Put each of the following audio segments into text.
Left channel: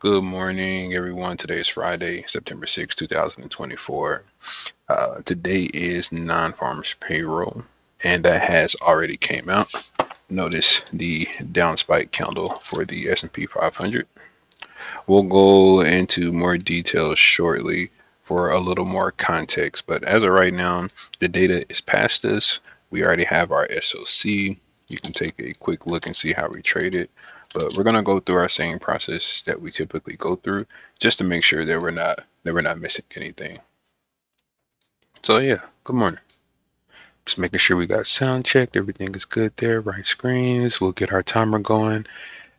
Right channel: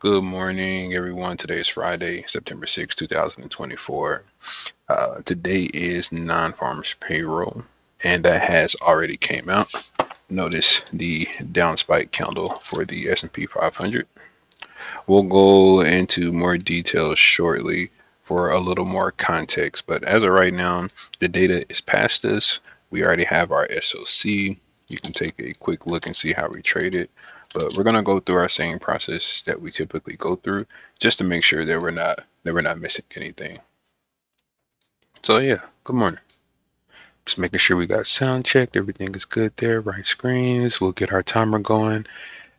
Good morning, everyone. Today is Friday, September 6, 2024. Today is non-farmers payroll, and that has already came out. Notice the down spike candle for the S&P 500. We'll go into more details shortly for a little more context, but as of right now, the data is past us. We already have our SOC. You can take a quick look and see how we trade it. But we're gonna go through our same process that we typically go through, just to make sure that we're not missing anything. So yeah, good morning. Just making sure we got sound checked, everything is good there, right screens. We'll get our timer going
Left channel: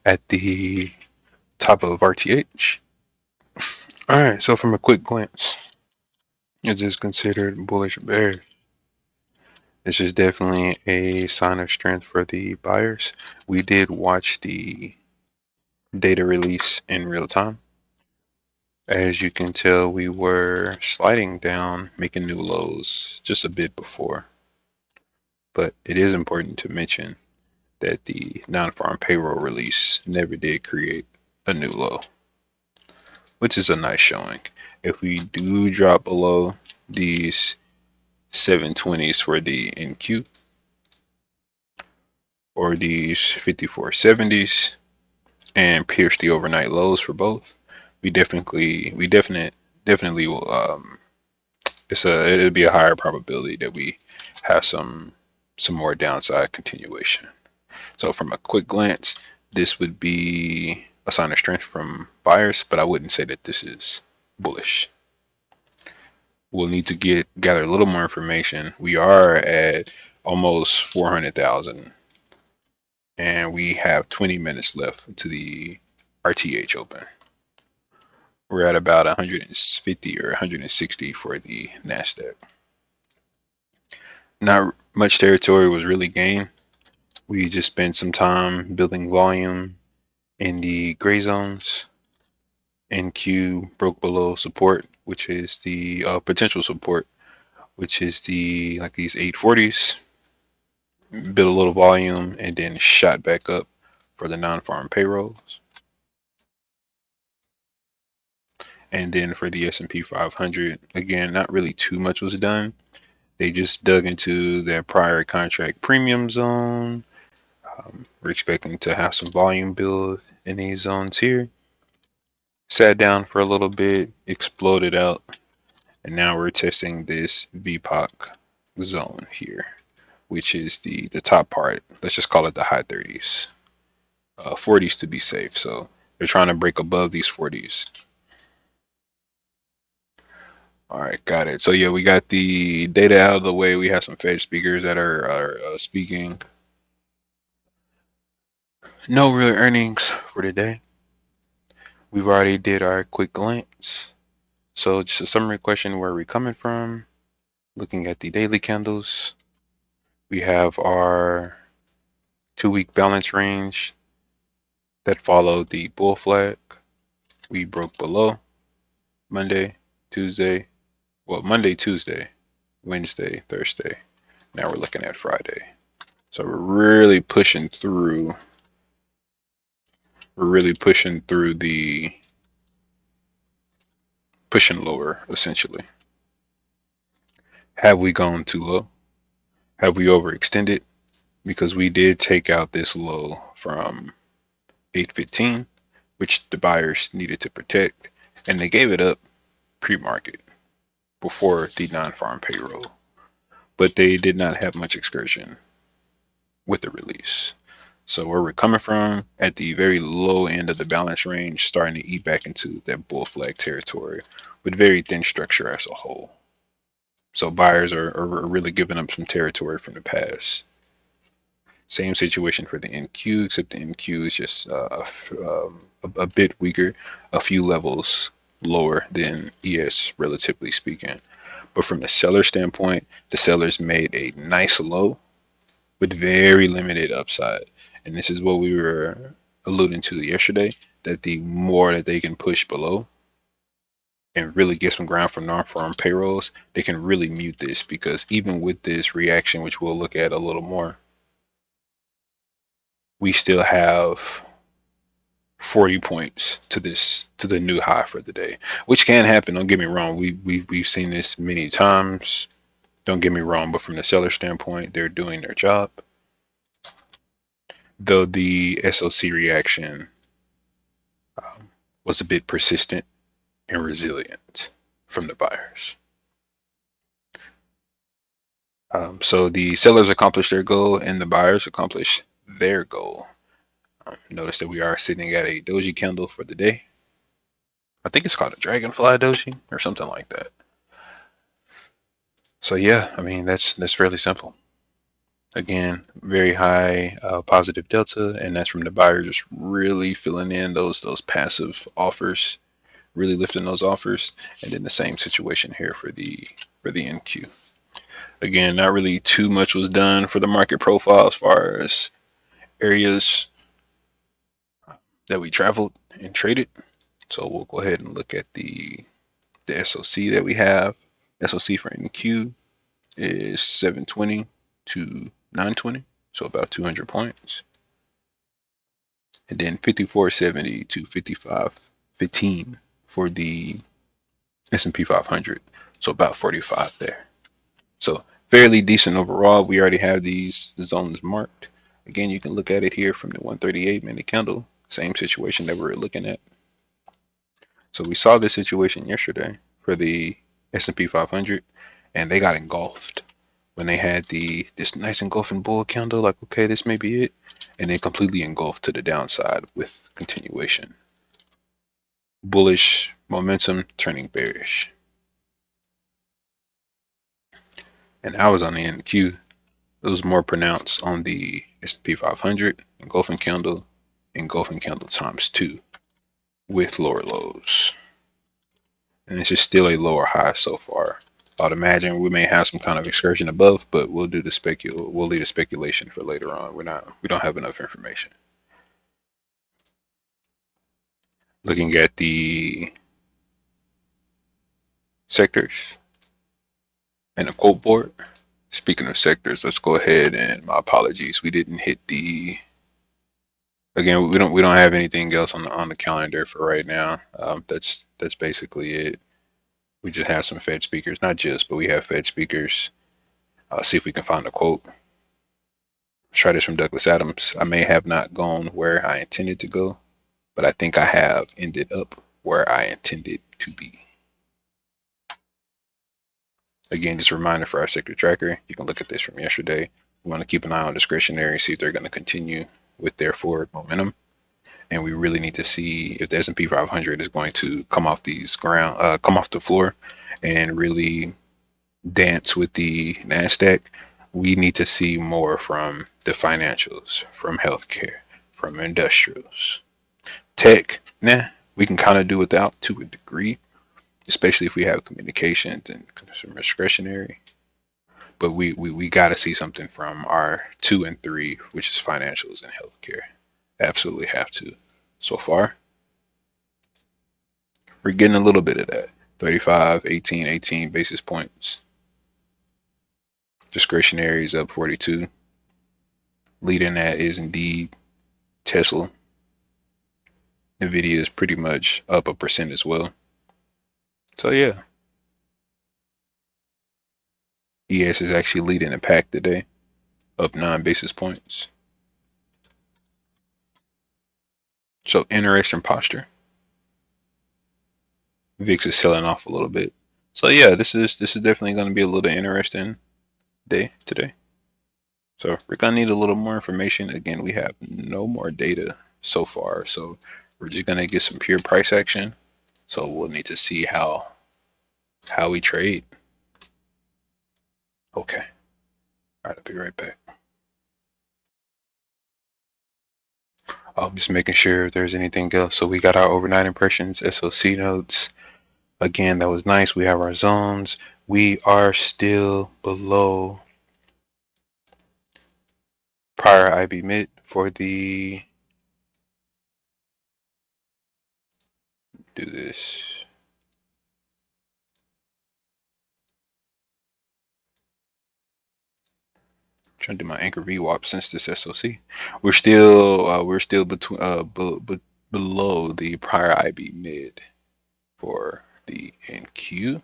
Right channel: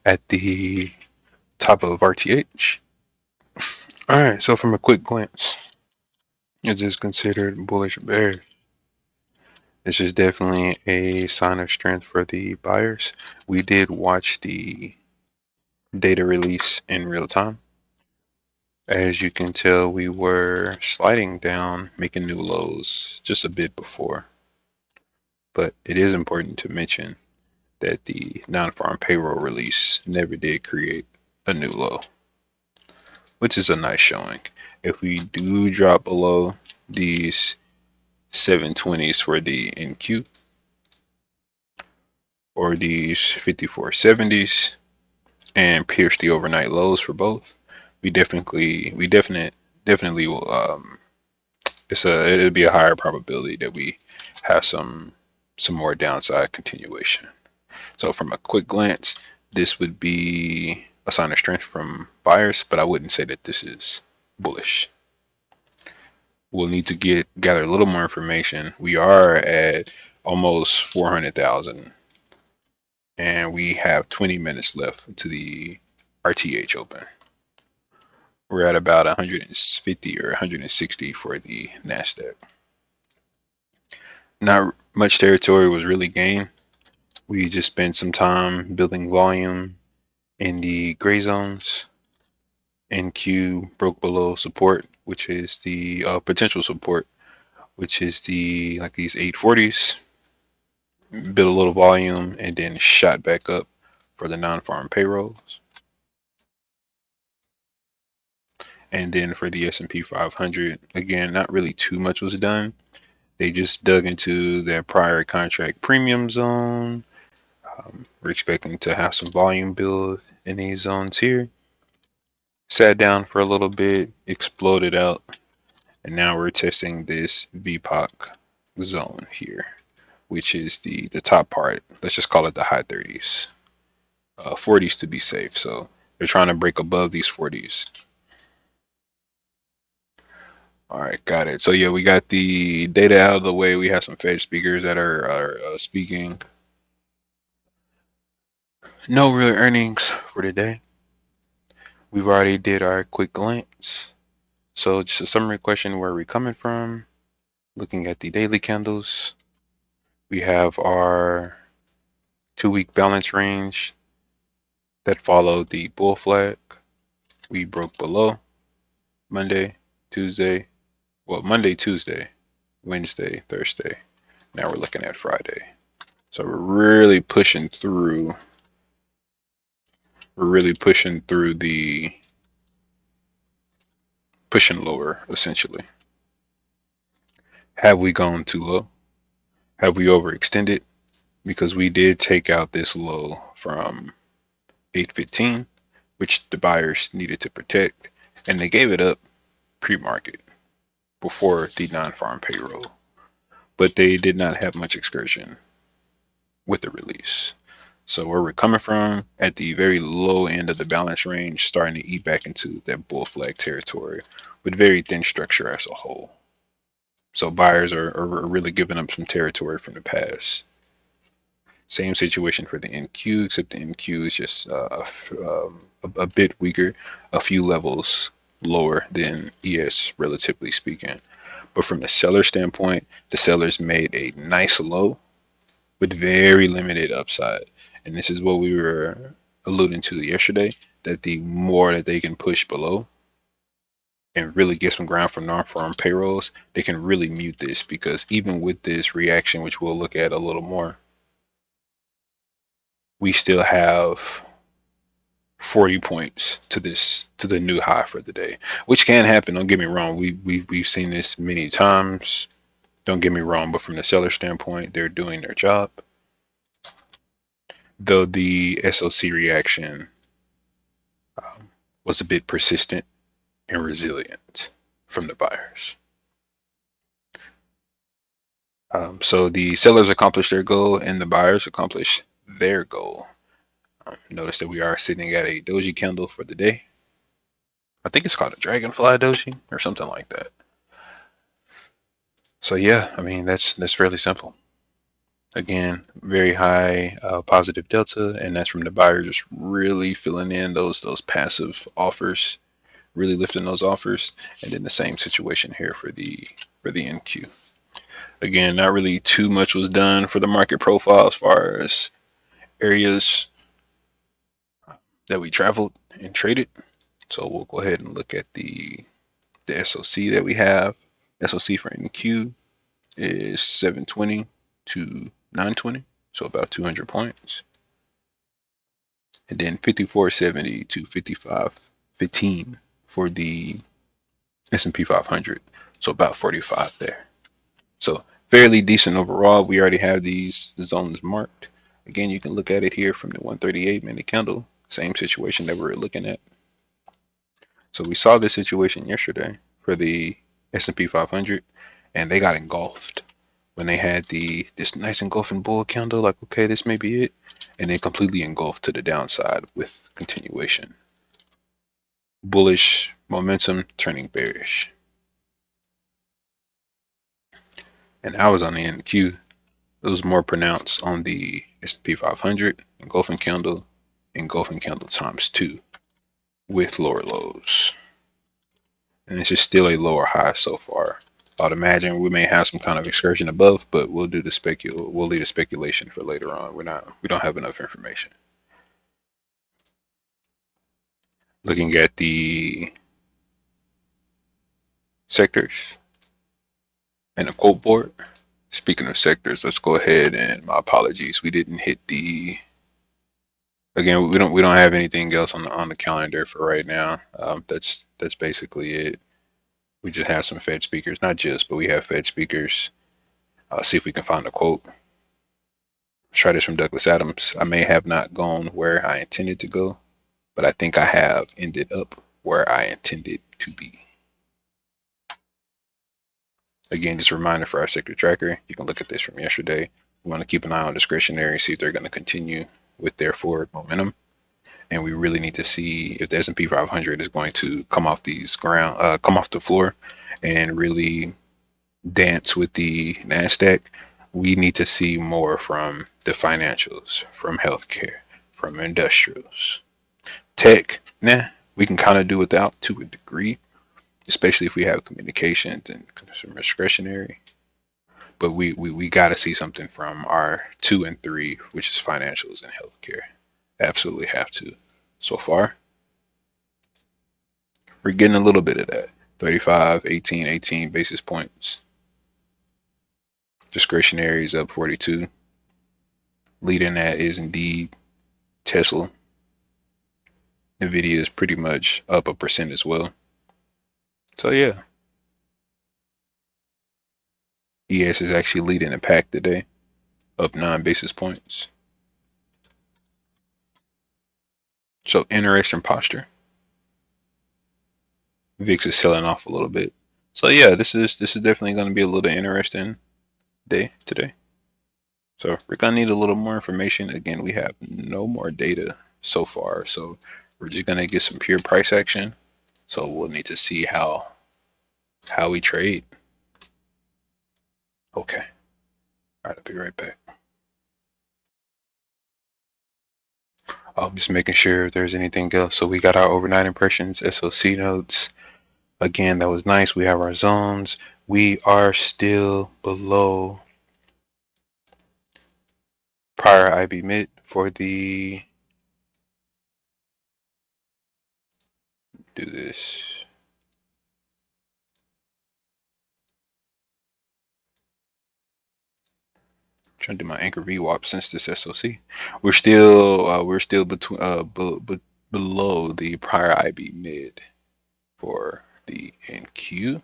at the top of RTH. All right, so from a quick glance, is this considered bullish or bearish? This is definitely a sign of strength for the buyers. We did watch the data release in real time. As you can tell, we were sliding down, making new lows just a bit before. But it is important to mention that the non-farm payroll release never did create a new low, which is a nice showing. If we do drop below these 720s for the NQ or these 5470s and pierce the overnight lows for both, we definitely will. It'll be a higher probability that we have some more downside continuation. So from a quick glance, this would be a sign of strength from buyers, but I wouldn't say that this is bullish. We'll need to gather a little more information. We are at almost 400,000, and we have 20 minutes left to the RTH open. We're at about 150 or 160 for the Nasdaq. Not much territory was really gained. We just spent some time building volume in the gray zones. NQ broke below support, which is the potential support, which is the like these 840s. Built a little volume and then shot back up for the non-farm payrolls. And then for the S&P 500, again, not really too much was done. They just dug into their prior contract premium zone. We're expecting to have some volume build in these zones here. Sat down for a little bit, exploded out, and now we're testing this VPOC zone here, which is the top part. Let's just call it the high 30s, 40s to be safe. So they're trying to break above these 40s. All right, got it. So yeah, we got the data out of the way. We have some Fed speakers that are speaking. No real earnings for today. We've already did our quick glance. So just a summary question: where are we coming from? Looking at the daily candles, we have our 2-week balance range that followed the bull flag. We broke below Monday, Tuesday, Monday, Tuesday, Wednesday, Thursday. Now we're looking at Friday. So we're really pushing through. We're really pushing lower essentially. Have we gone too low? Have we overextended? Because we did take out this low from 815, which the buyers needed to protect, and they gave it up pre-market before the non-farm payroll, but they did not have much excursion with the release. So where we're coming from at the very low end of the balance range, starting to eat back into that bull flag territory with very thin structure as a whole. So buyers are really giving up some territory from the past. Same situation for the NQ, except the NQ is just a bit weaker, a few levels lower than ES, relatively speaking. But from the seller standpoint, the sellers made a nice low with very limited upside. And this is what we were alluding to yesterday, that the more that they can push below and really get some ground from non-farm payrolls, they can really mute this, because even with this reaction, which we'll look at a little more, we still have 40 points to the new high for the day, which can happen. Don't get me wrong. We've seen this many times. Don't get me wrong, but from the seller standpoint, they're doing their job. Though the SOC reaction was a bit persistent and resilient from the buyers. So the sellers accomplished their goal and the buyers accomplished their goal. Notice that we are sitting at a doji candle for the day. I think it's called a dragonfly doji or something like that. So yeah, I mean that's fairly simple. Again, very high positive delta, and that's from the buyer just really filling in those passive offers, really lifting those offers, and then the same situation here for the NQ. Again, not really too much was done for the market profile as far as areas that we traveled and traded. So we'll go ahead and look at the SOC that we have. SOC for NQ is 720 to 920, so about 200 points. And then 5470 to 5515 for the S&P 500, so about 45 there. So fairly decent overall. We already have these zones marked. Again, you can look at it here from the 138 minute candle, same situation that we were looking at. So we saw this situation yesterday for the S&P 500, and they got engulfed when they had this nice engulfing bull candle. Like, okay, this may be it, and then completely engulfed to the downside with continuation. Bullish momentum turning bearish. And I was on the NQ. It was more pronounced on the S&P 500, engulfing candle times 2 with lower lows. And it's just still a lower high so far. I'd imagine we may have some kind of excursion above, but we'll leave the speculation for later on. We don't have enough information. Looking at the sectors and the quote board. Speaking of sectors, let's go ahead and my apologies. We didn't hit the again. We don't have anything else on the calendar for right now. That's basically it. We just have some Fed speakers, not just, but we have Fed speakers. See if we can find a quote. Let's try this from Douglas Adams. I may have not gone where I intended to go, but I think I have ended up where I intended to be. Again, just a reminder for our sector tracker. You can look at this from yesterday. We want to keep an eye on discretionary, see if they're going to continue with their forward momentum. And we really need to see if the S&P 500 is going to come off come off the floor and really dance with the NASDAQ. We need to see more from the financials, from healthcare, from industrials. Tech, we can kind of do without to a degree, especially if we have communications and consumer discretionary. But we got to see something from our 2 and 3, which is financials and healthcare. Absolutely have to. So far, we're getting a little bit of that. 35, 18, 18 basis points. Discretionary is up 42. Leading that is indeed Tesla. Nvidia is pretty much up 1% as well. So yeah, ES is actually leading the pack today, up 9 basis points. So interesting posture. VIX is selling off a little bit. So yeah, this is definitely going to be a little interesting day today. So we're going to need a little more information. Again, we have no more data so far, so we're just going to get some pure price action. So we'll need to see how we trade. Okay. All right, I'll be right back. I'm just making sure if there's anything else. So we got our overnight impressions, SOC notes. Again, that was nice. We have our zones. We are still below prior IB mid for the, do this. Trying to do my anchor VWAP since this SOC. We're still between below the prior IB mid for the NQ.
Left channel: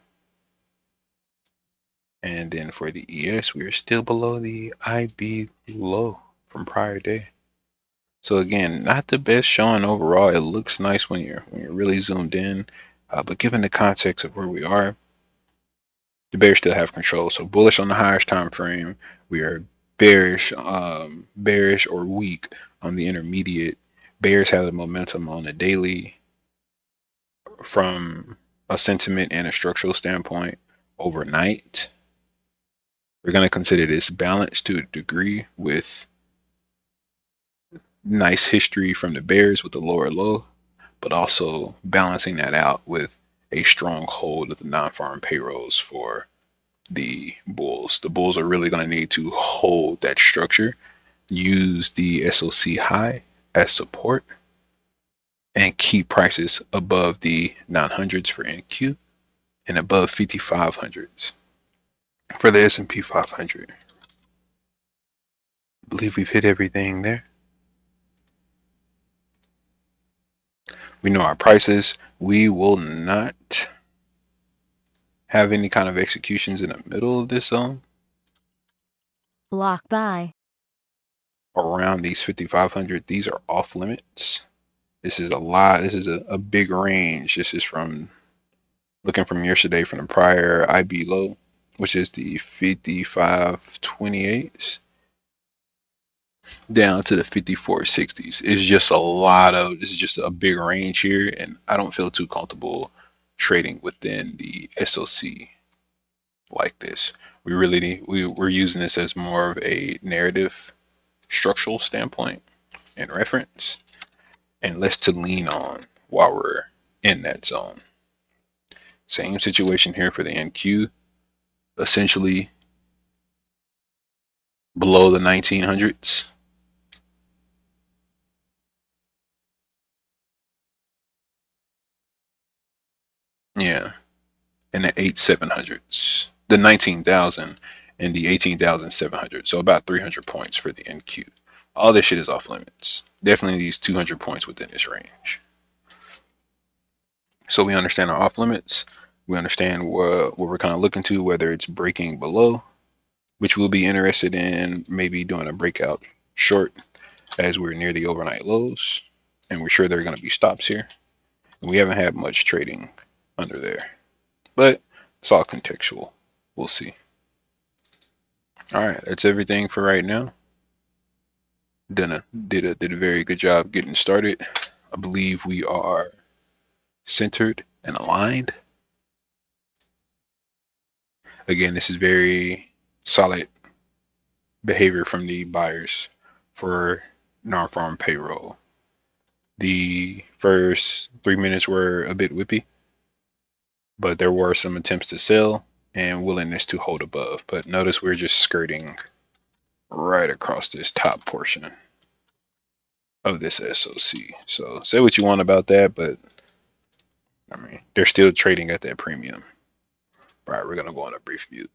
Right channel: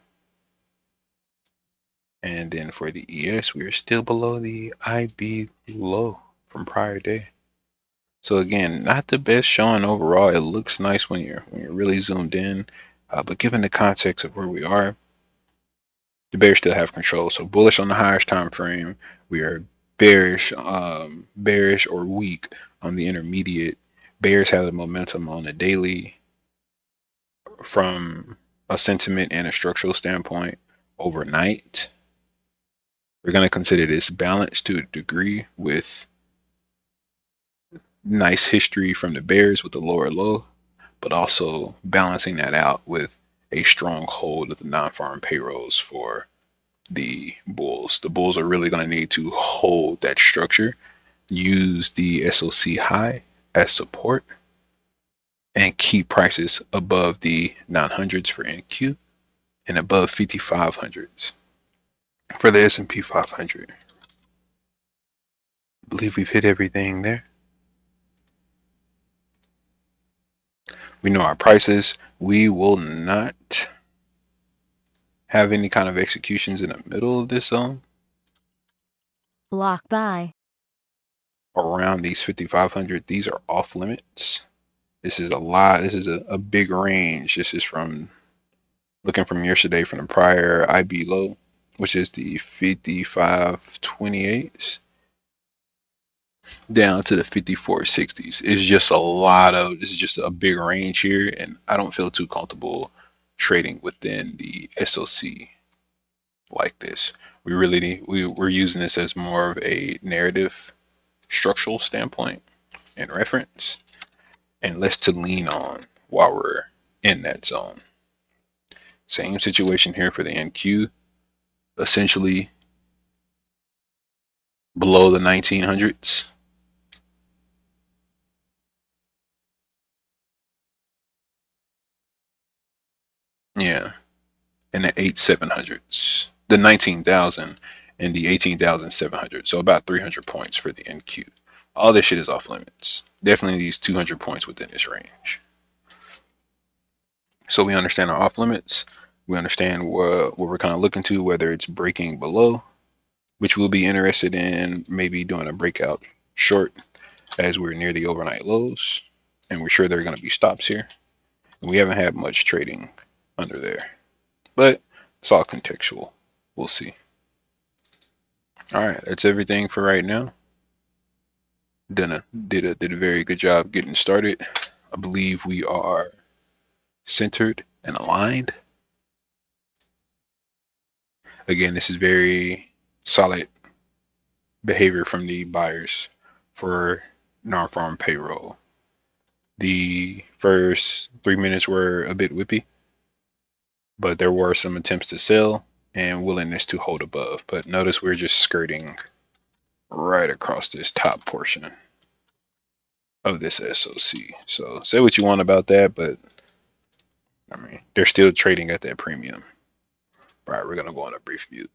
And then for the ES, we are still below the IB low from prior day. So again, not the best showing overall. It looks nice when you're really zoomed in, but given the context of where we are, the bears still have control. So bullish on the highest time frame. We are bearish or weak on the intermediate. Bears have the momentum on the daily from a sentiment and a structural standpoint overnight. We're going to consider this balanced to a degree with nice history from the bears with the lower low, but also balancing that out with a strong hold of the non-farm payrolls for the bulls. The bulls are really going to need to hold that structure, use the SOC high as support, and keep prices above the 900s for NQ and above 5500s for the S&P 500. I believe we've hit everything there. We know our prices. We will not have any kind of executions in the middle of this zone. Block buy. Around these 5500, these are off limits. This is a lot. This is a big range. This is from looking from yesterday from the prior IB low, which is the 5528s, down to the 5460s. It's just a lot of, this is just a big range here, and I don't feel too comfortable trading within the SOC like this. We really need, we're using this as more of a narrative structural standpoint and reference, and less to lean on while we're in that zone. Same situation here for the NQ, essentially below the 1900s. Yeah, and the 8700s, the 19,000 and the 18,700. So about 300 points for the NQ. All this shit is off limits. Definitely these 200 points within this range. So we understand our off limits. We understand what we're kind of looking to, whether it's breaking below, which we'll be interested in maybe doing a breakout short as we're near the overnight lows. And we're sure there are going to be stops here. And we haven't had much trading under there, but it's all contextual. We'll see. All right, that's everything for right now. Did a very good job getting started. I believe we are centered and aligned. Again, this is very solid behavior from the buyers for non-farm payroll. The first 3 minutes were a bit whippy, but there were some attempts to sell and willingness to hold above. But notice we're just skirting right across this top portion of this SOC. So say what you want about that, but I mean, they're still trading at that premium. All right, we're going to go on a brief mute.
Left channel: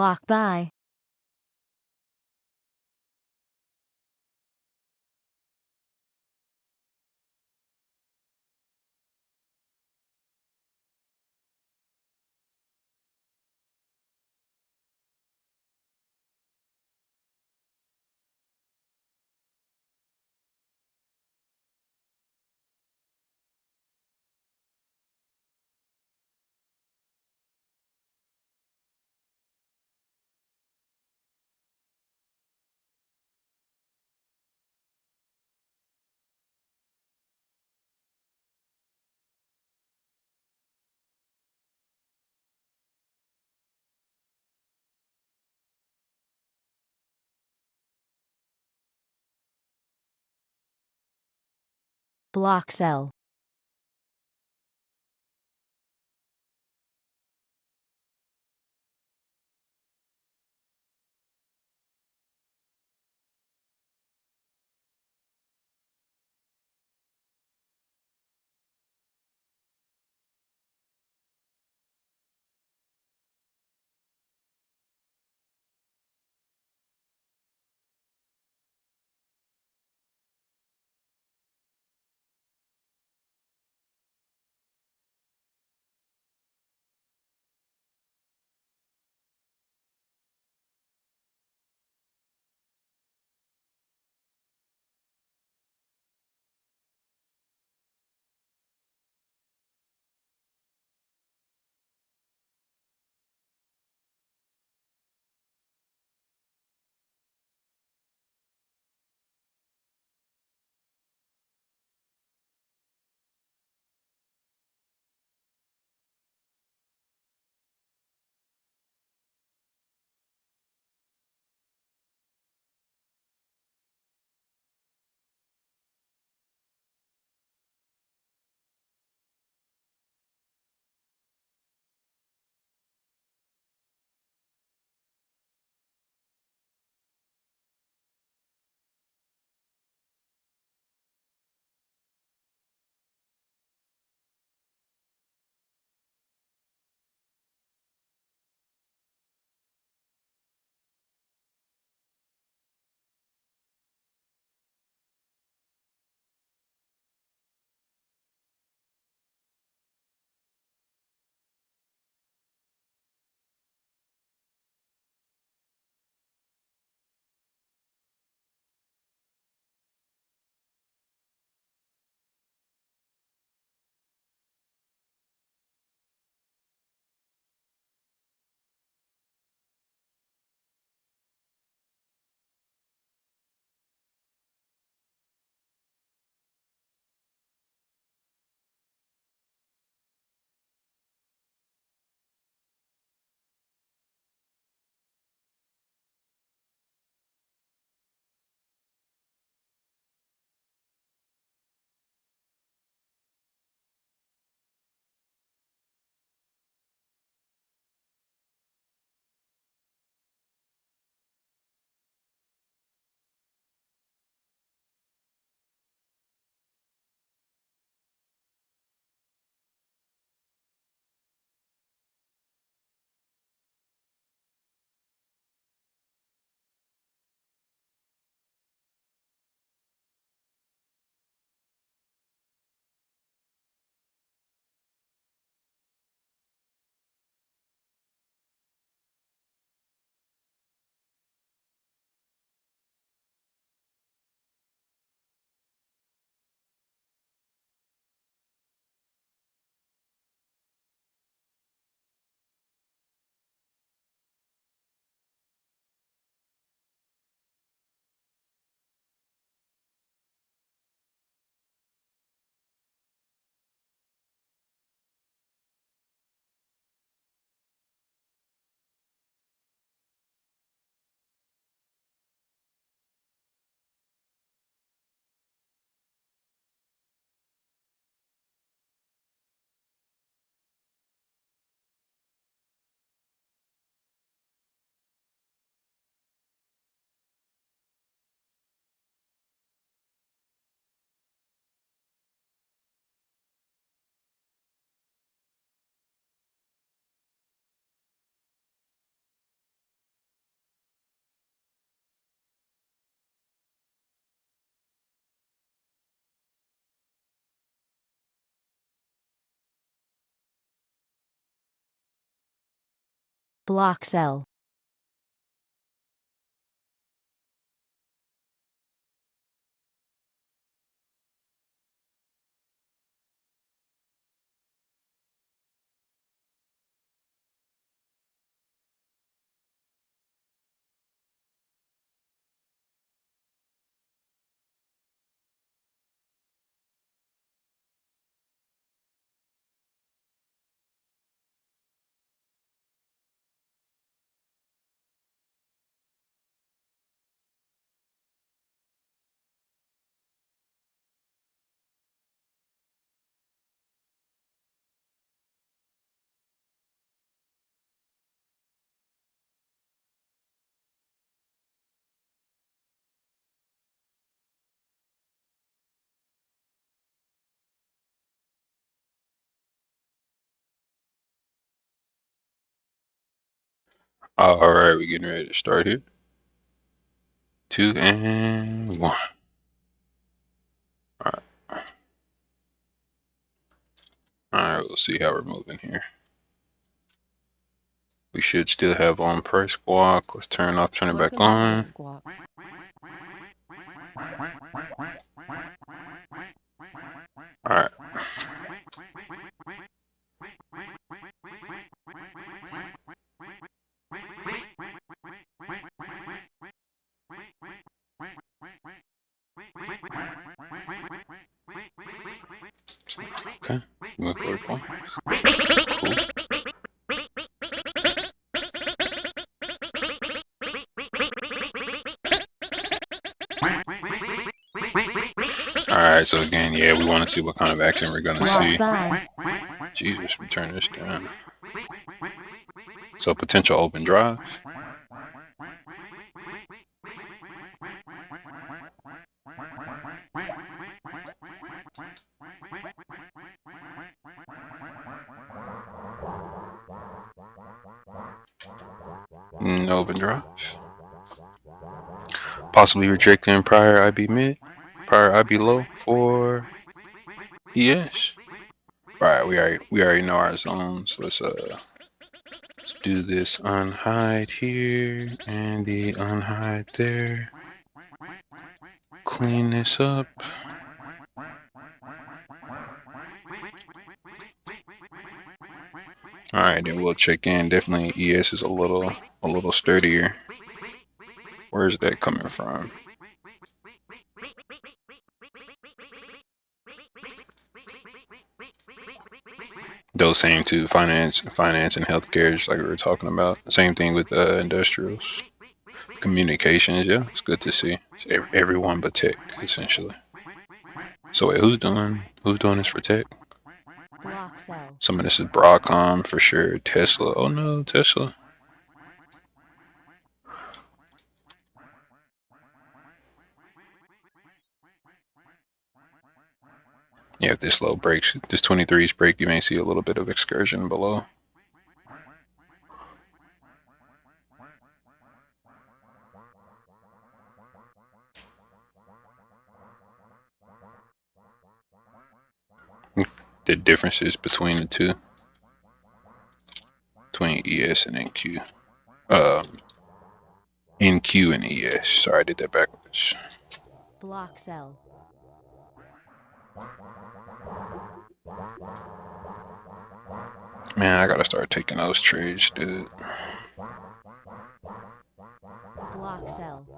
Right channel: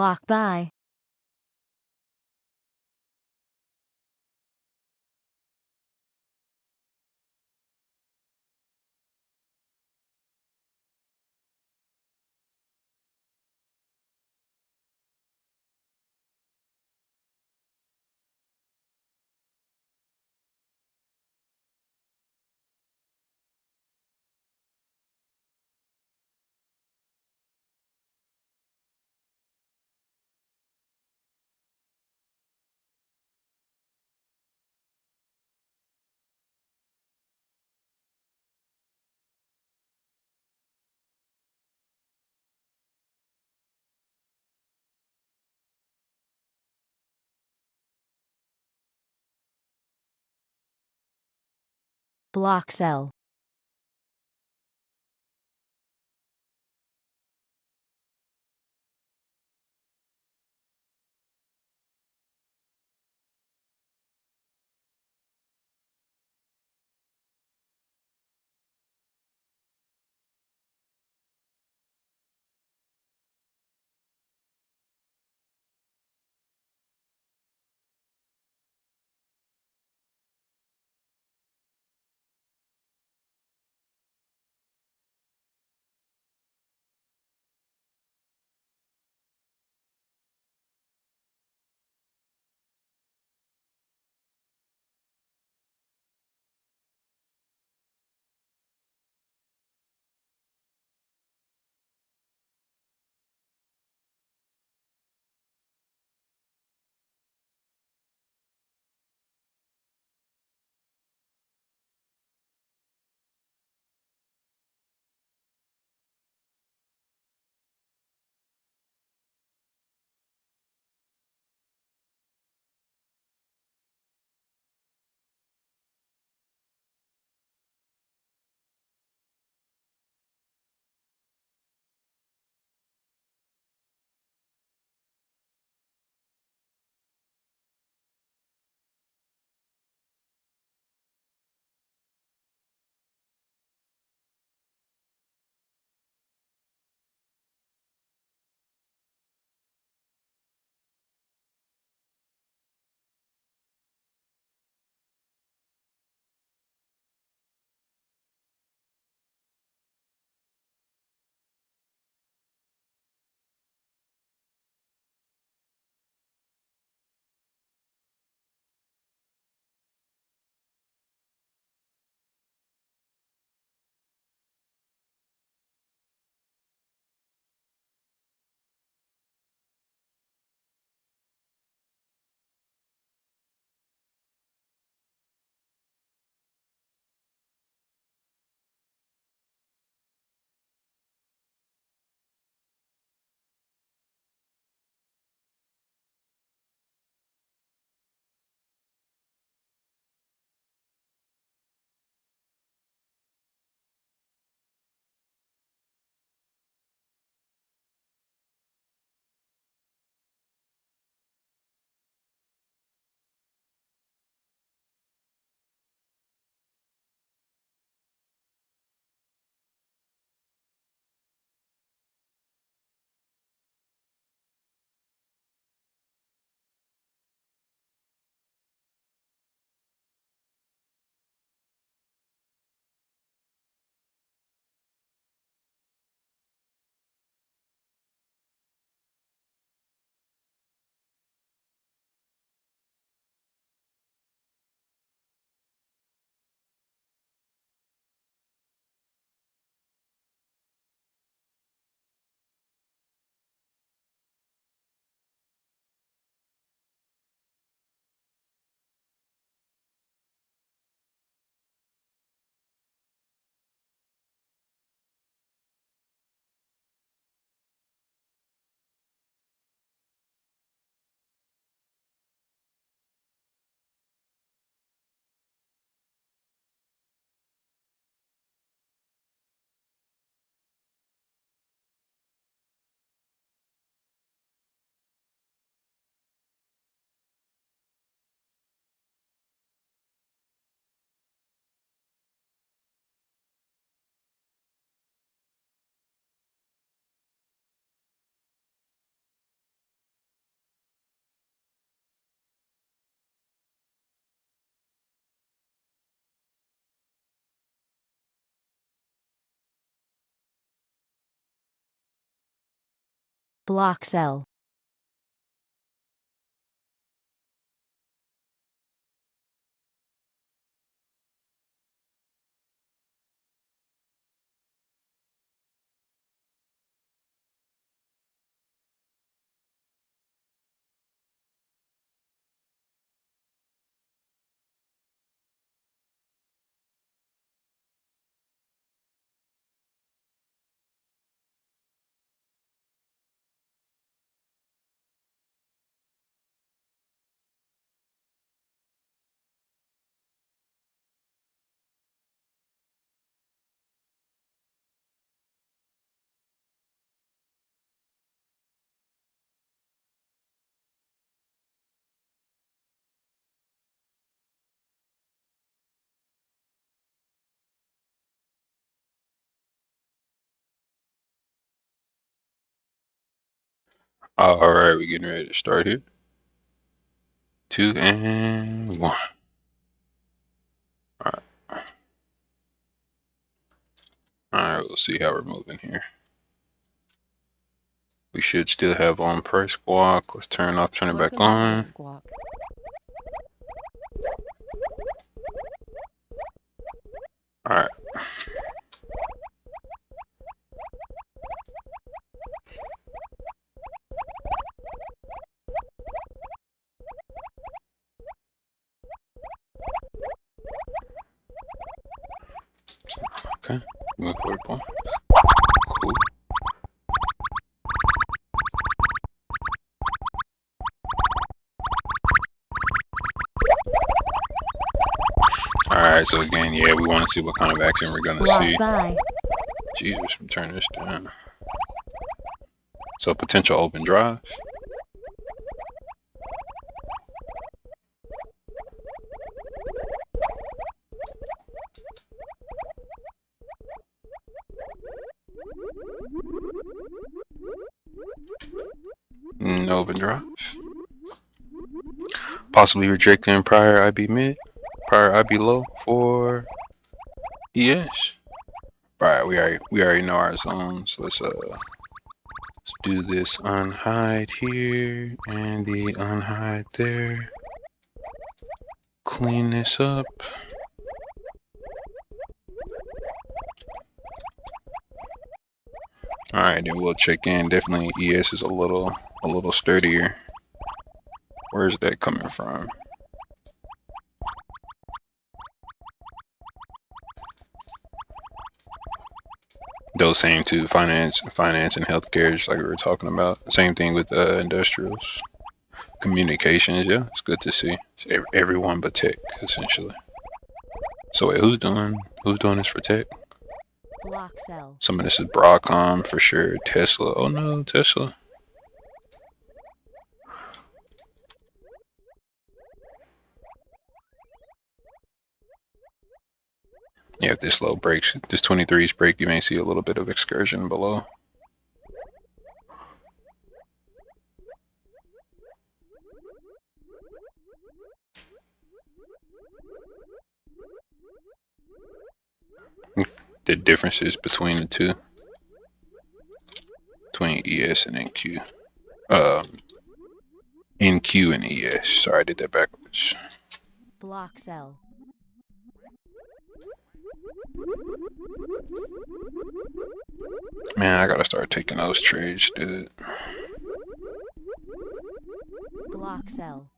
Block by. Block cell. Block cell. All right, we're getting ready to start here. 2 and 1. All right. All right, we'll see how we're moving here. We should still have on price squawk. Let's turn it back on. Squawk. All right. Okay. Move forward, Paul. Cool. Alright, so again, yeah, we want to see what kind of action we're going to see. Buy. Jesus, let me turn this down. So potential open drive. No open drive. Possibly rejecting prior IB mid, prior IB low for ES. Alright, we already know our zones. Let's do this unhide here and the unhide there. Clean this up. Alright, then we'll check in. Definitely ES is a little sturdier. Where's that coming from? Those same two, finance and healthcare, just like we were talking about. Same thing with industrials. Communications, yeah, it's good to see. It's everyone but tech, essentially. So wait, who's doing this for tech? Block cell. Some of this is Broadcom for sure. Tesla. Oh no, Tesla. Yeah, if this low breaks, this 23's break, you may see a little bit of excursion below. The differences between the two, between ES and NQ. NQ and ES. Sorry, I did that backwards. Block cell. Man, I gotta start taking those trades, dude. Block cell.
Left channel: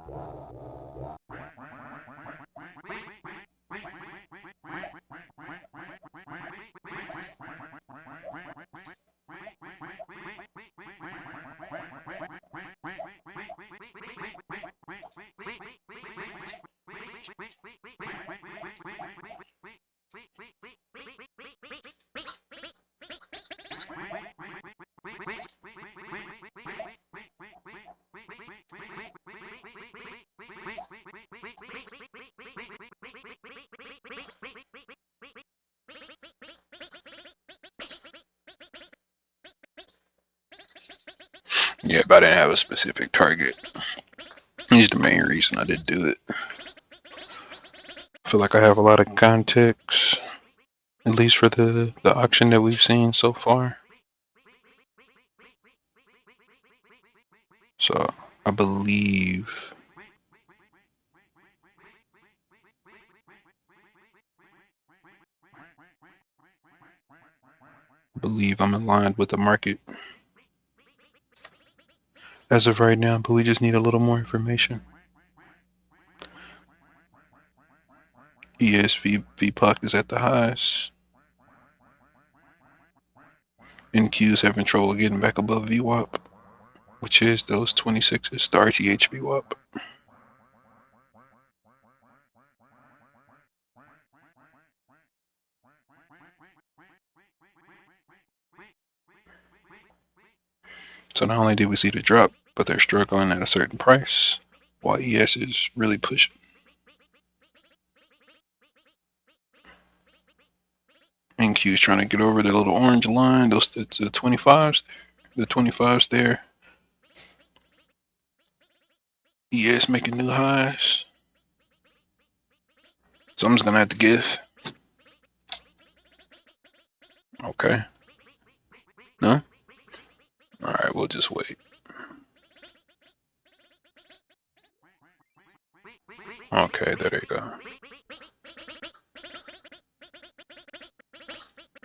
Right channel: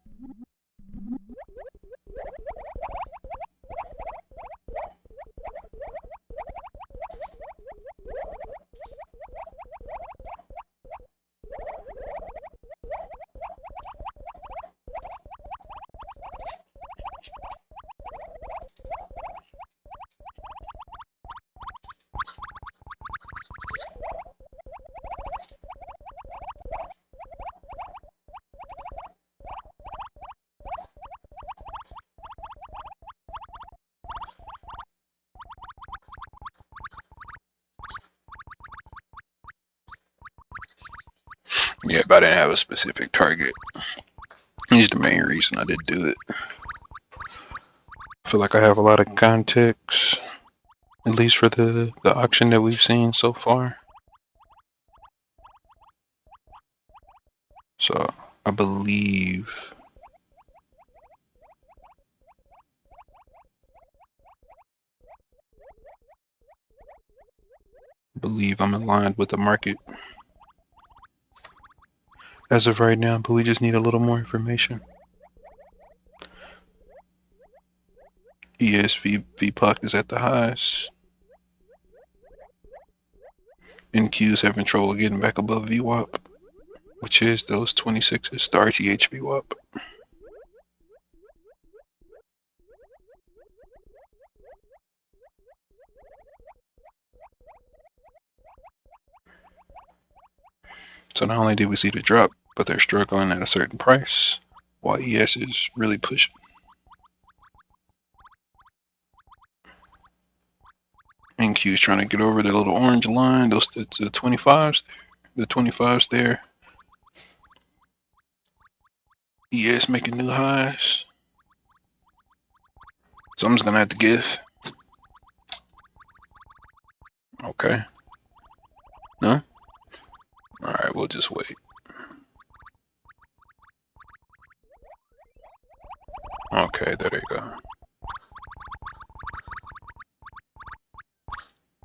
Yeah, but I didn't have a specific target. He's the main reason I did do it. I feel like I have a lot of context, at least for the auction that we've seen so far. So I believe I'm aligned with the market as of right now, but we just need a little more information. ESV VPOC is at the highs. NQ is having trouble getting back above VWAP, which is those 26s, the RTH VWAP. So not only did we see the drop, but they're struggling at a certain price, while ES is really pushing. NQ is trying to get over the little orange line, those the 25s, the 25s there. ES making new highs. So I'm just gonna have to give. Okay. No? Alright, we'll just wait. Okay, there they go.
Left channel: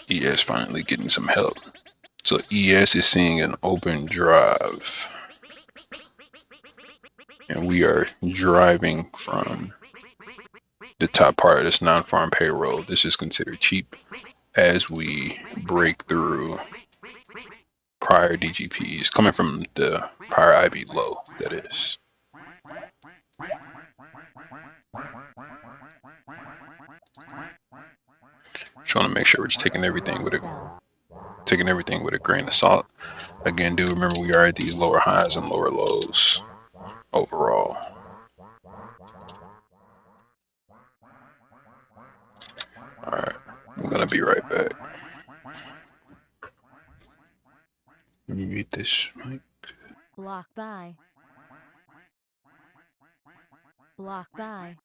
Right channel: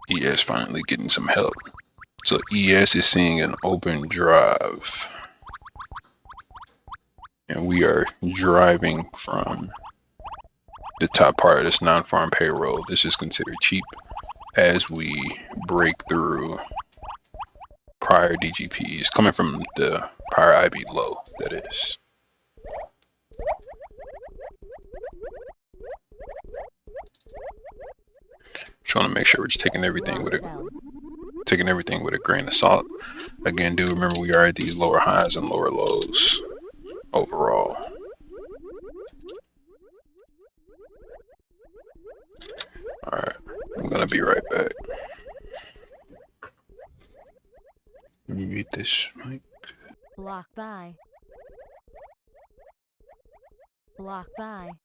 ES finally getting some help. So ES is seeing an open drive. And we are driving from the top part of this non-farm payroll. This is considered cheap as we break through prior DGPs, coming from the prior IB low, that is. Trying to make sure we're just taking everything with a grain of salt. Again, do remember we are at these lower highs and lower lows overall. Alright, I'm gonna be right back. Let me mute this mic. Block by. Block by.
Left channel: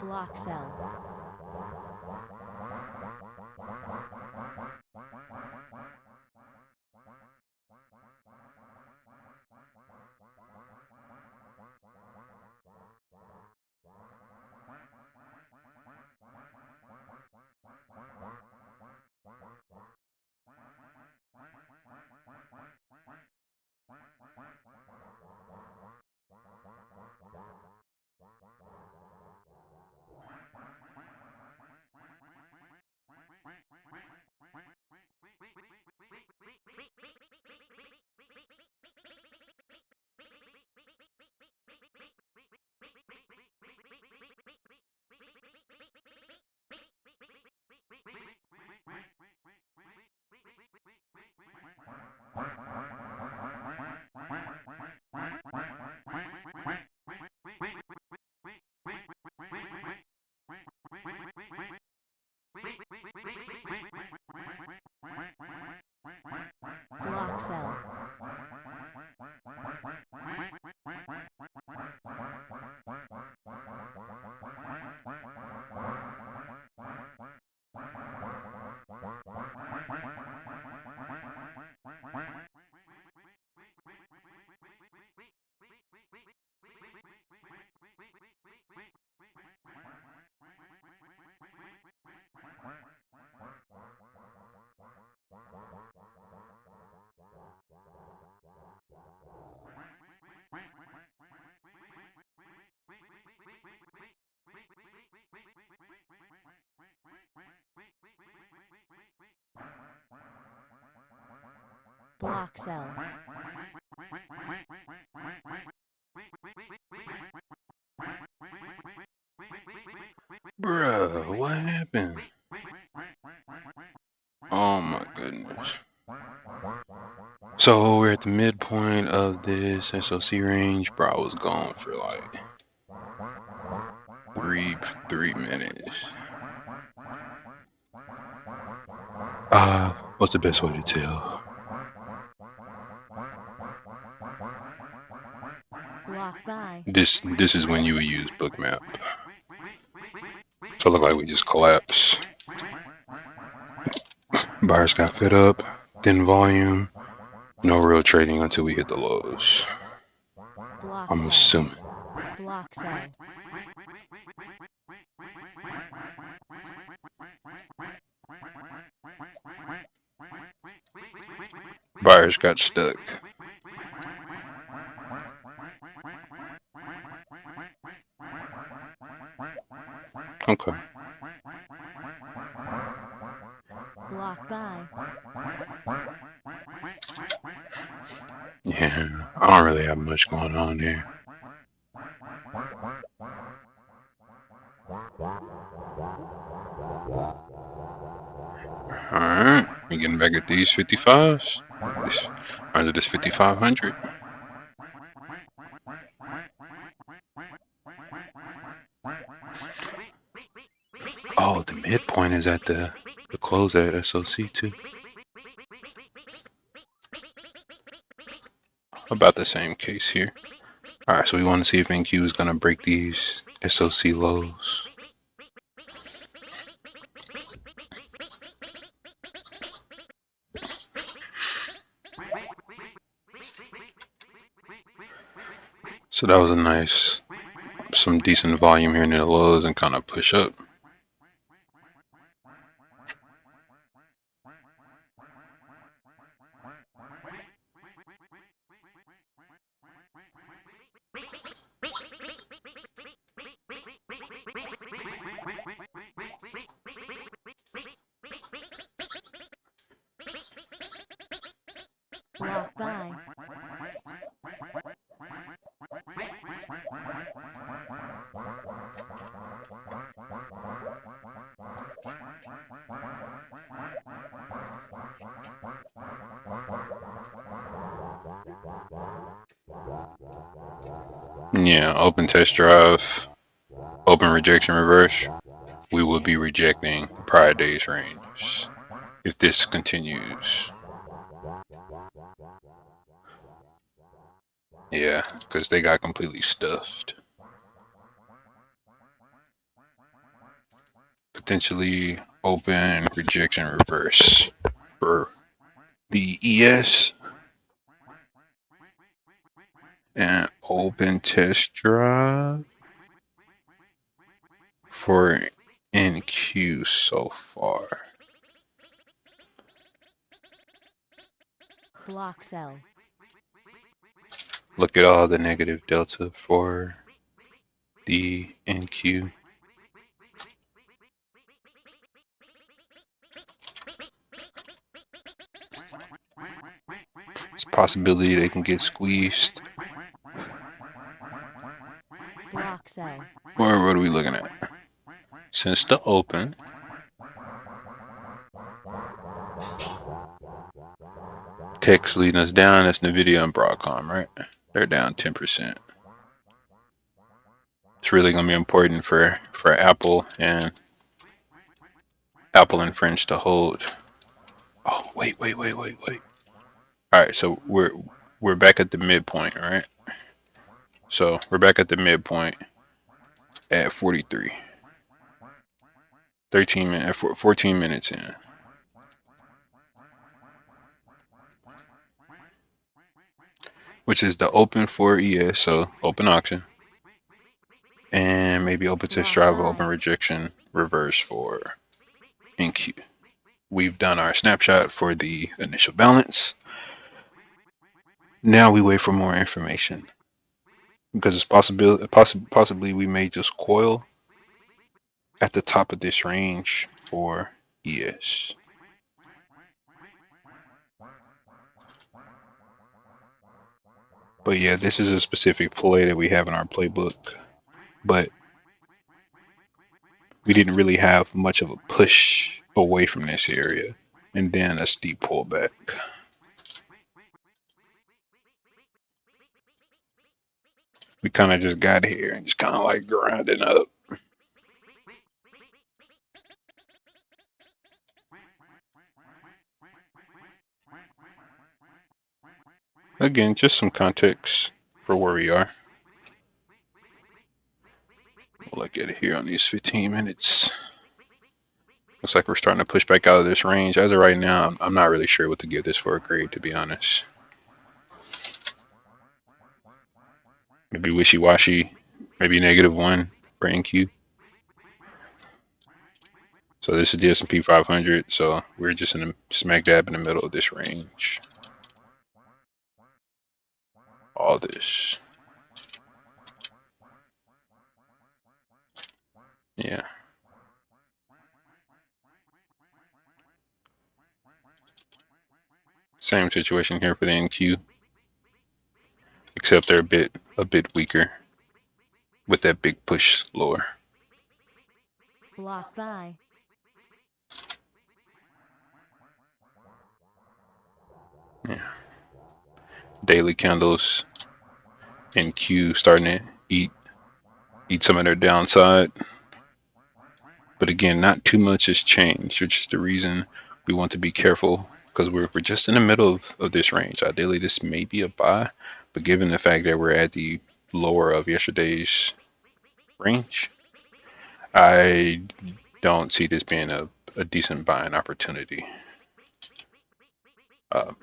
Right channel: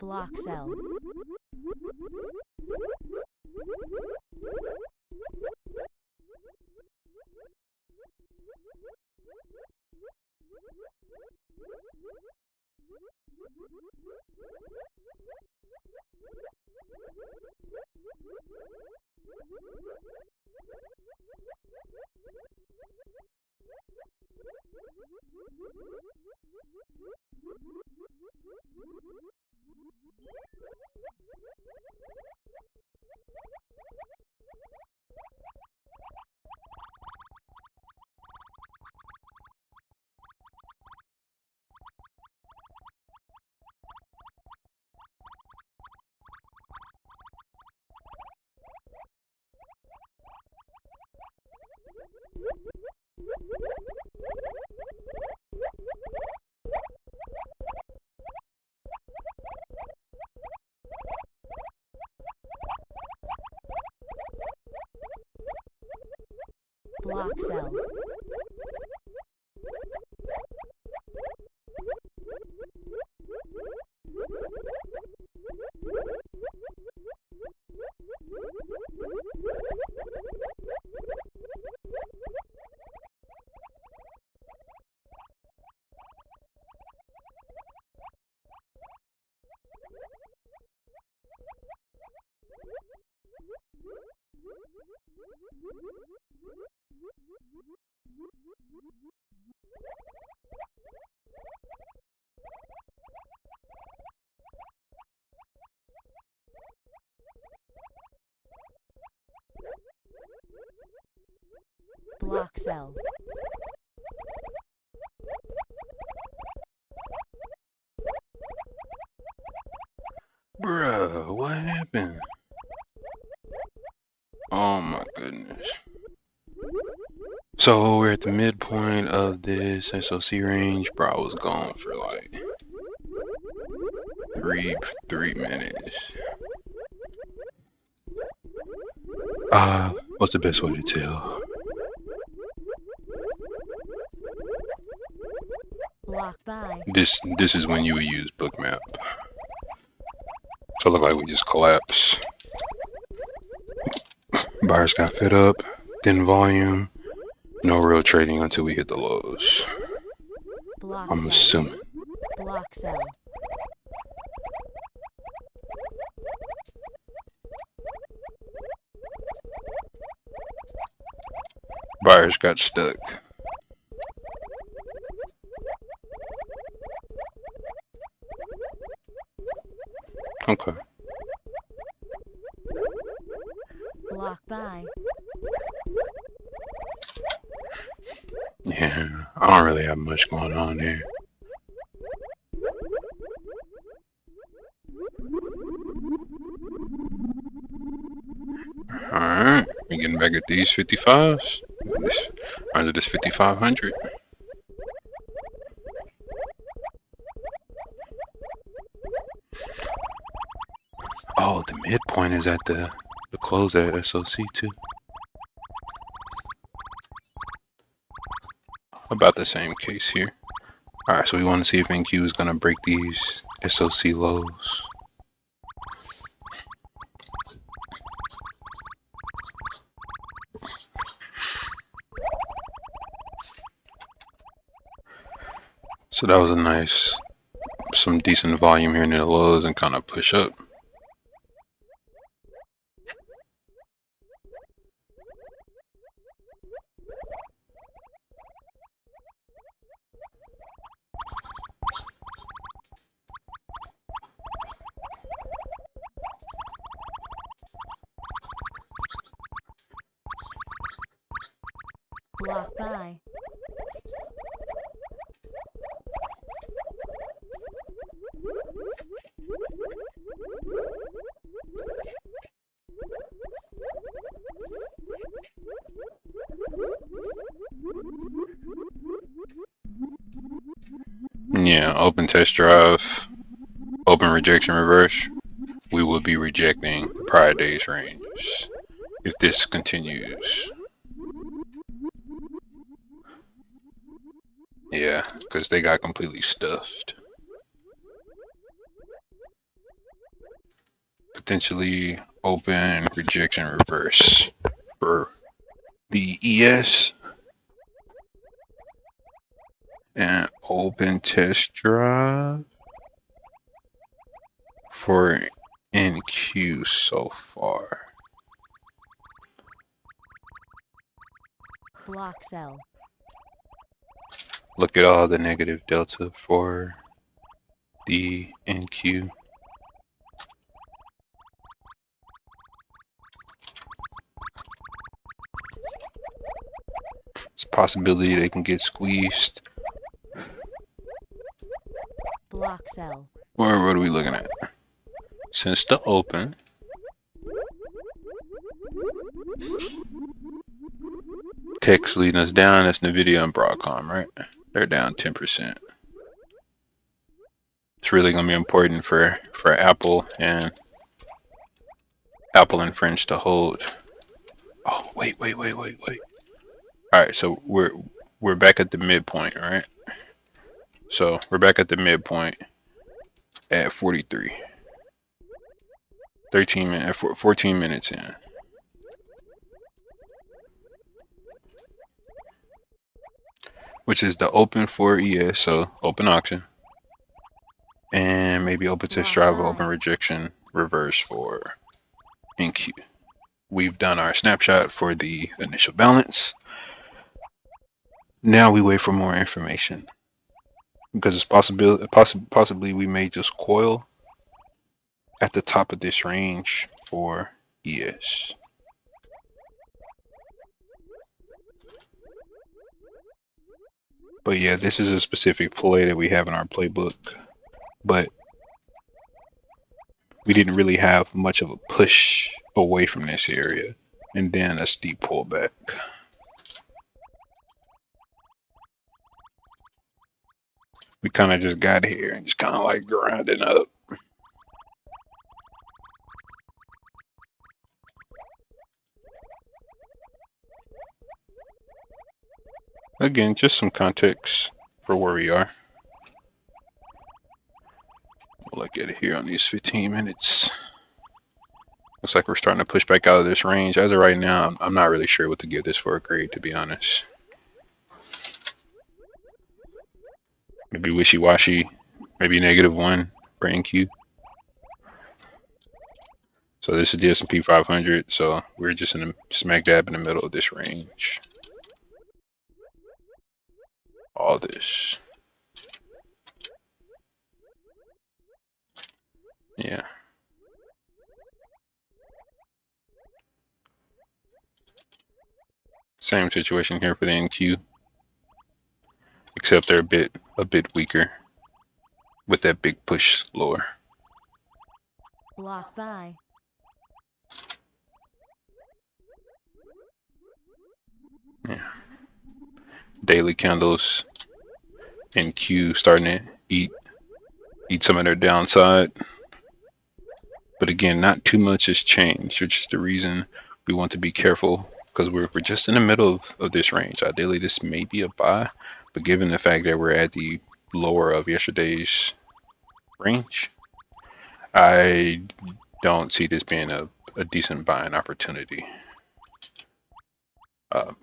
Block cell. Block cell. Block cell. Bruh, what happened? Oh my goodness. So we're at the midpoint of this SOC range. Bro, I was gone for like three minutes. What's the best way to tell? Block by. This is when you would use Bookmap. So it looked like we just collapsed. Buyers got fed up, thin volume, no real trading until we hit the lows. Block I'm cell. assuming. Block cell. Buyers got stuck. Okay. Block by. Yeah, I don't really have much going on here. Alright, we getting back at these 55s. Under this 5500. Oh, the midpoint is at the close at SOC too. About the same case here. Alright, so we want to see if NQ is going to break these SOC lows. So that was a nice, some decent volume here near the lows and kind of push up. Block by. Yeah, open test drive, open rejection reverse. We will be rejecting the prior day's range if this continues. Yeah, because they got completely stuffed. Potentially open rejection reverse for the ES. And open test drive for NQ so far. Block cell. Look at all the negative delta for the NQ. It's a possibility they can get squeezed. Block cell. Or what are we looking at? Since the open, text leading us down. That's NVIDIA and Broadcom, right? They're down 10%. It's really going to be important for Apple and French to hold. Oh, wait. All right, so we're back at the midpoint, right? So we're back at the midpoint at 43. 14 minutes in. Which is the open for ES, so open auction. And maybe open test drive, open rejection, reverse for NQ. We've done our snapshot for the initial balance. Now we wait for more information. Because it's possibly we may just coil at the top of this range for ES. But yeah, this is a specific play that we have in our playbook. But we didn't really have much of a push away from this area. And then a steep pullback. We kind of just got here and just kind of like grinding up. Again, just some context for where we are. We'll look at it here on these 15 minutes. Looks like we're starting to push back out of this range. As of right now, I'm not really sure what to give this for a grade, to be honest. Maybe wishy-washy, maybe -1 for NQ. So this is the S&P 500, so we're just in the smack dab in the middle of this range. All this. Yeah. Same situation here for the NQ, except they're a bit weaker with that big push lower. Block buy. Yeah. Daily candles NQ starting to eat some of their downside. But again, not too much has changed, which is the reason we want to be careful, because we're just in the middle of this range. Ideally, this may be a buy, but given the fact that we're at the lower of yesterday's range, I don't see this being a decent buying opportunity,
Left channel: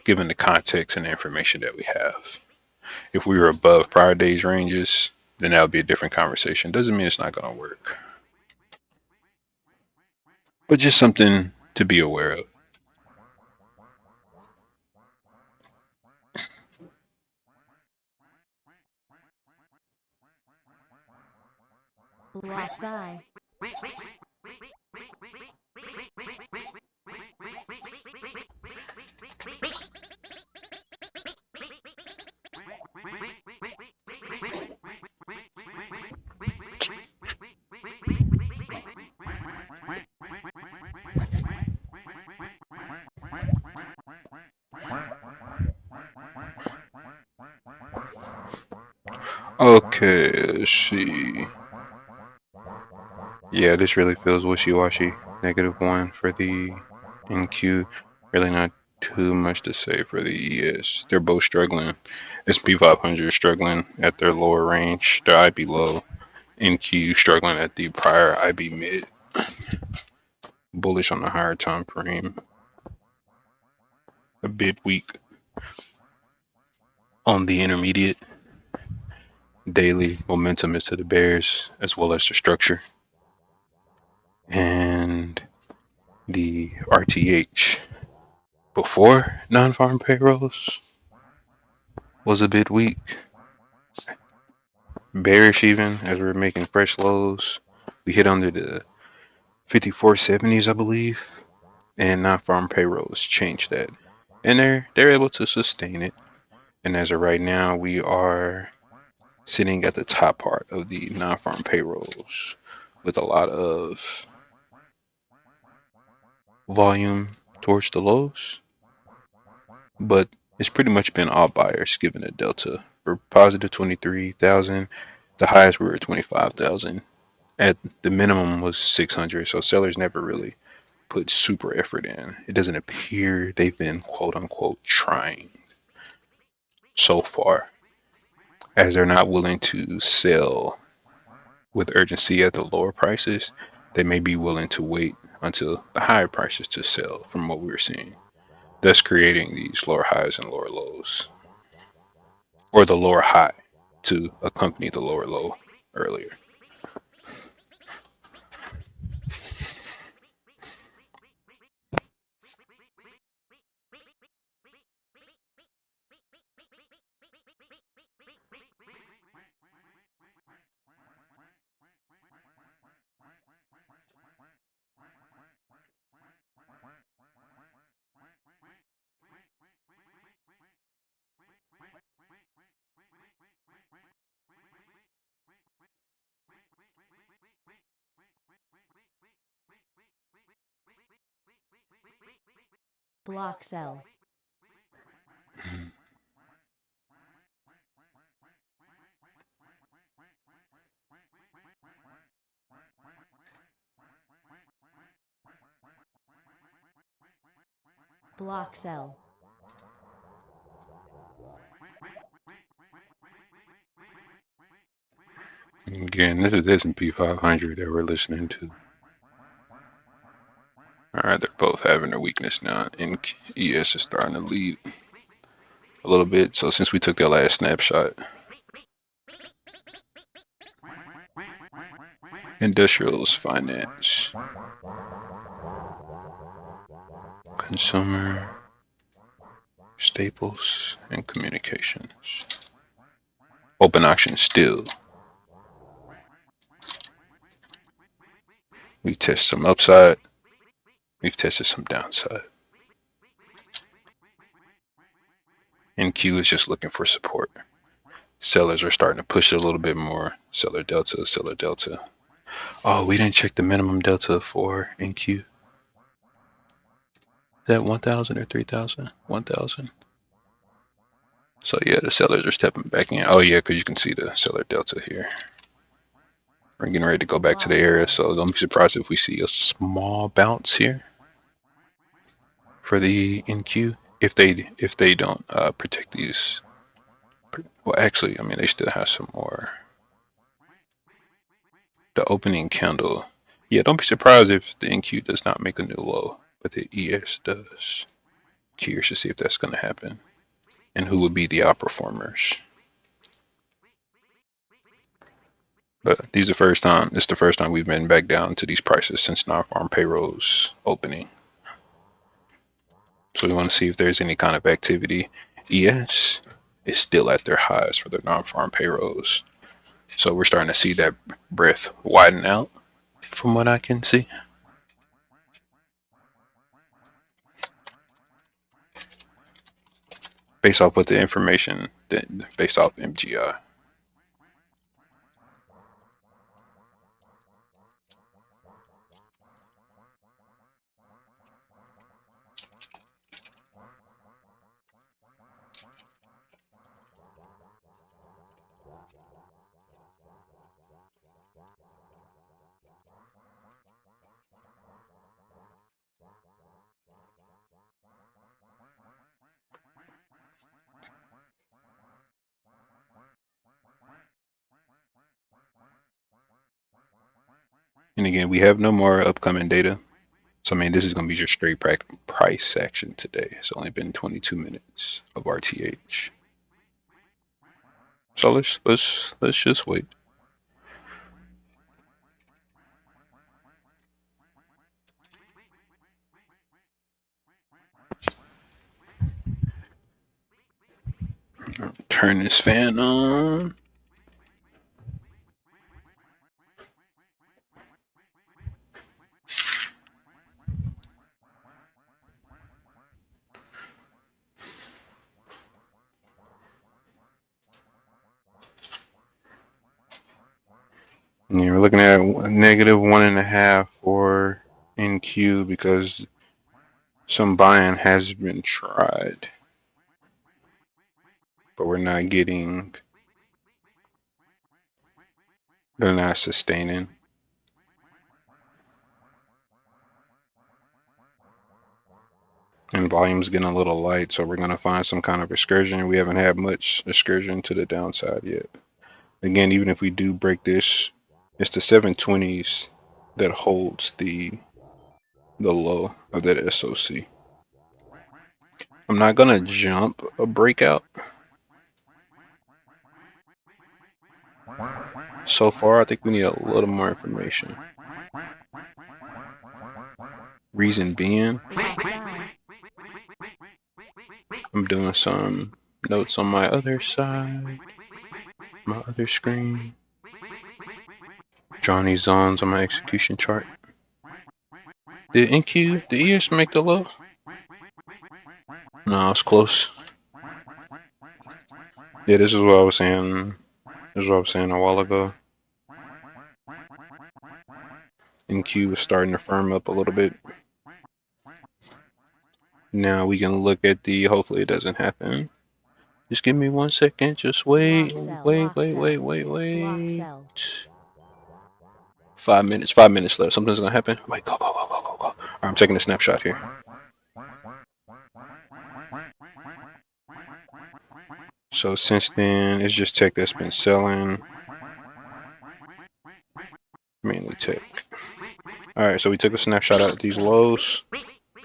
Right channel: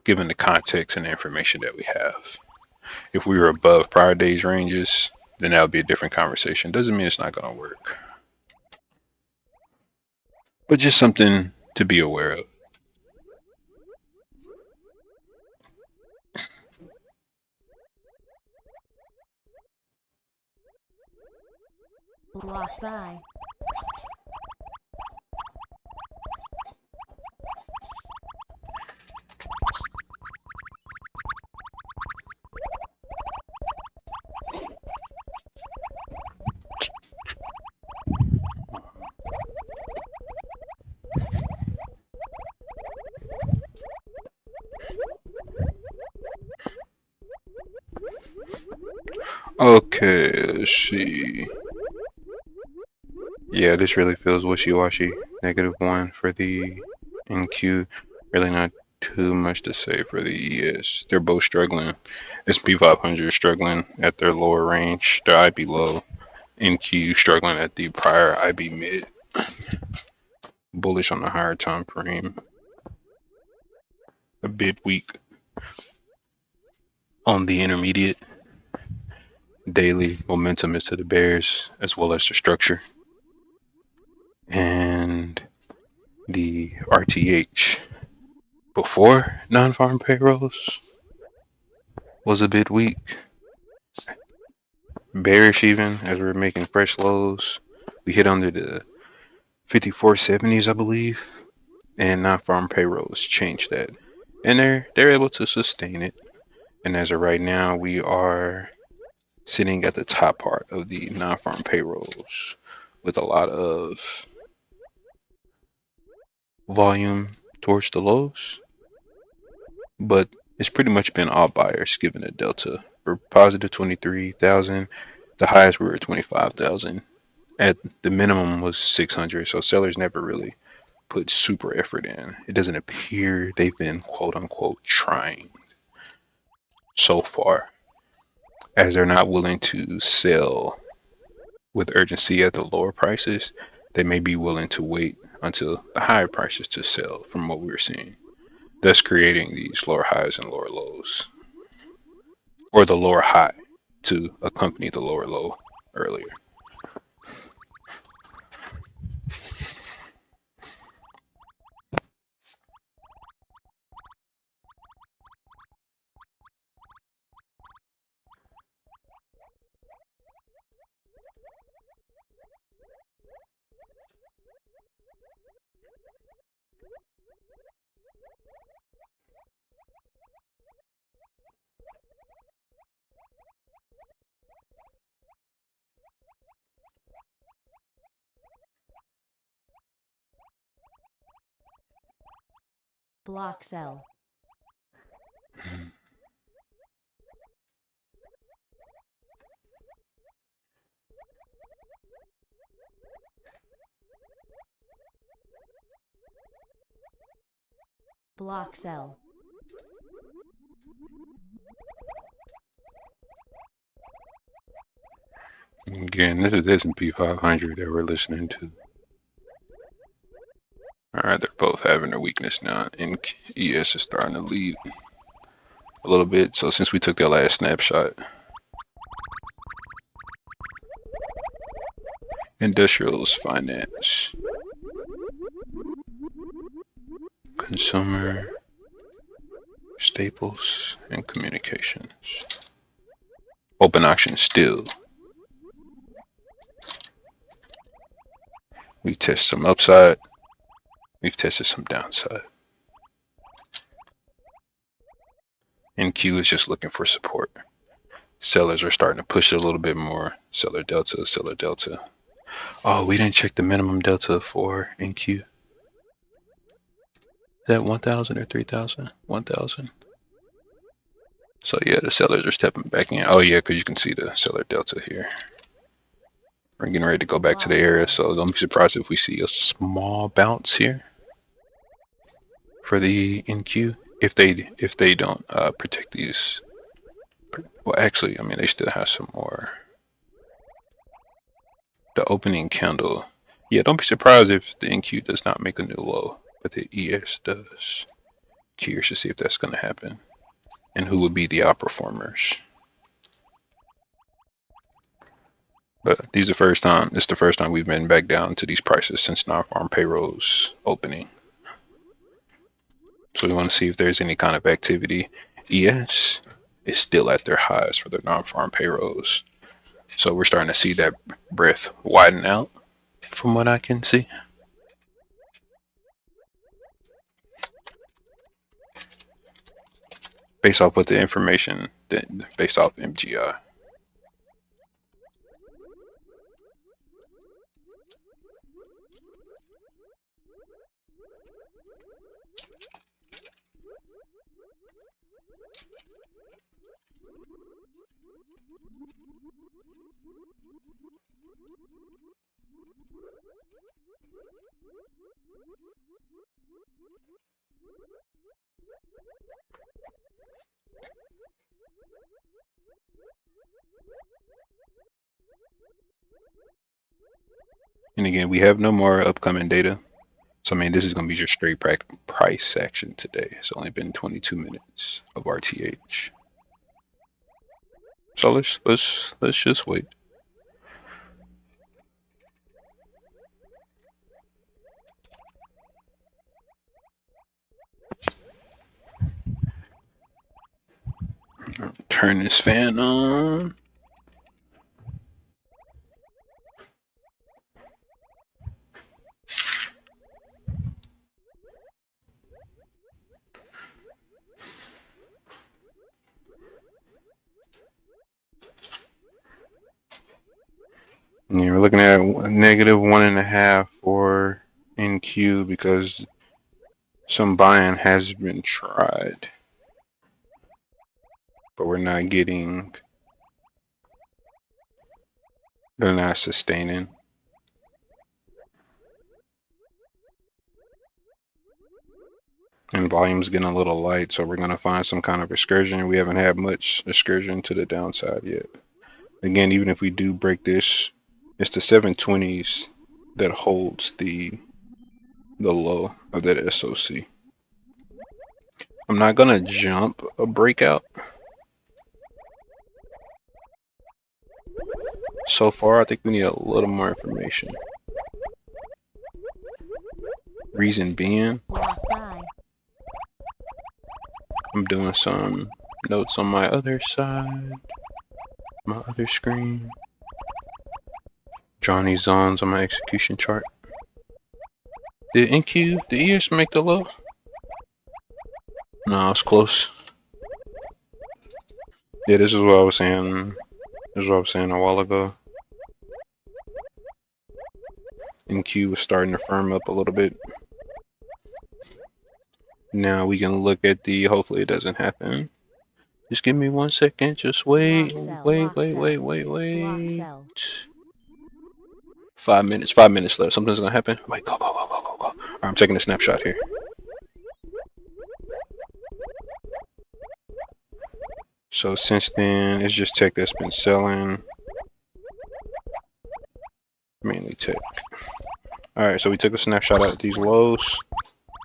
given the context and the information that we have. If we were above prior day's ranges, then that would be a different conversation. Doesn't mean it's not going to work, but just something to be aware of. Block buy. Okay, let's see. Yeah, this really feels wishy-washy. -1 for the NQ. Really not too much to say for the ES. They're both struggling. S&P 500 struggling at their lower range, their IB low. NQ struggling at the prior IB mid. Bullish on the higher time frame. A bit weak on the intermediate. Daily momentum is to the bears, as well as the structure. And the RTH before non-farm payrolls was a bit weak. Bearish even as we were making fresh lows. We hit under the 5470s, I believe, and non-farm payrolls changed that. And they're able to sustain it. And as of right now, we are sitting at the top part of the non-farm payrolls with a lot of volume towards the lows, but it's pretty much been all buyers given a delta. We're positive 23,000. The highest we were at 25,000. At the minimum was 600. So sellers never really put super effort in. It doesn't appear they've been quote unquote trying so far, as they're not willing to sell with urgency at the lower prices. They may be willing to wait until the higher prices to sell from what we're seeing, thus creating these lower highs and lower lows, or the lower high to accompany the lower low earlier. Block cell. Block cell. Again, this is S&P 500 that we're listening to. Alright, they're both having their weakness now, and ES is starting to lead a little bit. So since we took that last snapshot, industrials, finance, consumer, staples, and communications. Open auction still. We test some upside. We've tested some downside. NQ is just looking for support. Sellers are starting to push it a little bit more. Seller delta, seller delta. Oh, we didn't check the minimum delta for NQ. Is that 1,000 or 3,000? 1,000. So yeah, the sellers are stepping back in. Oh yeah, because you can see the seller delta here. We're getting ready to go back to the area, so don't be surprised if we see a small bounce here for the NQ if they don't protect these. Well, actually, I mean they still have some more. The opening candle. Yeah, don't be surprised if the NQ does not make a new low, but the ES does. Curious to see if that's going to happen, and who would be the outperformers. But these are the first time. It's the first time we've been back down to these prices since non-farm payrolls opening. So we want to see if there's any kind of activity. ES is still at their highs for their non-farm payrolls. So we're starting to see that breadth widen out from what I can see. Based off what the information, based off MGI. And again, we have no more upcoming data. So I mean, this is going to be just straight price action today. It's only been 22 minutes of RTH. So let's just wait. Turn this fan on. And you're looking at a negative 1.5 for NQ because some buying has been tried, but we're not getting. They're not sustaining. And volume's getting a little light, so we're going to find some kind of excursion. We haven't had much excursion to the downside yet. Again, even if we do break this, it's the 720s that holds the low of that SOC. I'm not going to jump a breakout. So far, I think we need a little more information. Reason being, I'm doing some notes on my other side, my other screen. Drawing these zones on my execution chart. Did NQ, the ES make the low? No, it's close. Yeah, this is what I was saying. This is what I was saying a while ago. NQ was starting to firm up a little bit. Now we can look at the, hopefully it doesn't happen. Just give me 1 second. Just wait, Block cell. wait, Block wait, cell. wait, wait, Block wait. cell. 5 minutes. 5 minutes left. Something's gonna happen. Wait, go, go, go, go, go, go. Alright, I'm taking a snapshot here. So since then, it's just tech that's been selling. Mainly tech. Alright, so we took a snapshot at these lows.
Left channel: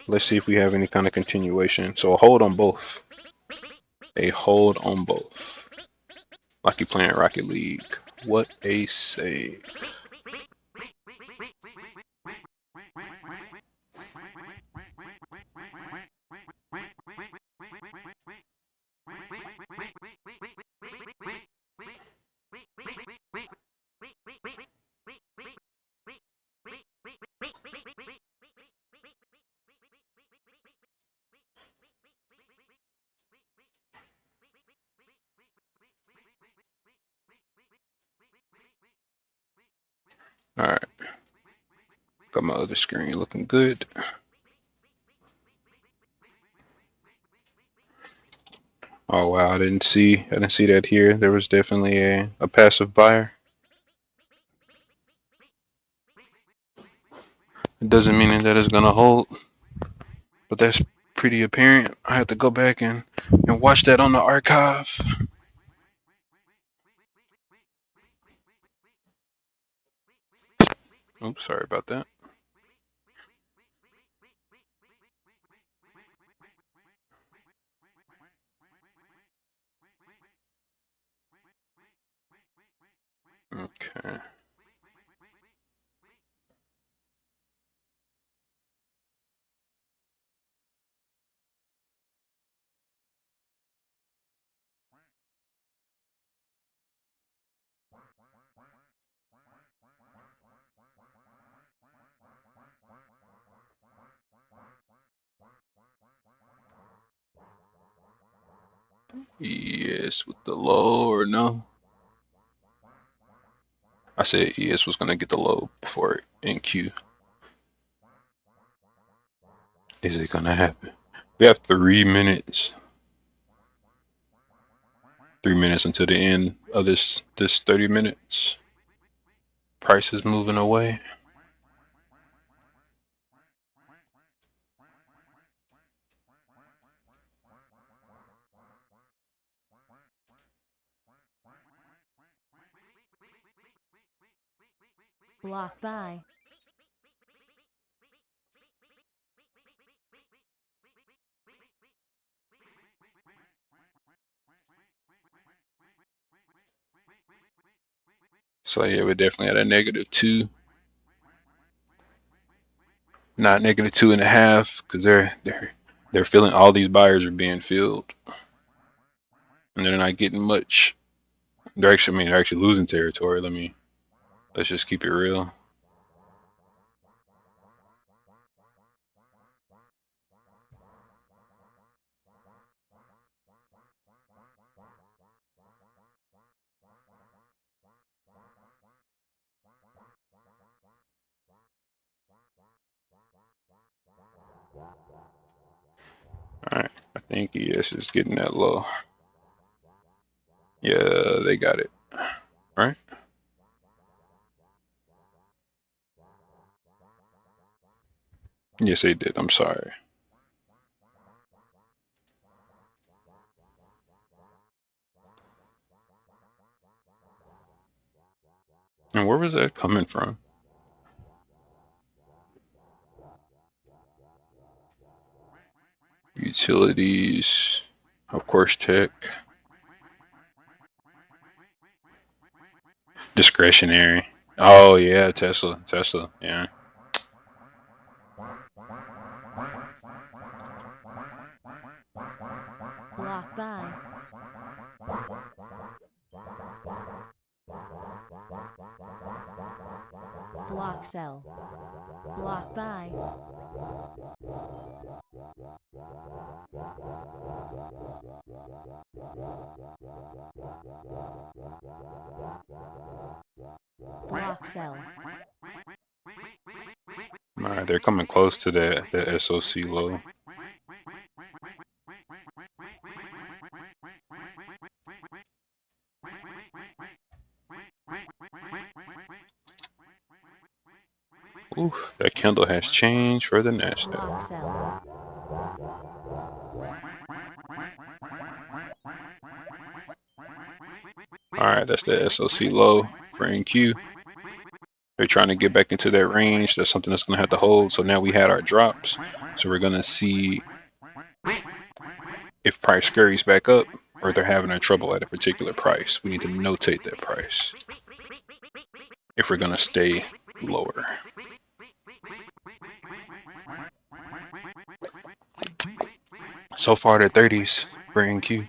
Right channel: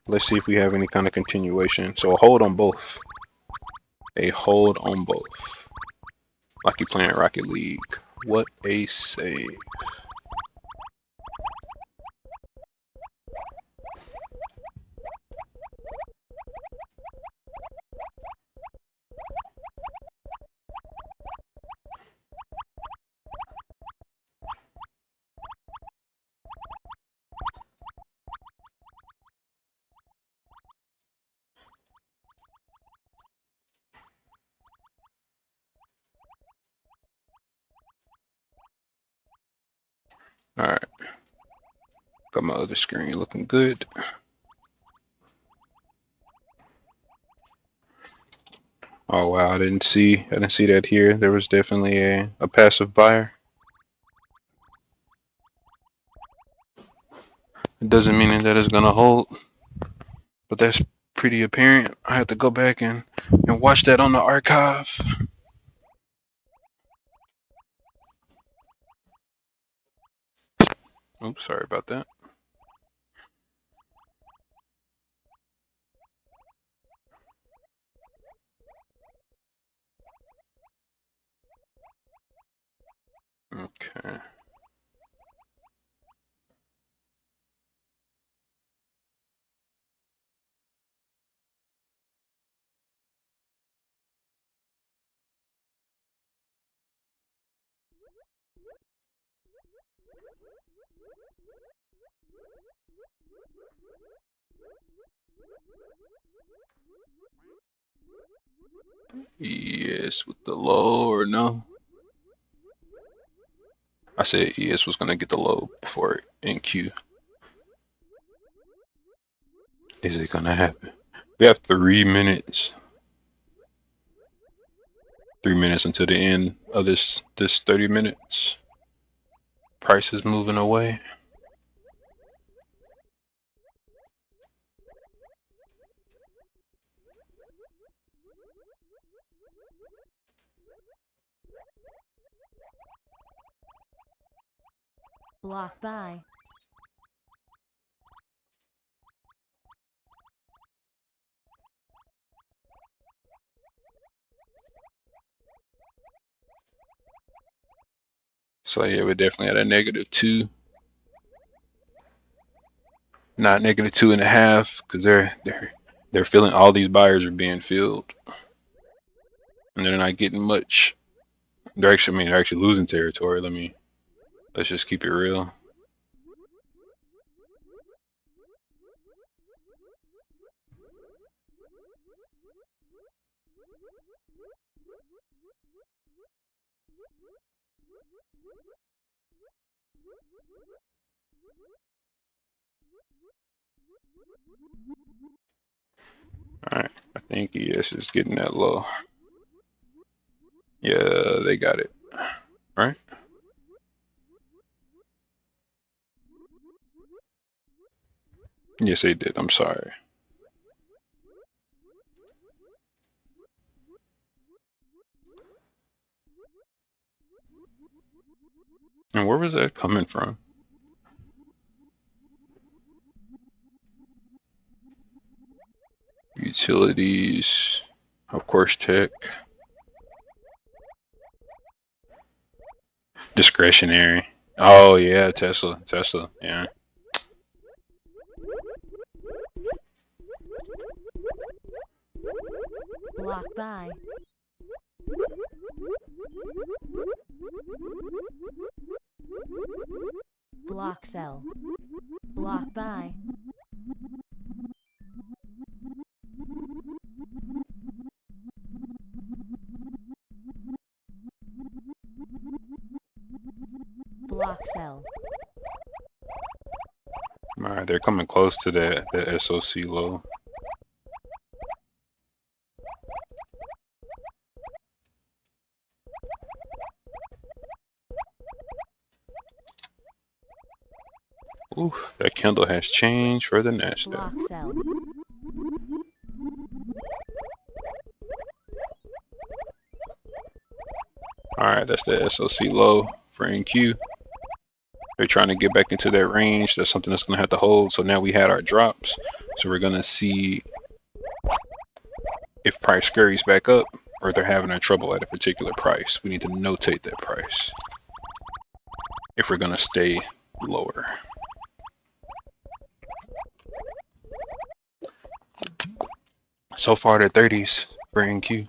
Let's see if we have any kind of continuation. So a hold on both. A hold on both. Like you playing Rocket League. What a save. Alright. Got my other screen looking good. Oh wow, I didn't see that here. There was definitely a passive buyer. It doesn't mean that it's gonna hold, but that's pretty apparent. I have to go back and watch that on the archive. Oops, sorry about that. Okay. ES with the low or no? I said ES was gonna get the low before NQ. Is it gonna happen? We have 3 minutes. 3 minutes until the end of this 30 minutes. Price is moving away. Block buy. So yeah, we're definitely at a -2. Not -2.5, because they're feeling all these buyers are being filled. And they're not getting much. They're actually losing territory. Let's just keep it real. Alright, I think ES is getting that low. Yeah, they got it. Right? Yes, they did. I'm sorry. And where was that coming from? Utilities, of course, tech. Discretionary. Oh yeah, Tesla, yeah. Block buy. Block sell. Block buy. Block sell. Alright, they're coming close to the SOC low. Ooh, that candle has changed for the NASDAQ. Block sell. Alright, that's the SOC low for NQ. They're trying to get back into that range. That's something that's going to have to hold. So now we had our drops. So we're going to see if price scurries back up or if they're having a trouble at a particular price. We need to notate that price if we're going to stay lower. So far, they're 30s for NQ.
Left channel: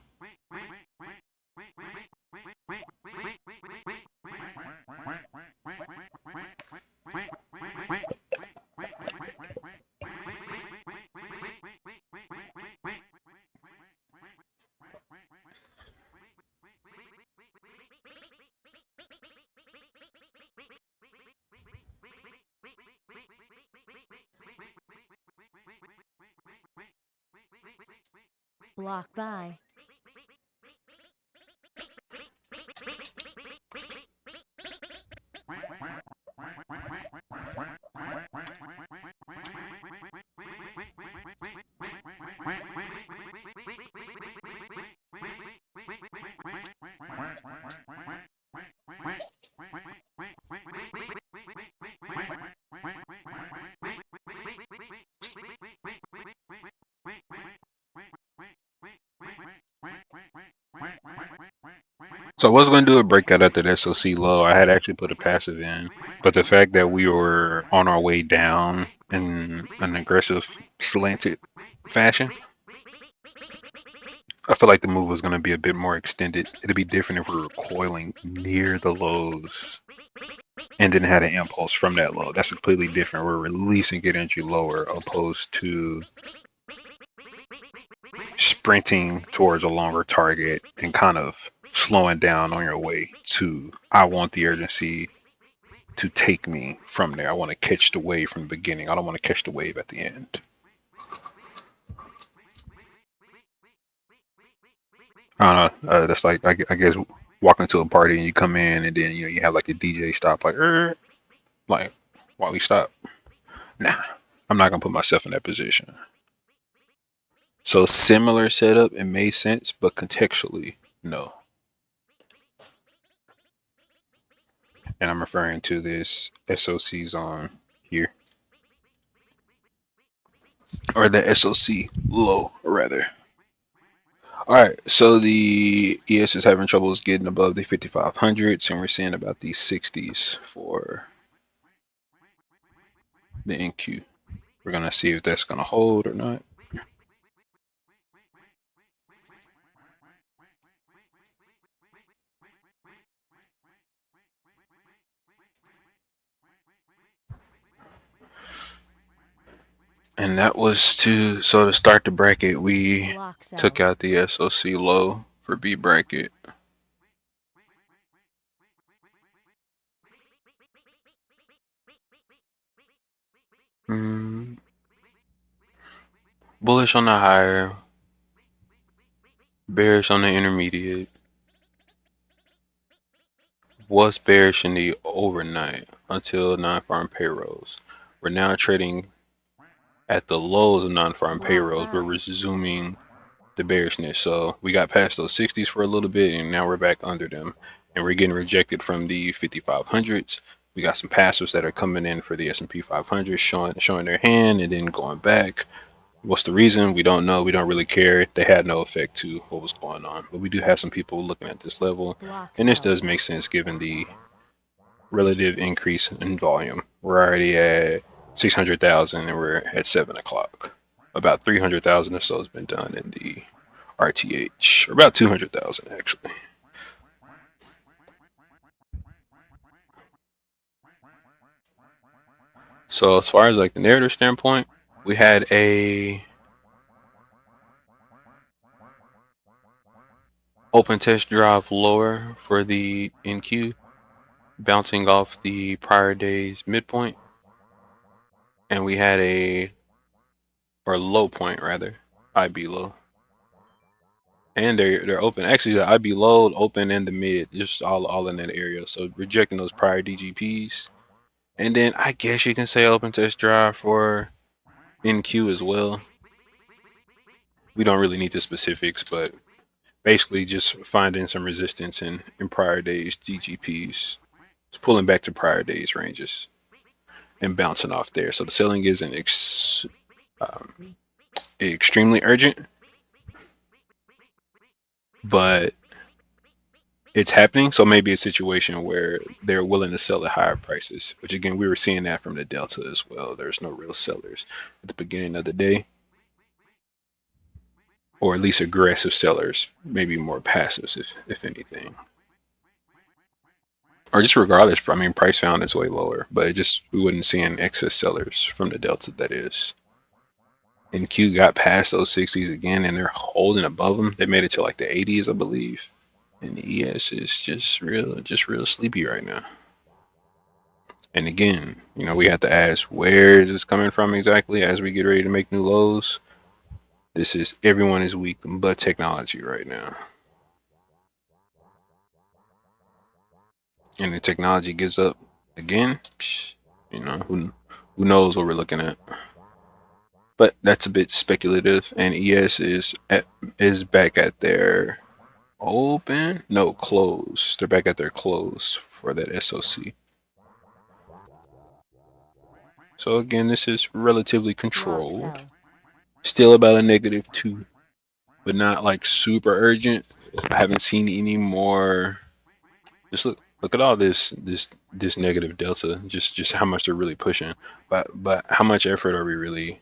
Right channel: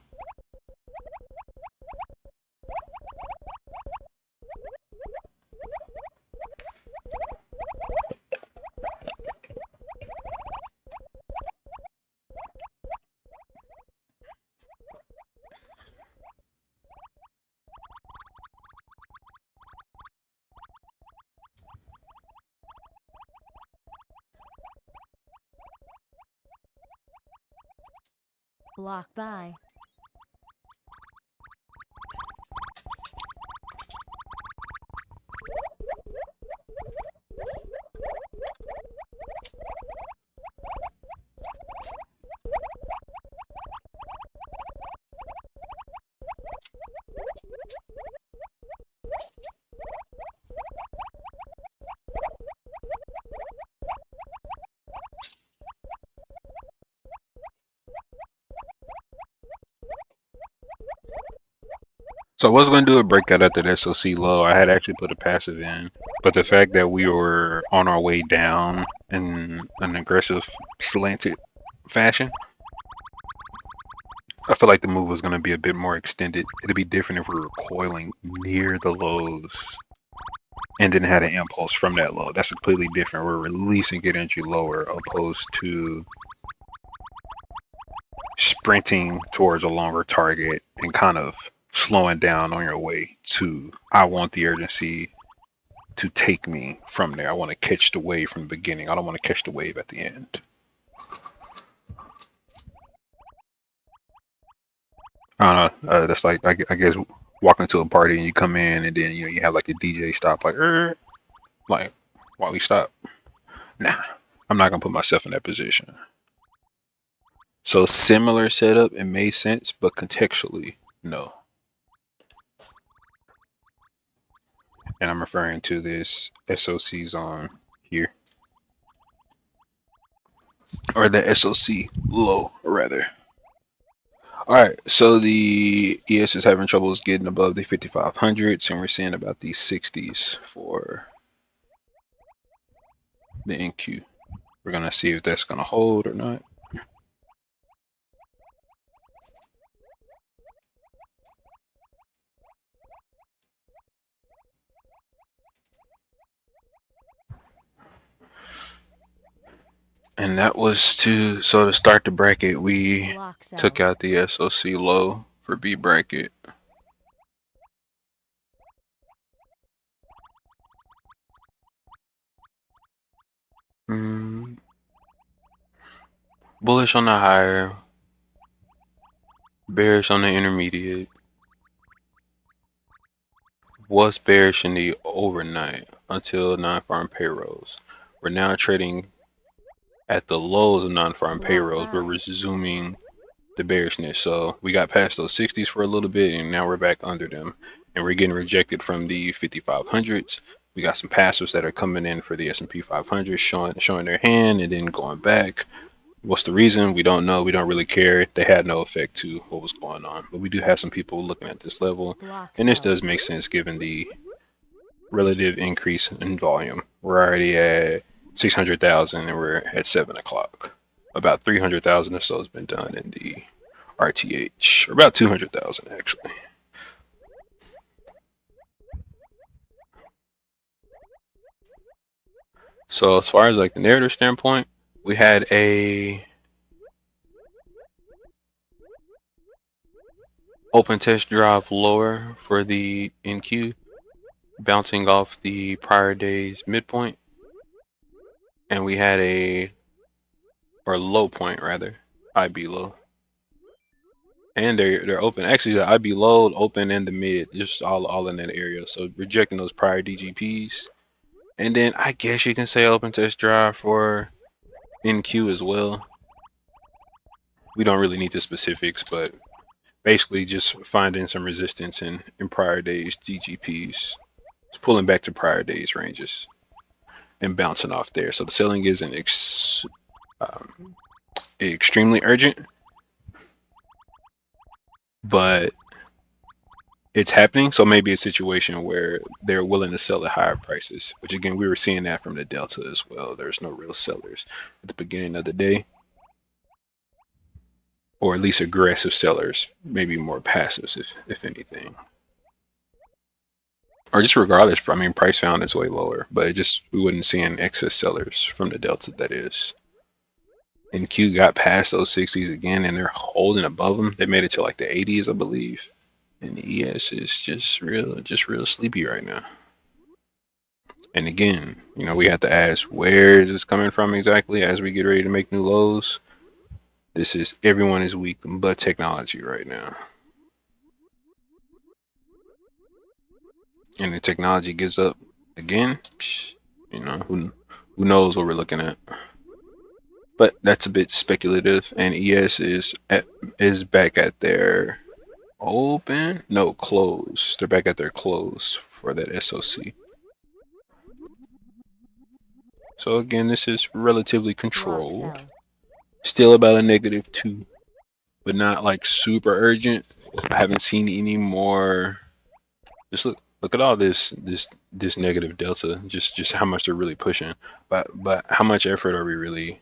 Block buy. So I was going to do a breakout at the SOC low. I had actually put a passive in. But the fact that we were on our way down in an aggressive slanted fashion, I feel like the move was going to be a bit more extended. It'd be different if we were coiling near the lows and then had an impulse from that low. That's completely different. We're releasing it entry lower opposed to sprinting towards a longer target and kind of slowing down on your way to, I want the urgency to take me from there. I want to catch the wave from the beginning. I don't want to catch the wave at the end. I don't know. That's like, I guess, walking to a party and you come in and then you have like a DJ stop, like why we stop? Nah, I'm not gonna put myself in that position. So similar setup, it made sense, but contextually, no. And I'm referring to this SOC zone here, or the SOC low, rather. All right, so the ES is having troubles getting above the 5500s, and we're seeing about the 60s for the NQ. We're gonna see if that's gonna hold or not. And that was to start the bracket, we Block sell. took out the SOC low for B bracket. Bullish on the higher, bearish on the intermediate. Was bearish in the overnight until non-farm payrolls. We're now trading at the lows of non-farm Block payrolls. buy. We're resuming the bearishness. So we got past those 60s for a little bit, and now we're back under them, and we're getting rejected from the 5500s. We got some passives that are coming in for the S&P 500, showing their hand and then going back. What's the reason? We don't know. We don't really care. They had no effect to what was going on. But we do have some people looking at this level, Block and this sell. does make sense given the relative increase in volume. We're already at 600,000 and we're at 7 o'clock. About 300,000 or so has been done in the RTH, or about 200,000 actually. So as far as like the narrative standpoint, we had a open test drive lower for the NQ, bouncing off the prior day's midpoint, and we had or low point rather, IB low. And they're open. Actually, the IB low, open, and the mid, just all in that area. So rejecting those prior DGPs And then I guess you can say open test drive for NQ as well. We don't really need the specifics, but basically just finding some resistance in prior days GGPs. It's pulling back to prior days ranges and bouncing off there. So the selling isn't extremely urgent, but it's happening. So maybe a situation where they're willing to sell at higher prices, which again, we were seeing that from the Delta as well. There's no real sellers at the beginning of the day, or at least aggressive sellers, maybe more passives, if anything. Or just regardless, I mean, price found is way lower, but it just, we wouldn't see an excess sellers from the Delta, that is. And Q got past those 60s again, and they're holding above them. They made it to like the 80s, I believe. And the ES is just real sleepy right now. And again, you know, we have to ask, where is this coming from exactly as we get ready to make new lows? This is, everyone is weak but technology right now. And the technology gives up again, you know, who knows what we're looking at. But that's a bit speculative. And ES is back at their open? No, close. They're back at their close for that SOC. So again, this is relatively controlled. Still about a -2, but not like super urgent. I haven't seen any more. Just look at all this negative delta. Just how much they're really pushing. But how much effort are we really?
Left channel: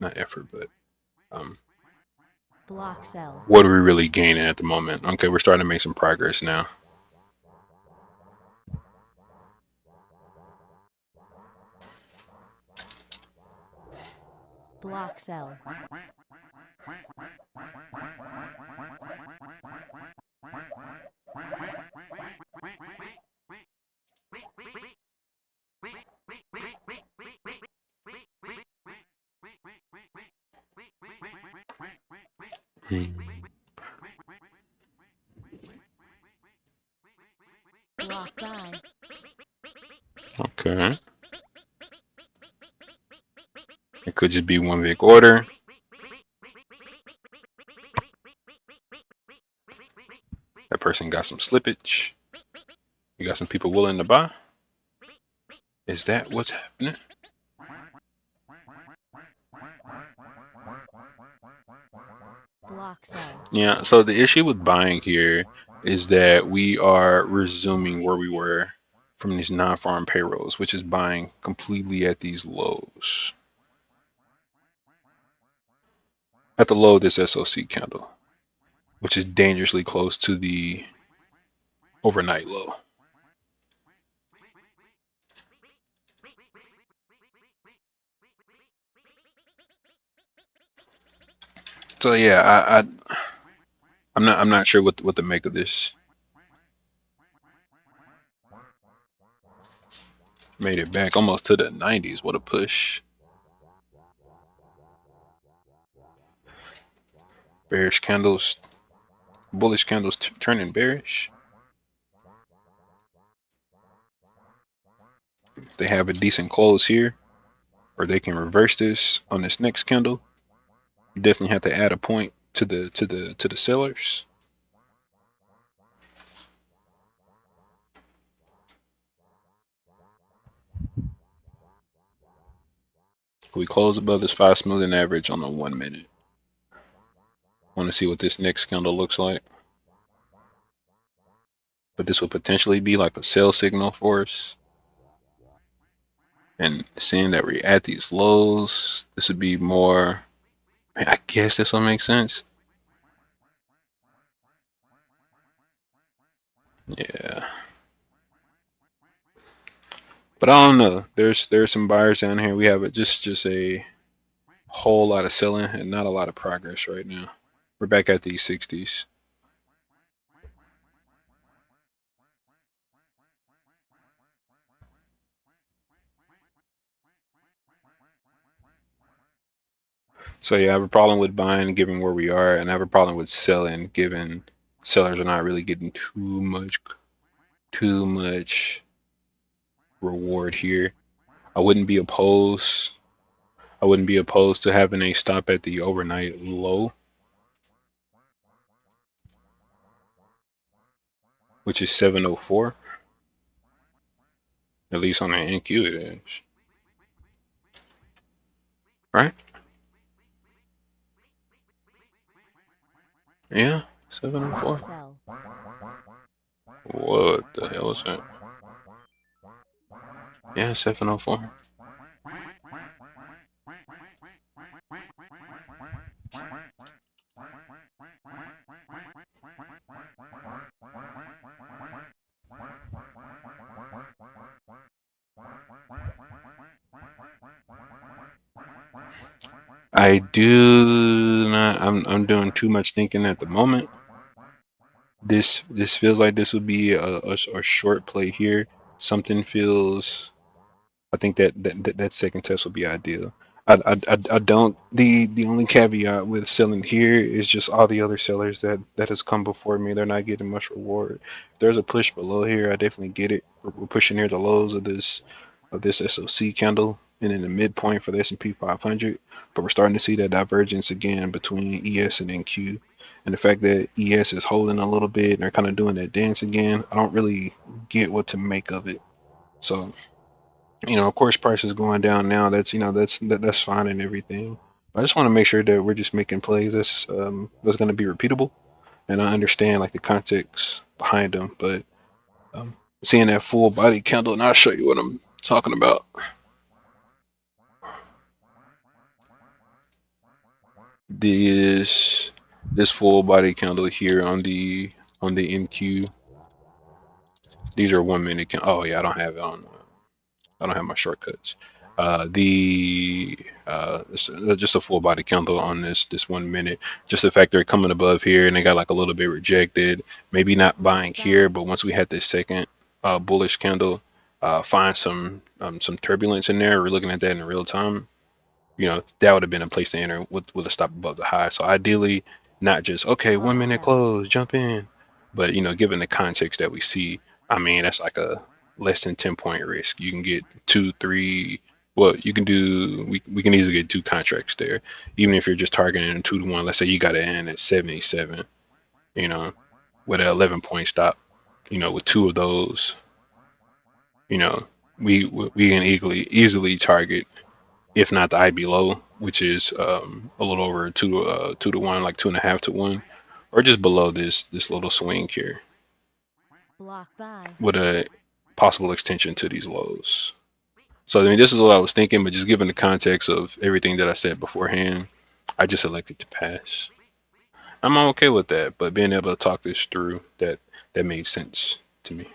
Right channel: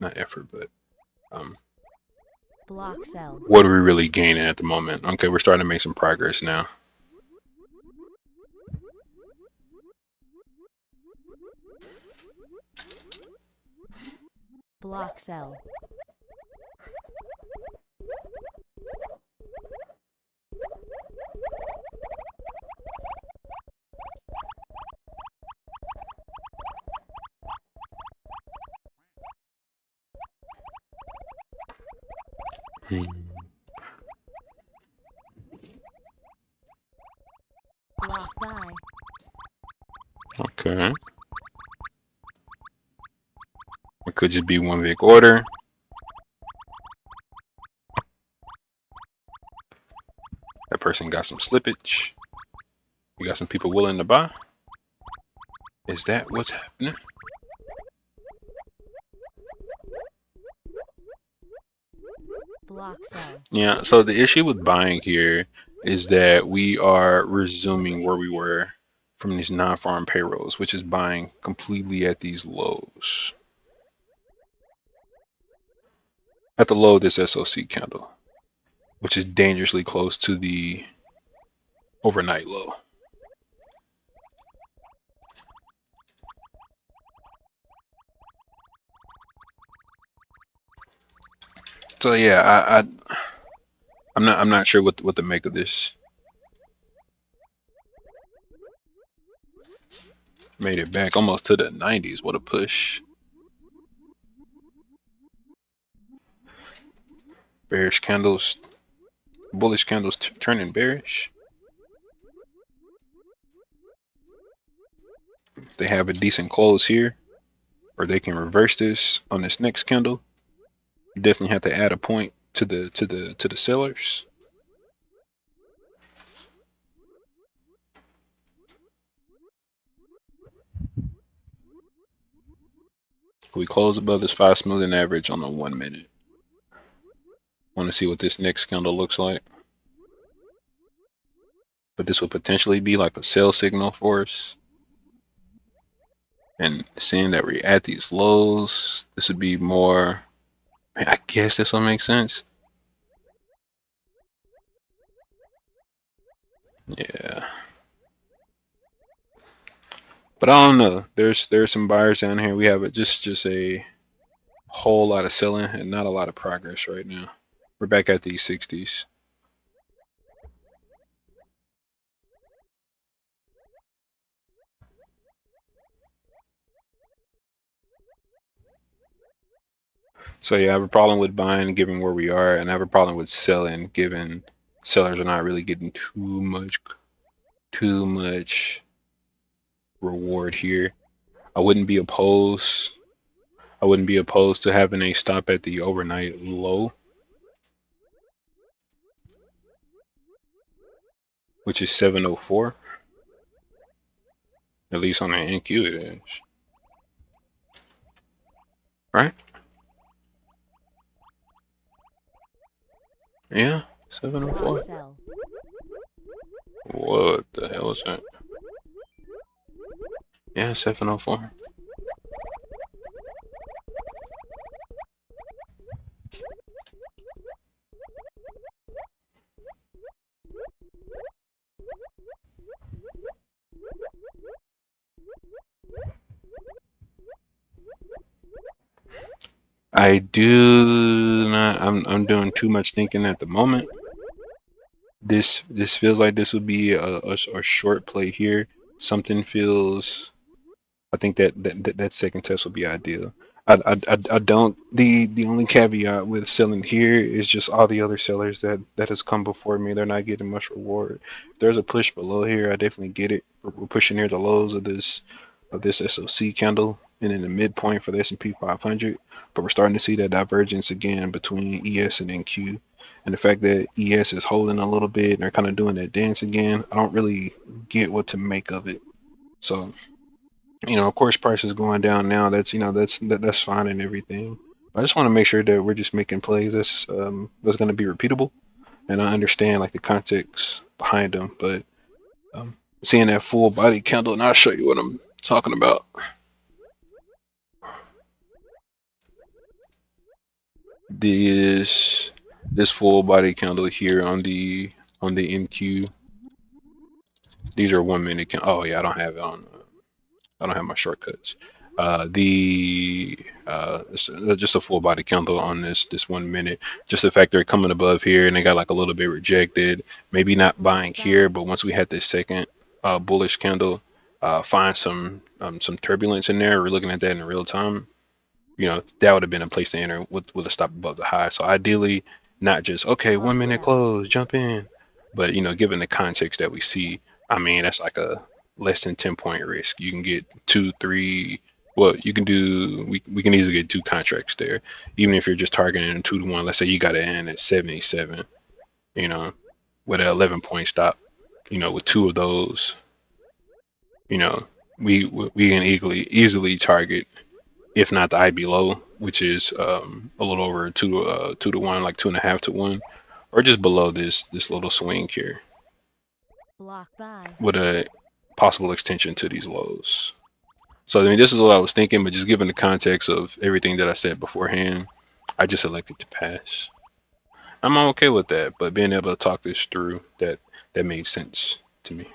Not effort, but block sell. What are we really gaining at the moment? Okay, we're starting to make some progress now. Block sell. Block buy. Okay. It could just be one big order. That person got some slippage. You got some people willing to buy. Is that what's happening? Block sell. Yeah, so the issue with buying here is that we are resuming where we were from these non-farm payrolls, which is buying completely at these lows. At the low of this SOC candle, which is dangerously close to the overnight low. So yeah, I'm not sure what to make of this. Made it back almost to the 90s. What a push. Bearish candles, bullish candles turning bearish. They have a decent close here, or they can reverse this on this next candle. You definitely have to add a point to the sellers. We close above this 5 smoothing average on the 1 minute. Want to see what this next candle looks like. But this will potentially be like a sell signal for us. And seeing that we're at these lows, this would be more, I guess this will make sense. Yeah. But I don't know. There's some buyers down here. We have just a whole lot of selling and not a lot of progress right now. We're back at these 60s. So yeah, I have a problem with buying given where we are, and I have a problem with selling given sellers are not really getting too much reward here. I wouldn't be opposed. I wouldn't be opposed to having a stop at the overnight low, which is 704. At least on the NQ it is. Right? Yeah, 704. Sell. What the hell is that? Yeah, 704. I do not. I'm doing too much thinking at the moment. This feels like this would be a short play here. Something feels. I think that second test will be ideal. I don't. The only caveat with selling here is just all the other sellers that has come before me. They're not getting much reward. If there's a push below here, I definitely get it. We're pushing near the lows of this SOC candle and in the midpoint for the S&P 500. But we're starting to see that divergence again between ES and NQ. And the fact that ES is holding a little bit and they're kind of doing that dance again, I don't really get what to make of it. So, of course, price is going down now. That's fine and everything. I just want to make sure that we're just making plays that's going to be repeatable, and I understand like the context behind them. But seeing that full body candle, and I'll show you what I'm talking about. This full body candle here on the NQ. These are 1 minute. Oh yeah, I don't have it on. I don't have my shortcuts. It's just a full body candle on this 1 minute. Just the fact they're coming above here and they got like a little bit rejected. Maybe not buying here, but once we had this second bullish candle, find some turbulence in there. We're looking at that in real time. That would have been a place to enter with a stop above the high. So ideally, not just okay, 1 minute close, jump in, but given the context that we see, I mean that's like a less than 10-point risk. You can get 2, 3. Well, you can do. We can easily get 2 contracts there, even if you're just targeting a 2-to-1. Let's say you got to end at 77, with an 11-point stop. With 2 of those, we can easily target, if not the IB low, which is a little over 2-to-1, like 2.5 to 1, or just below this little swing here, Block buy. with a possible extension to these lows. So I mean, this is what I was thinking, but just given the context of everything that I said beforehand, I just elected to pass. I'm okay with that, but being able to talk this through, that made sense to me.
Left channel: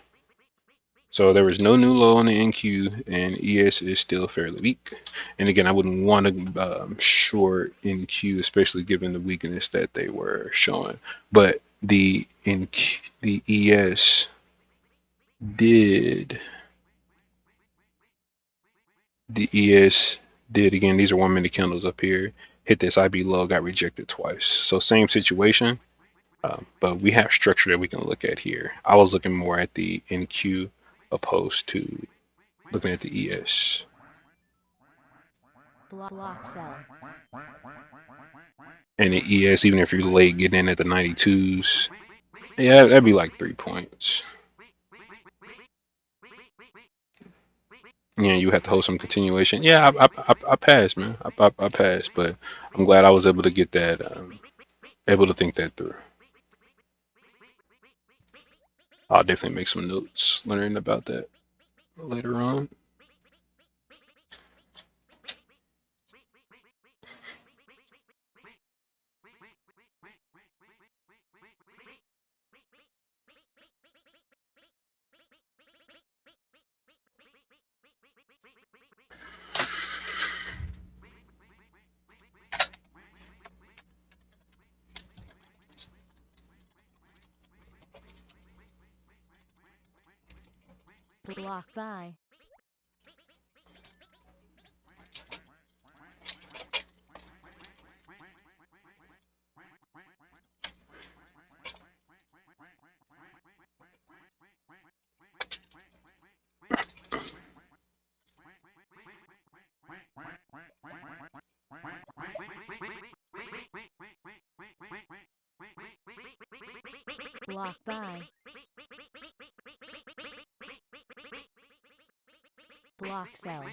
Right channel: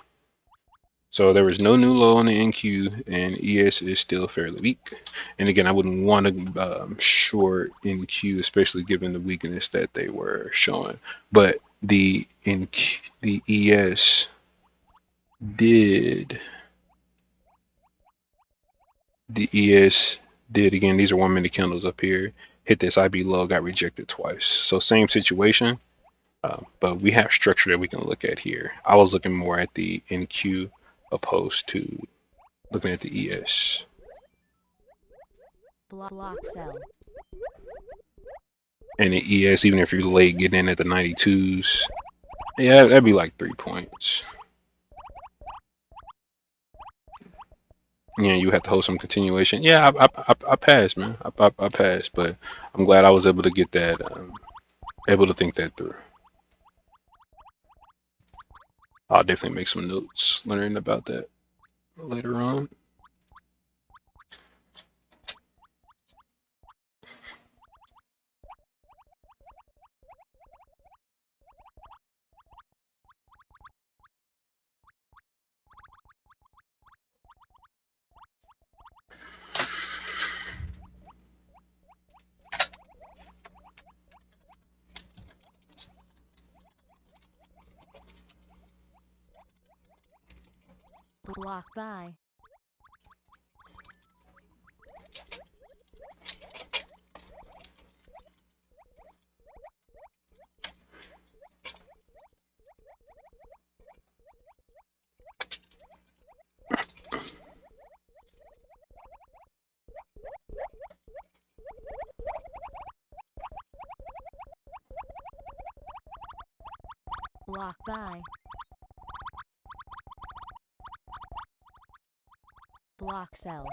So there was no new low on the NQ, and ES is still fairly weak. And again, I wouldn't want to short NQ, especially given the weakness that they were showing. But the ES did. The ES did again. These are 1 minute candles up here. Hit this IB low, got rejected twice. So same situation, but we have structure that we can look at here. I was looking more at the NQ opposed to looking at the ES. Block sell. And the ES, even if you're late getting in at the 92s, yeah, that'd be like 3 points. Yeah, you have to hold some continuation. Yeah, I passed, man. I passed, but I'm glad I was able to get that, able to think that through. I'll definitely make some notes learning about that later on. Block buy. Block buy. Block sell.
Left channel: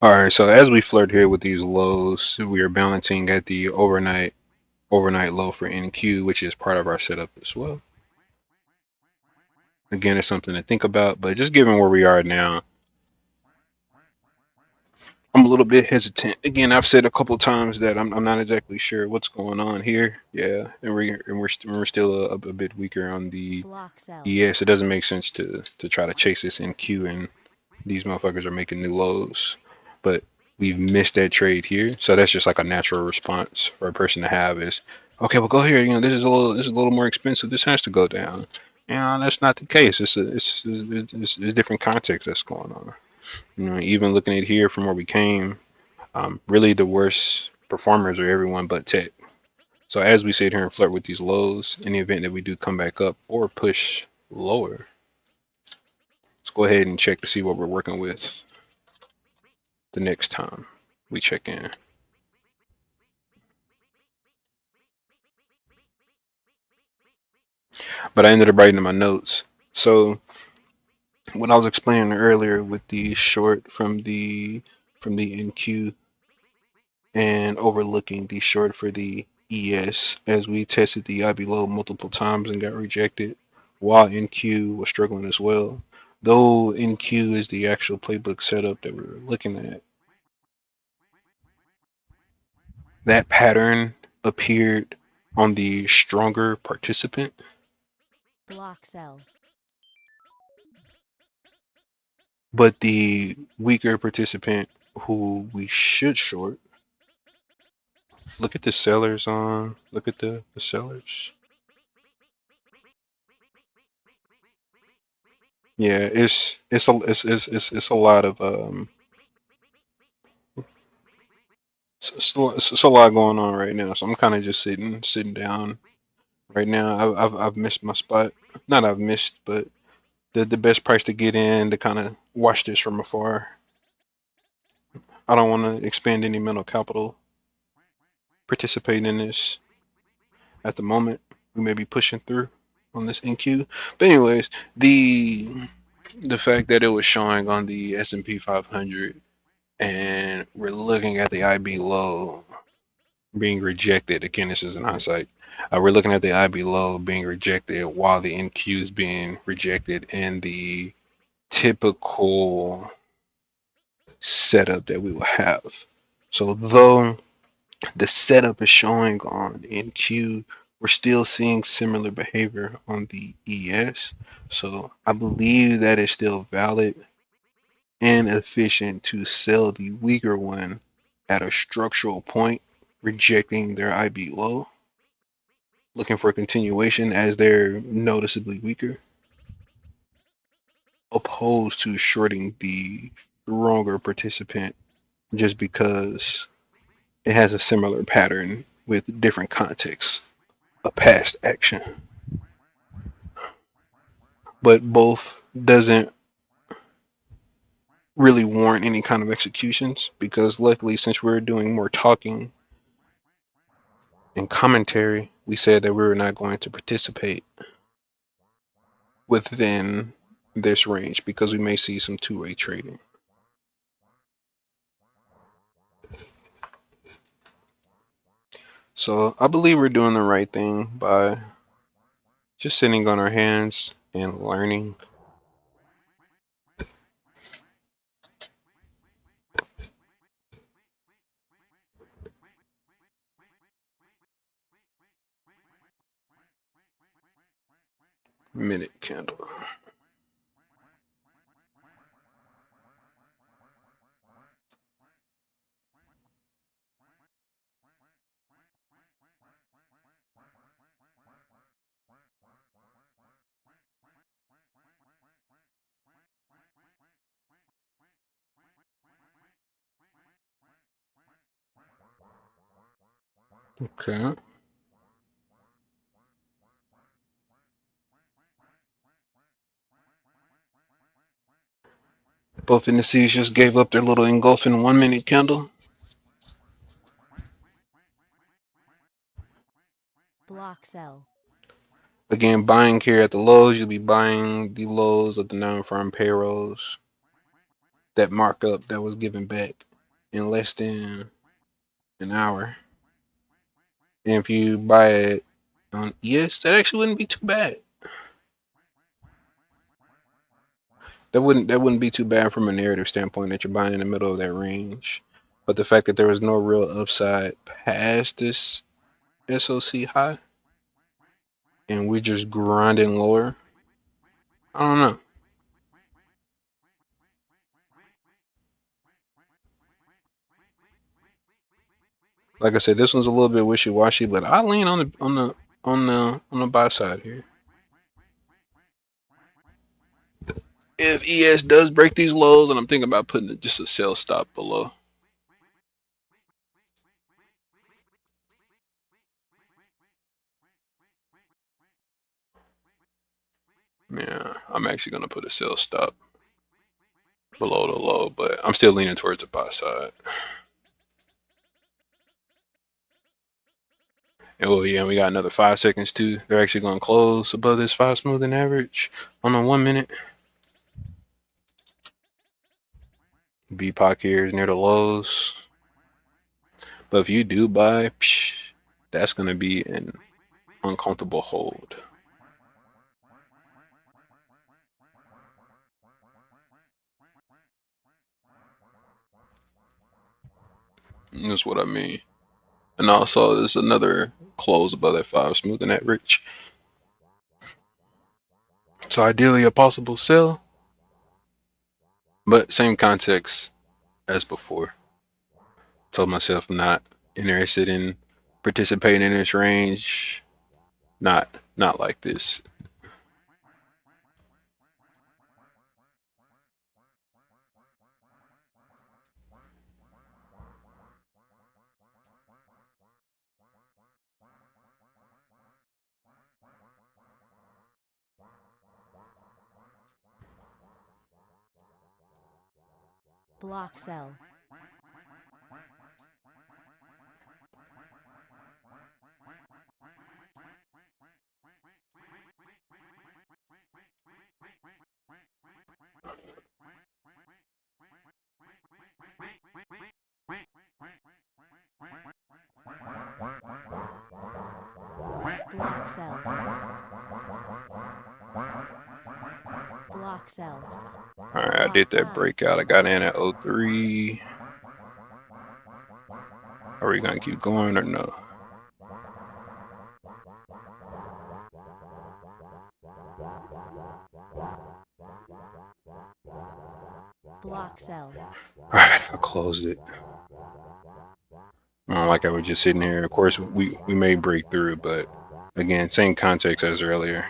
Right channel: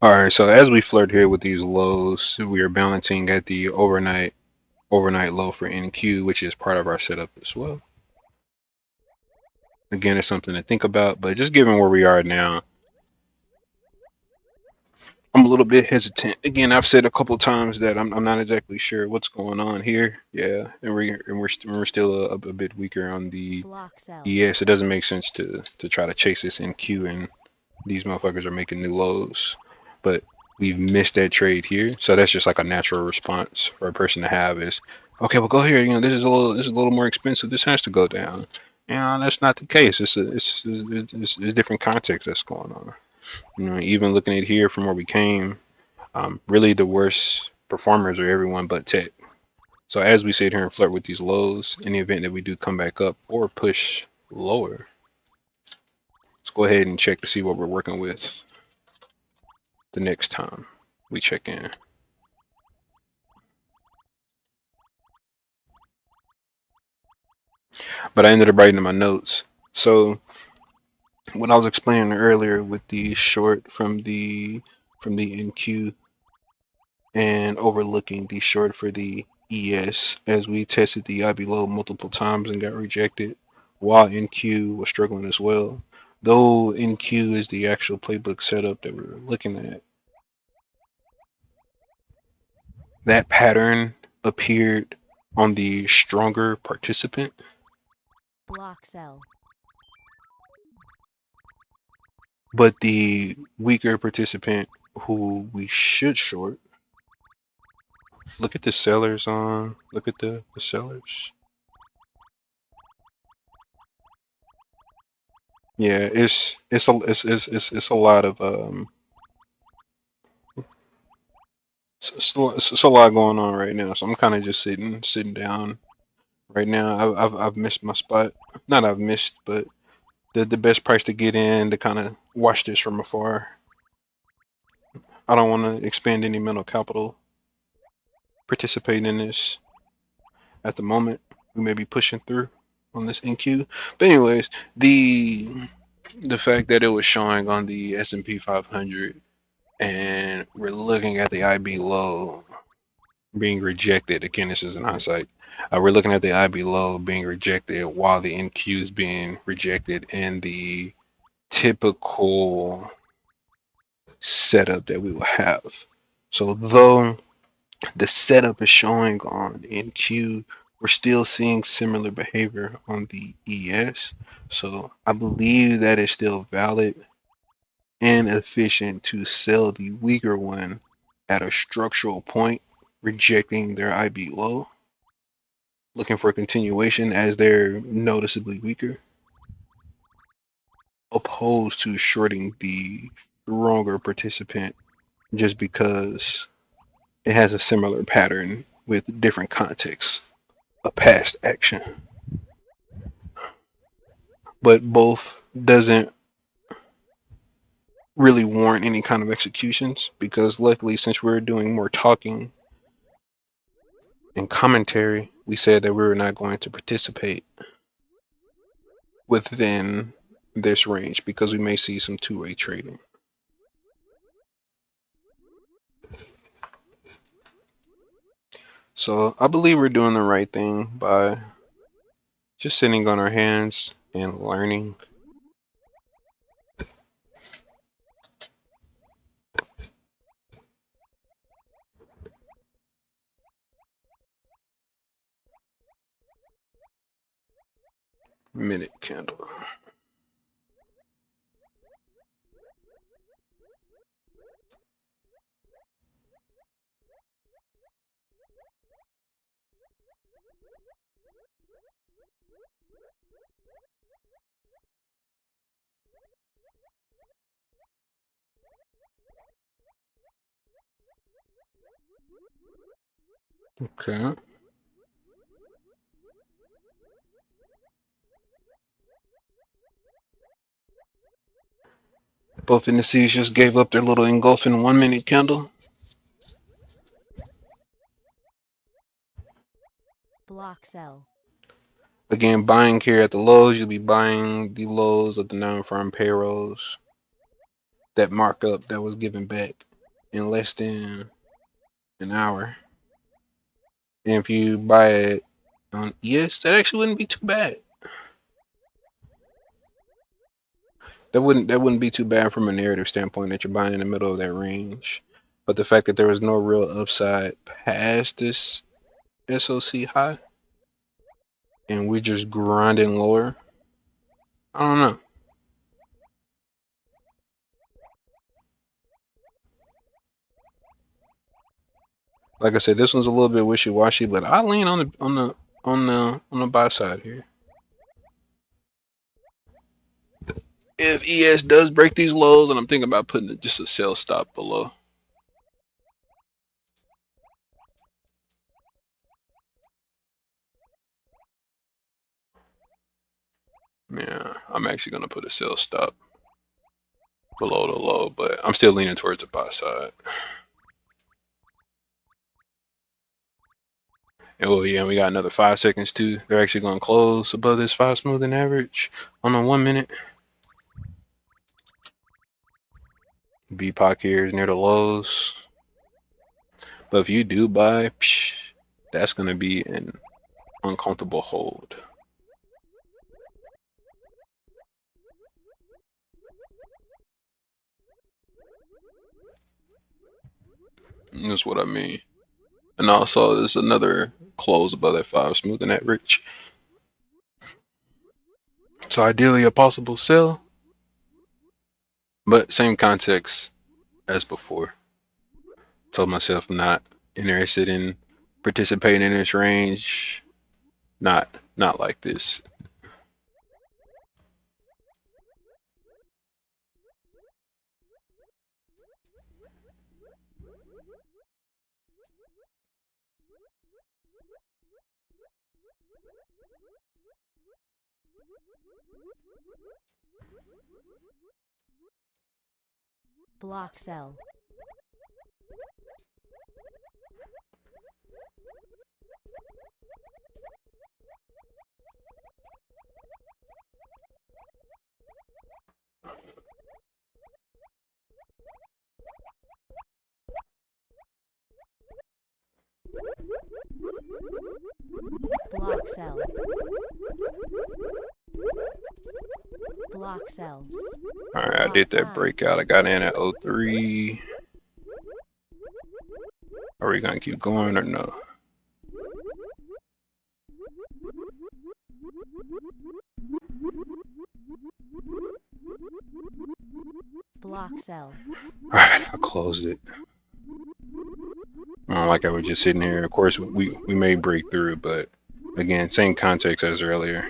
All right, so as we flirt here with these lows, we are balancing at the overnight low for NQ, which is part of our setup as well. Again, it's something to think about, but just given where we are now, I'm a little bit hesitant. Again, I've said a couple times that I'm not exactly sure what's going on here. Yeah, and we're still a bit weaker on the Block sell. ES. It doesn't make sense to try to chase this NQ, and these motherfuckers are making new lows. But we've missed that trade here, so that's just like a natural response for a person to have is, okay, well go here. You know, this is a little more expensive. This has to go down. You know, that's not the case. It's different context that's going on. You know, even looking at here from where we came, really the worst performers are everyone but Tech. So as we sit here and flirt with these lows, in the event that we do come back up or push lower, let's go ahead and check to see what we're working with the next time we check in. But I ended up writing in my notes. So what I was explaining earlier with the short from the NQ and overlooking the short for the ES as we tested the IB low multiple times and got rejected while NQ was struggling as well. Though NQ is the actual playbook setup that we're looking at, that pattern appeared on the stronger participant. Block sell. But the weaker participant who we should short, look at the sellers on, look at the sellers. Yeah, it's a lot of it's a lot going on right now. So I'm kind of just sitting down right now. I've missed my spot. Not I've missed, but the best price to get in to kind of watch this from afar. I don't want to expend any mental capital participating in this at the moment. We may be pushing through on this NQ. But anyways, the fact that it was showing on the S&P 500 and we're looking at the IB low being rejected. Again, this is an hindsight. We're looking at the IB low being rejected while the NQ is being rejected in the typical setup that we will have. So though the setup is showing on NQ, we're still seeing similar behavior on the ES. So I believe that is still valid and efficient to sell the weaker one at a structural point, rejecting their IB low, looking for a continuation as they're noticeably weaker, opposed to shorting the stronger participant just because it has a similar pattern with different contexts of past action, but both doesn't really warrant any kind of executions because luckily since we're doing more talking and commentary, we said that we were not going to participate within this range because we may see some two-way trading. So I believe we're doing the right thing by just sitting on our hands and learning. Minute candle. Okay. Both indices just gave up their little engulfing 1 minute candle. Block sell. Again, buying here at the lows, you'll be buying the lows of the non-farm payrolls. That markup that was given back in less than an hour. And if you buy it on ES, that actually wouldn't be too bad. That wouldn't be too bad from a narrative standpoint that you're buying in the middle of that range. But the fact that there was no real upside past this SOC high and we're just grinding lower, I don't know. Like I said, this one's a little bit wishy-washy, but I lean on the buy side here. If ES does break these lows, and I'm thinking about putting just a sell stop below. Yeah, I'm actually gonna put a sell stop below the low, but I'm still leaning towards the buy side. Oh yeah, we got another 5 seconds too. They're actually gonna close above this 5 smoothing average on the 1 minute. BPOC here is near the lows. But if you do buy, that's gonna be an uncomfortable hold. That's what I mean. And also, there's another close above that 5 smoothing average. So ideally, a possible sell, but same context as before. Told myself I'm not interested in participating in this range. Not like this. Block sell. Block sell. Block sell. Alright, I did that breakout. I got in at 03. Are we gonna keep going or no? Block sell. Alright, I closed it. Like I was just sitting here. Of course, we may break through, but again, same context as earlier.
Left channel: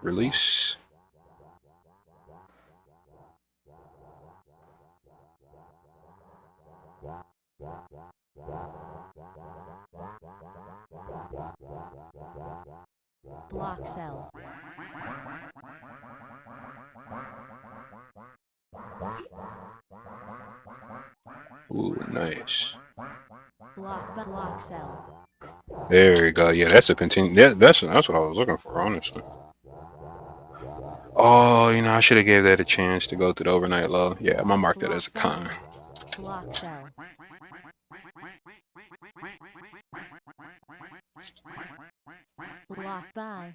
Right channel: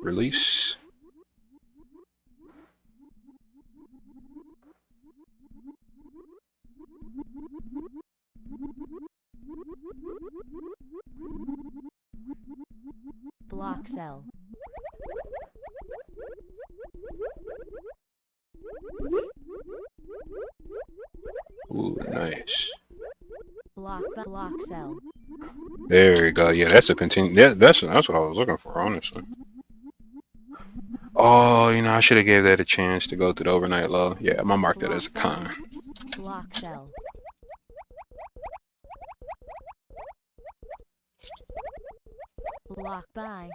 Release. Block cell. Ooh, nice. Block cell. There you go. Yeah, that's a continue. Yeah, that's what I was looking for, honestly. Oh, you know, I should have gave that a chance to go through the overnight low. Yeah, I'm gonna mark that as a con. Block cell. Block buy.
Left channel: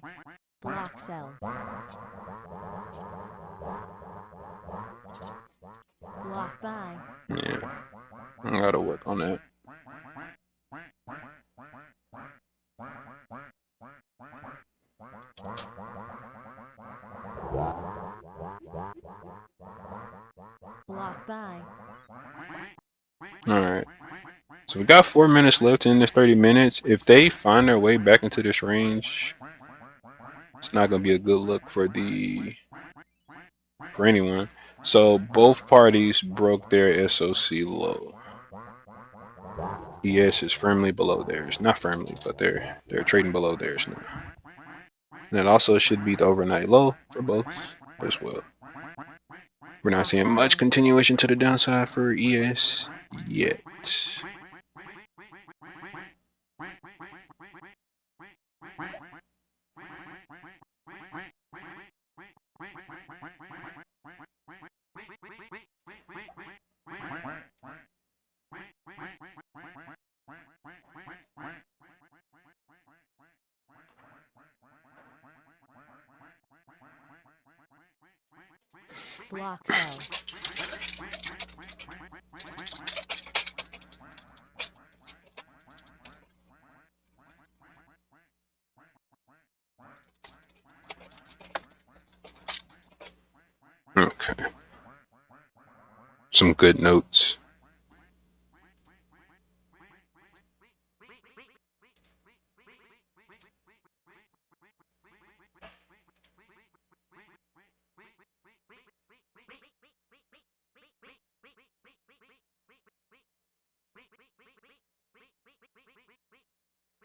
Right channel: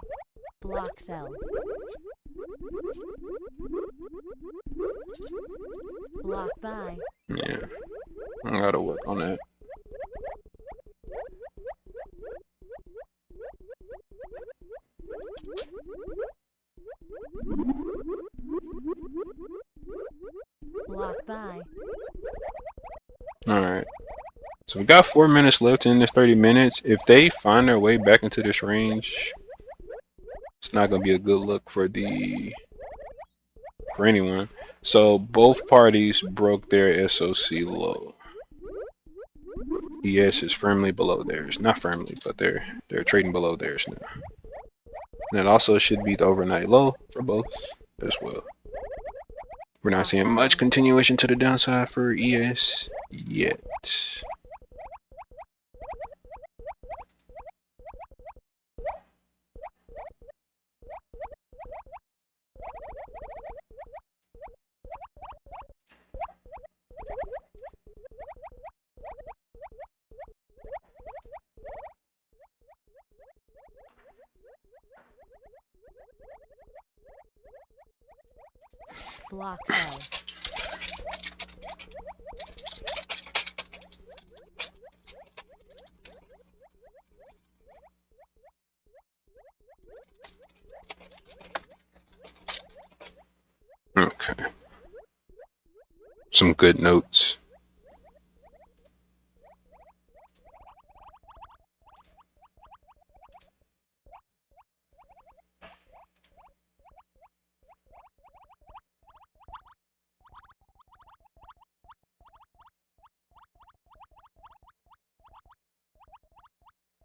Block cell. Block buy. Yeah, I gotta work on that. Block buy. All right. So we got 4 minutes left in this 30 minutes. If they find their way back into this range, it's not gonna be a good look for anyone. So both parties broke their SOC low. ES is firmly below theirs. Not firmly, but they're trading below theirs now. And it also should be the overnight low for both as well. We're not seeing much continuation to the downside for ES yet. Block cell. Okay. Some good notes.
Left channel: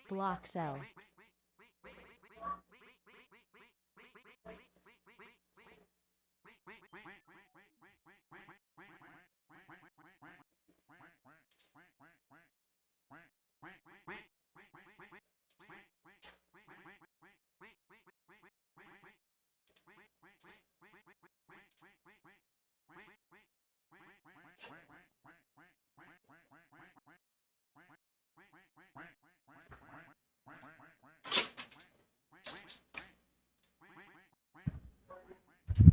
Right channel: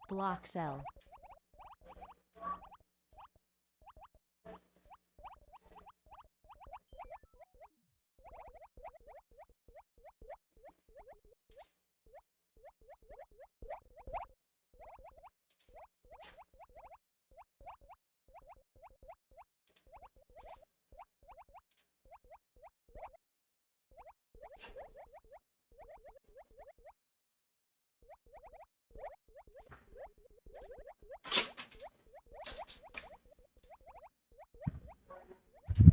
Block cell.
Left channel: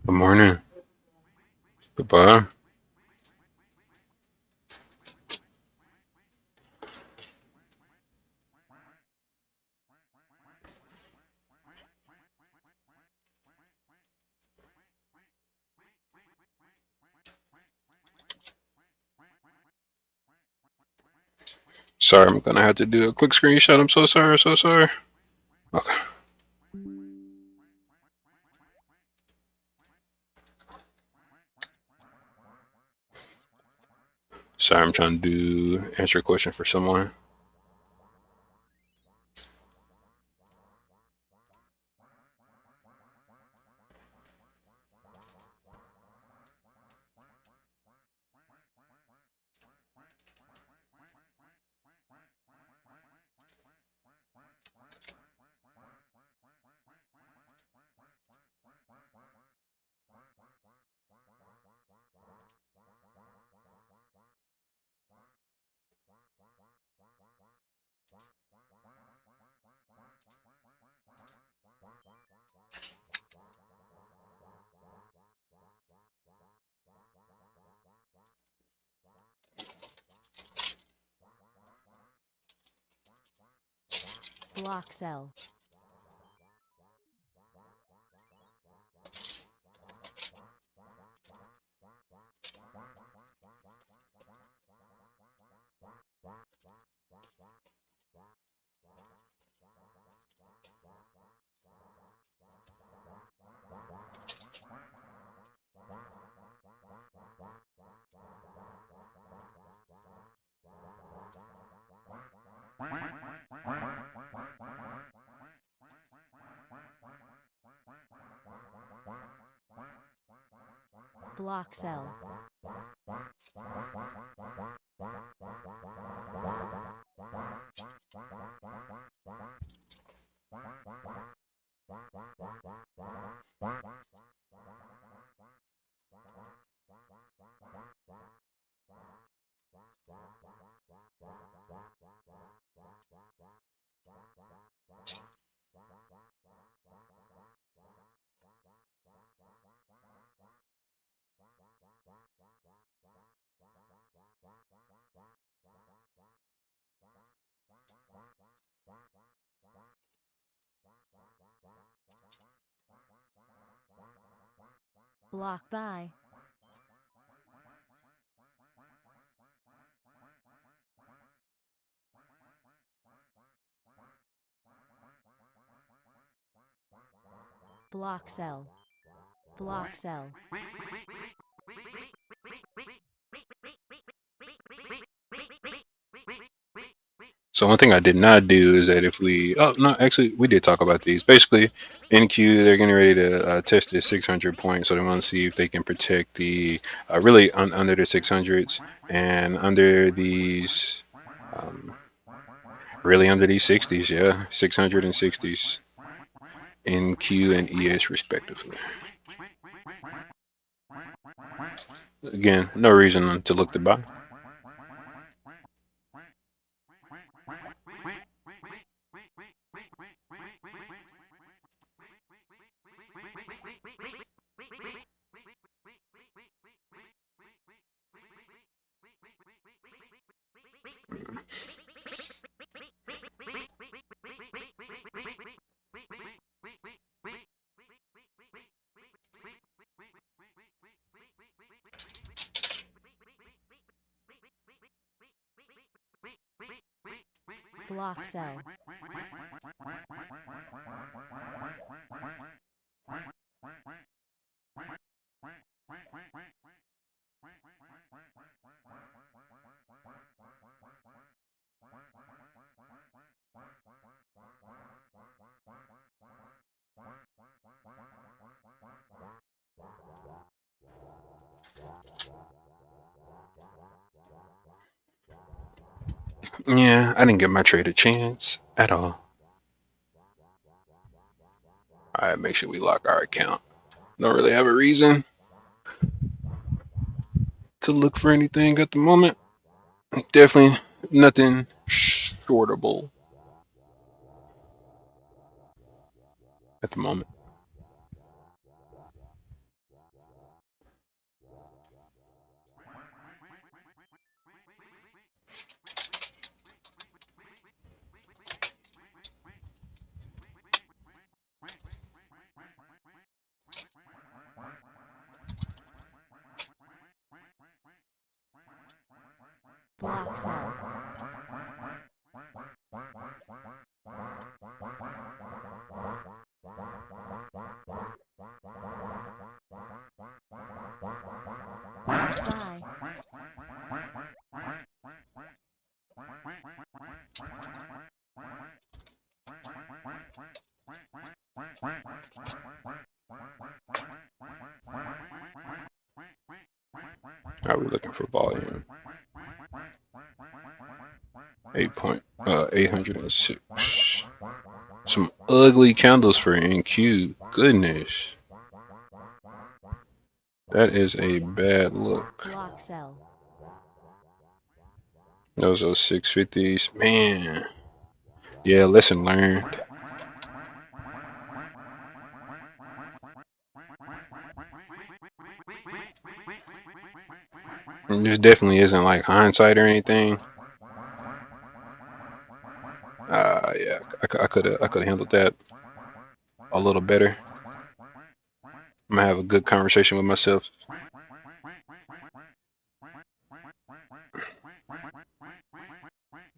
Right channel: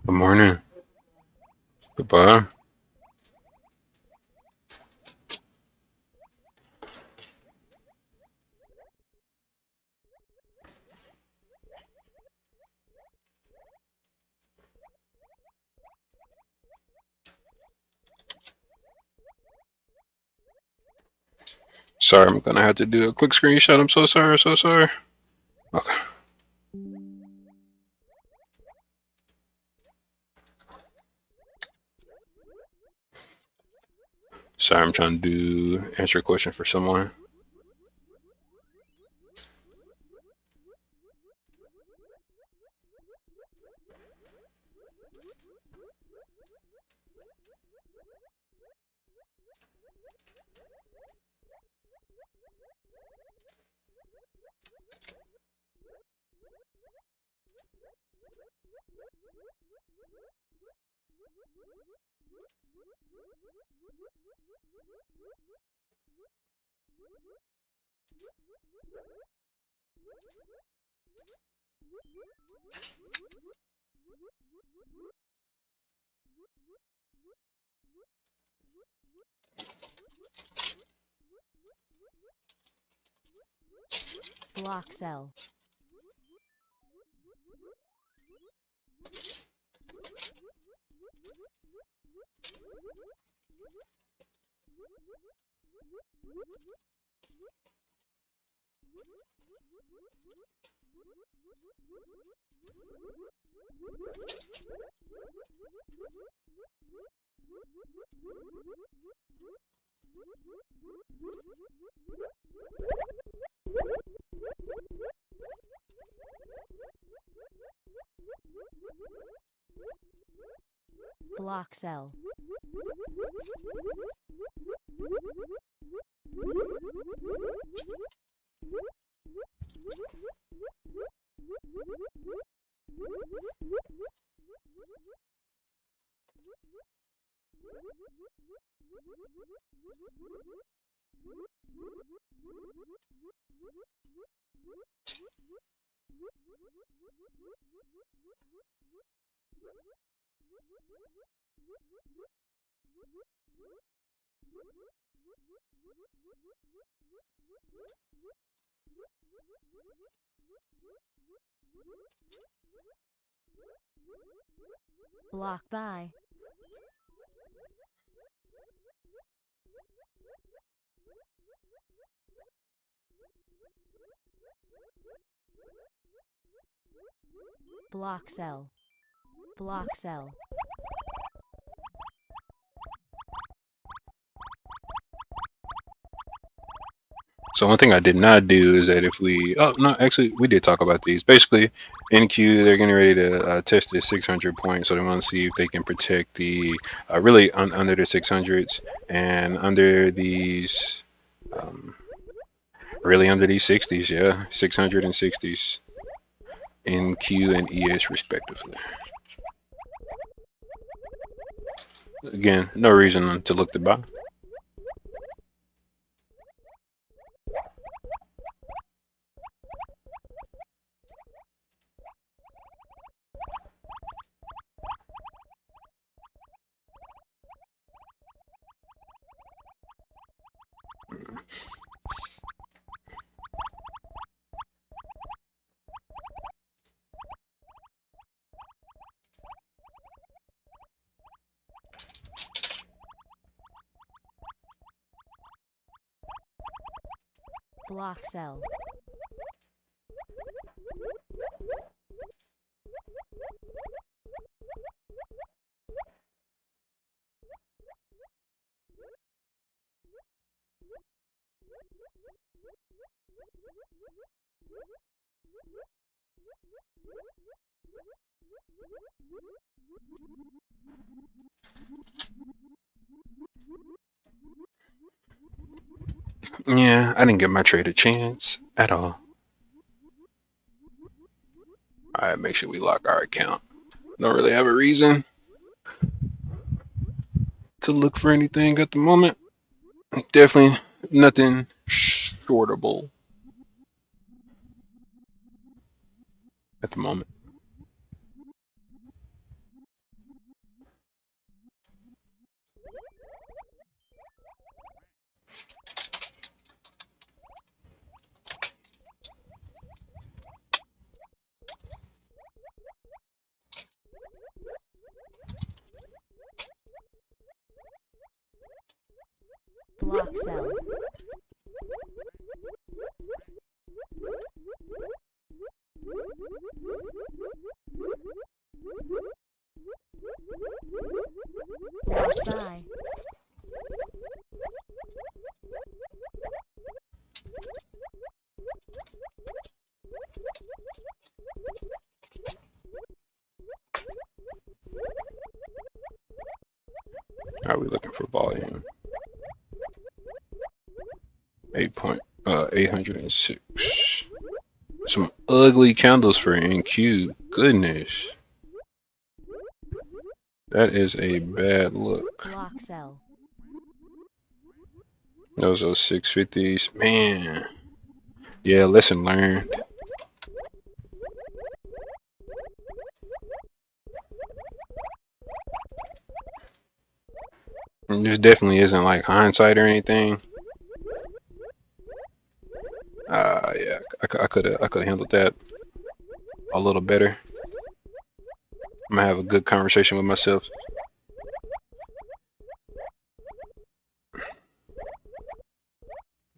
Good morning. Goodbye. Sorry, I'm gonna have to do a quick screenshot. I'm so sorry, so sorry. Okay. Sorry, I'm trying to answer a question for someone. Block cell. Block cell. Block by. Block cell. Block cell. So one thing I did not do is that if we, oh no, actually we did talk about these. Basically, NQ they're getting ready to test this 600 point, so they want to see if they can protect the really under the 600s and under these, um, really under these 60s, yeah, 600 and 60s, NQ and ES respectively. Again, no reason to look to buy. Block cell. Yeah, I didn't give my trade a chance at all. All right, make sure we lock our account. Don't really have a reason to look for anything at the moment. Definitely nothing shortable at the moment. Block cell. Buy. Are we looking for volume? 806. Some ugly candles for NQ. Goodness. That is a bad look. Block cell. Those are 650s. Man. Yeah, lesson learned. And this definitely isn't like hindsight or anything. Yeah, I could have handled that a little better. I'm gonna have a good conversation with myself.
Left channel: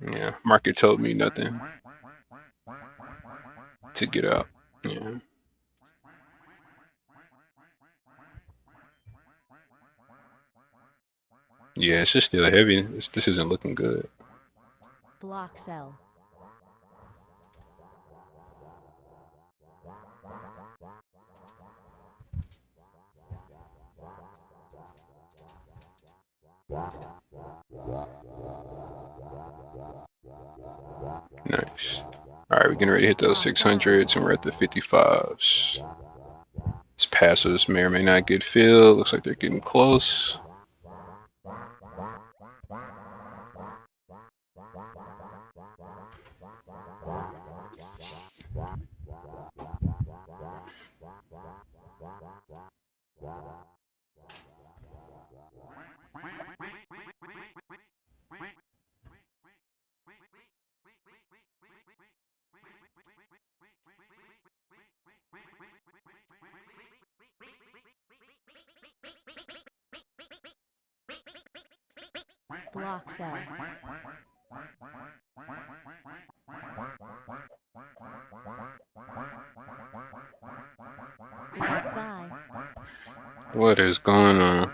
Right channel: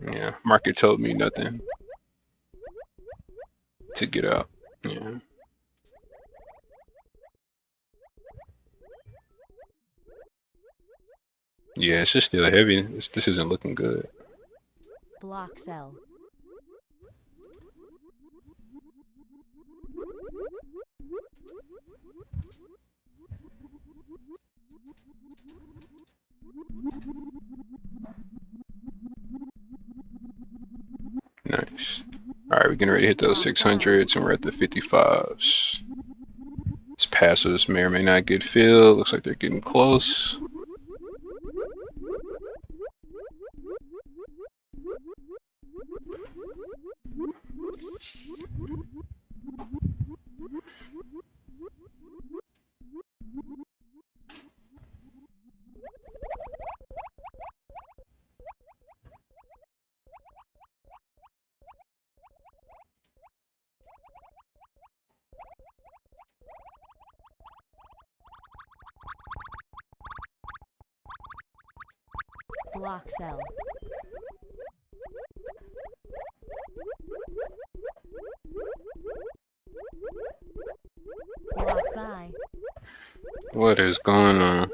Yeah, market told me nothing to get out. Yeah. Yeah, it's just still heavy. This isn't looking good. Block cell. Nice. All right, we're getting ready to hit those 600s, and we're at the 55s. These passes may or may not get filled. Looks like they're getting close. Block cell. Block by. What is going on?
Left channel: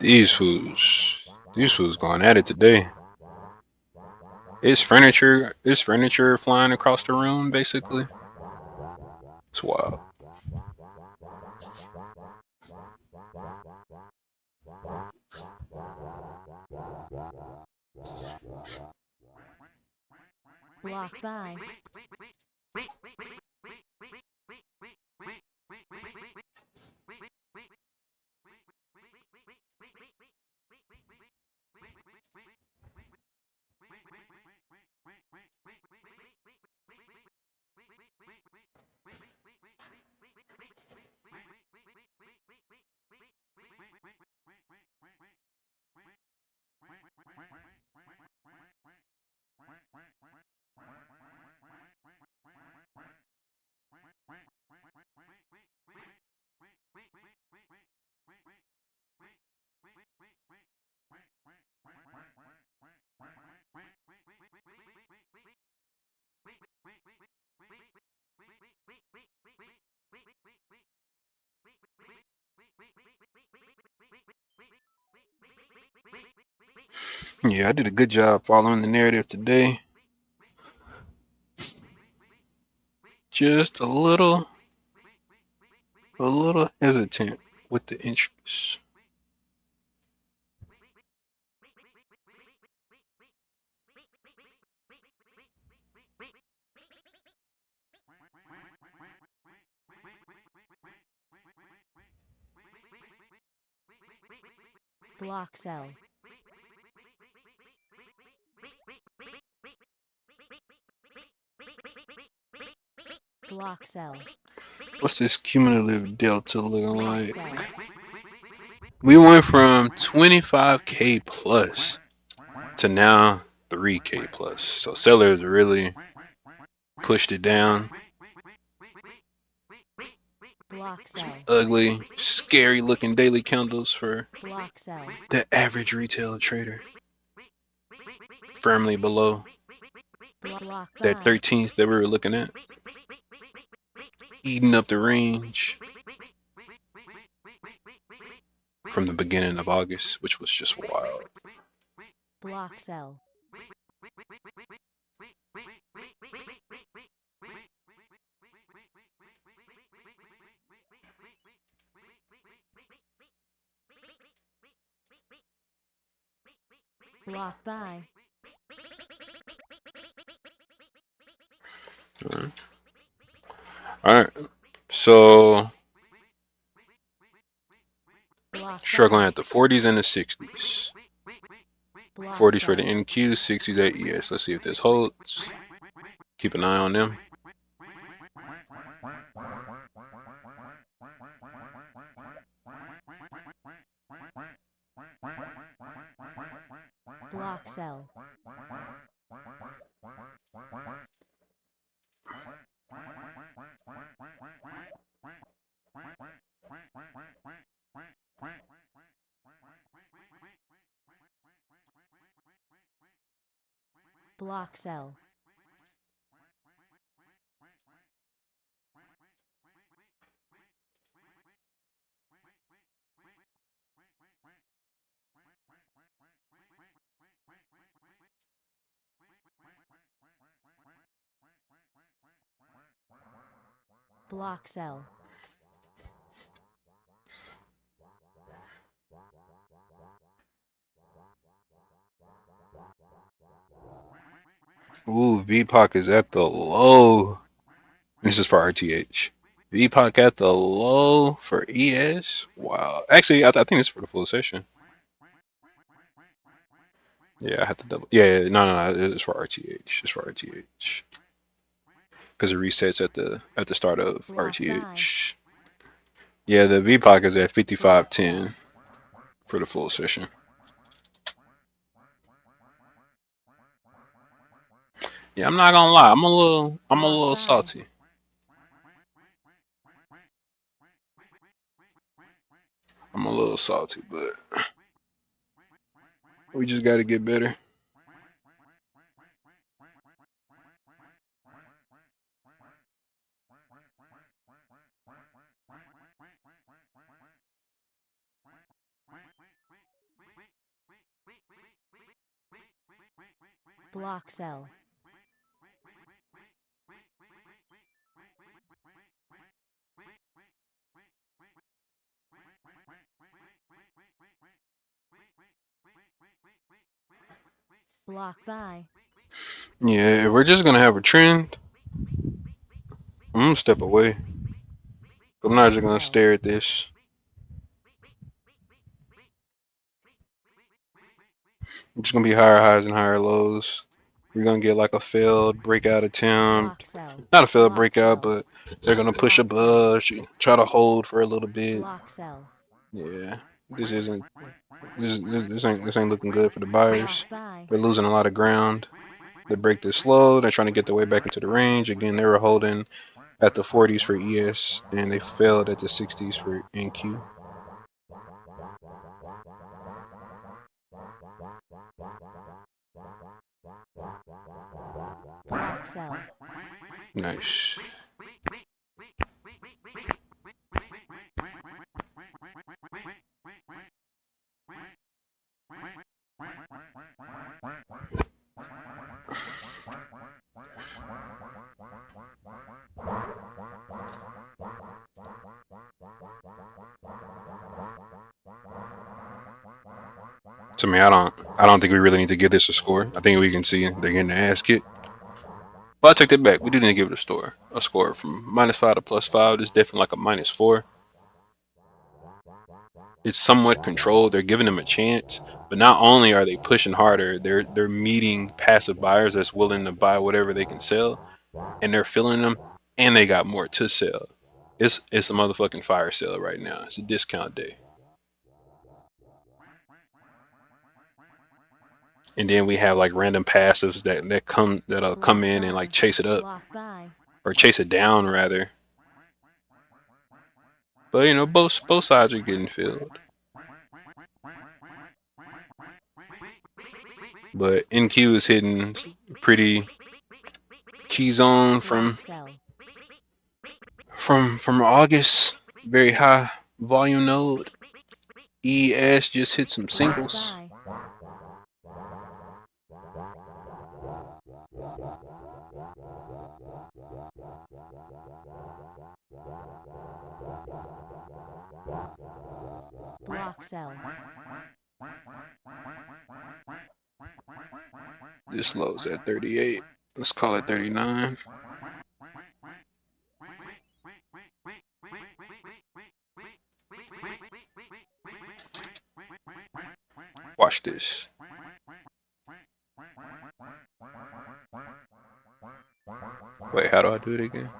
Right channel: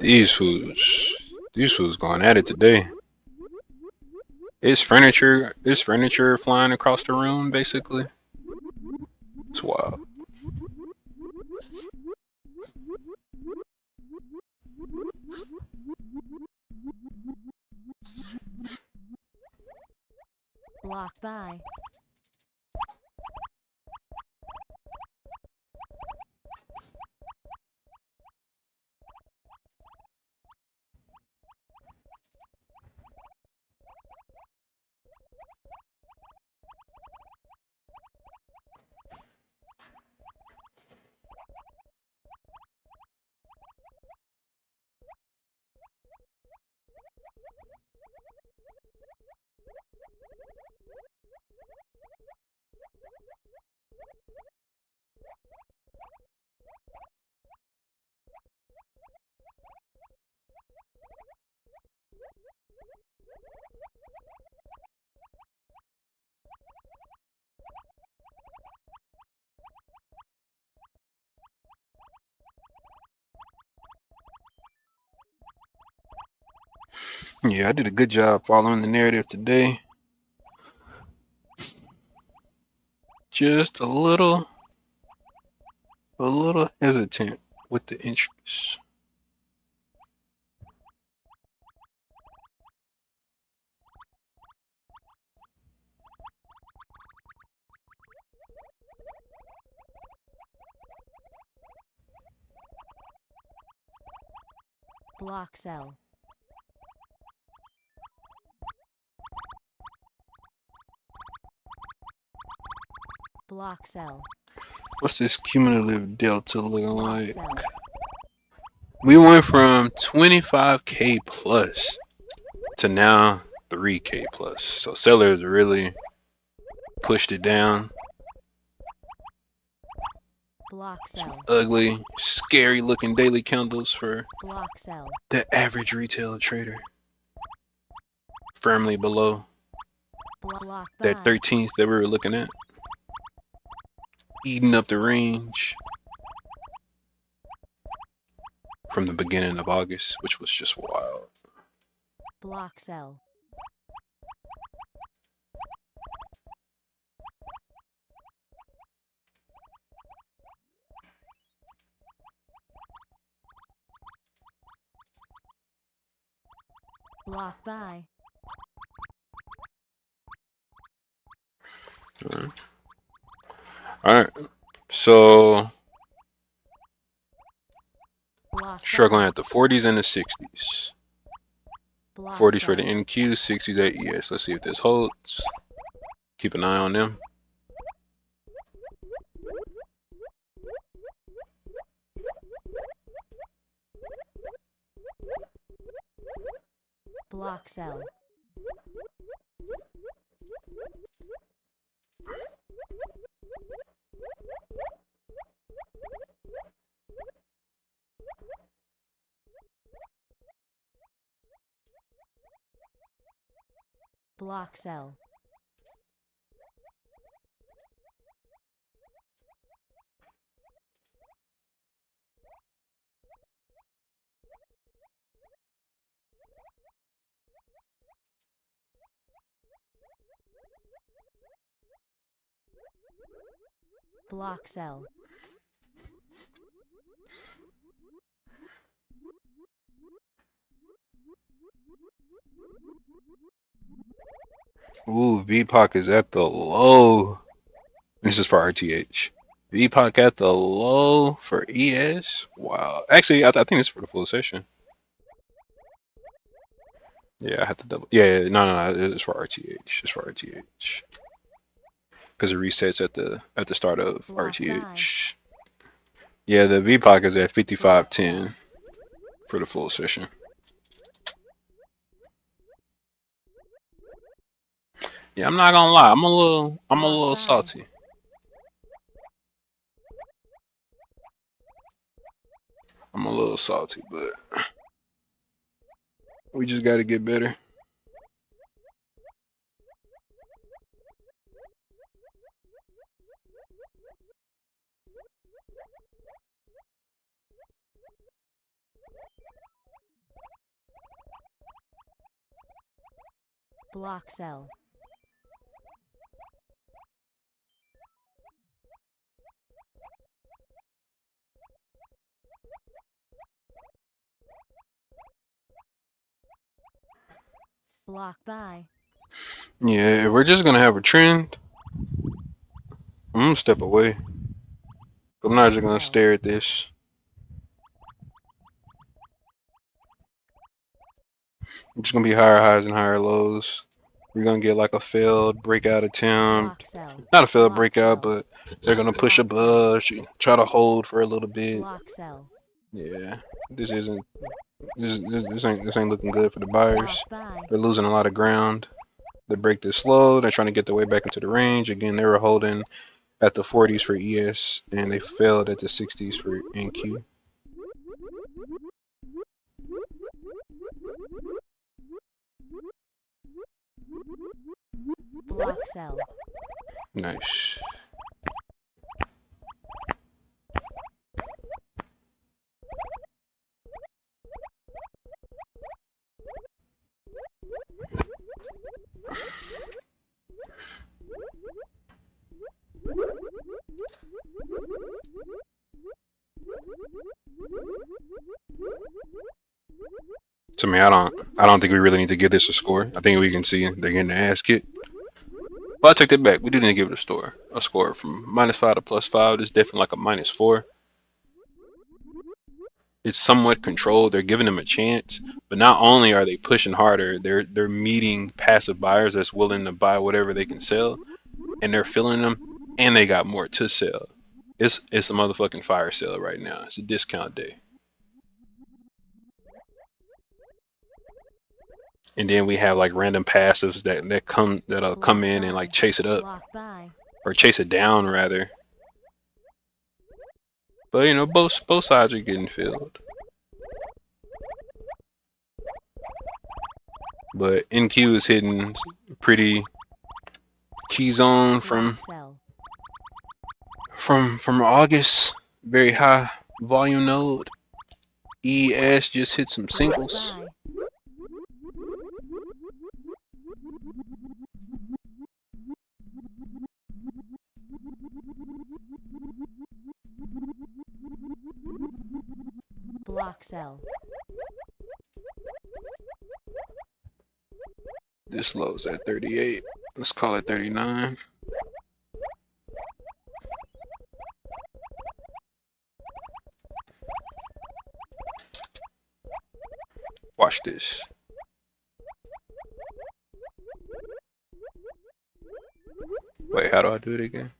These fools going at it today. Is furniture flying across the room basically? It's wild. Block by. Yeah, I did a good job following the narrative today. Just a little hesitant with the interest. Block cell. Block cell. What's this cumulative delta looking Block like? cell. We went from 25K plus to now 3K plus. So sellers really pushed it down. Block cell. Ugly, scary looking daily candles for Block cell. the average retail trader. Firmly below Block that by. 13th that we were looking at. Eating up the range from the beginning of August, which was just wild. Block cell. Block by. All right. So Block struggling by. at the 40s and the 60s. Block 40s for the cell. NQ, 60s at ES. Let's see if this holds. Keep an eye on them. Block cell. Block cell. Block cell. Ooh, VPOC is at the low. This is for RTH. VPOC at the low for ES. Wow. Actually, I think it's for the full session. Yeah, I have to double. Yeah, no. It's for RTH. It's for RTH. Because it resets at the start of Block RTH. Yeah, the VPOC is at 55.10 for the full session. Yeah, I'm not gonna lie. I'm a little salty. I'm a little salty, but we just gotta get better. Block cell. Block buy. Yeah, if we're just gonna have a trend, I'm gonna step away. I'm not just gonna stare at this. It's just gonna be higher highs and higher lows. We're gonna get like a failed breakout attempt. Not a failed breakout, but they're gonna push above, try to hold for a little bit. Block cell. Yeah, this ain't looking good for the buyers. They're losing a lot of ground. They break this low. They're trying to get their way back into the range. Again, they were holding at the 40s for ES, and they failed at the 60s for NQ. Block cell. Nice. To me, I don't think we really need to give this a score. I think we can see they're getting their ass kicked. But I take that back. We do need to give it a score from -5 to +5. It's definitely like a -4. It's somewhat controlled. They're giving them a chance, but not only are they pushing harder, they're meeting passive buyers that's willing to buy whatever they can sell, and they're filling them, and they got more to sell. It's a motherfucking fire sale right now. It's a discount day. And then we have like random passives that'll come in and like chase it up or chase it down rather. But you know, both sides are getting filled. But NQ is hitting pretty key zone from August, very high volume node. ES just hit some singles. Block cell. This low's at 38. Let's call it 39. Watch this. Wait, how do I do it again?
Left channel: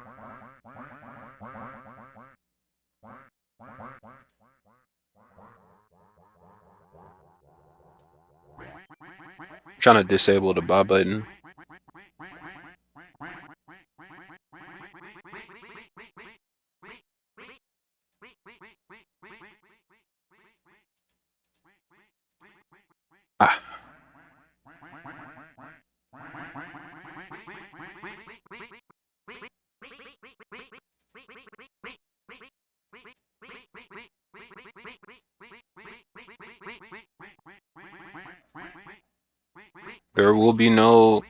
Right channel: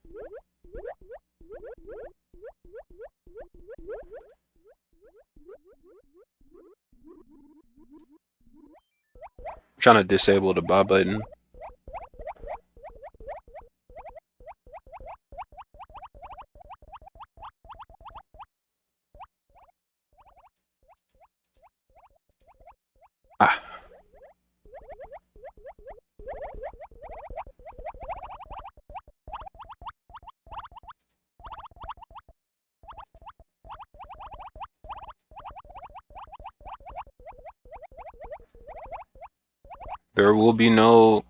Trying to disable the buy button. Ah. There will be no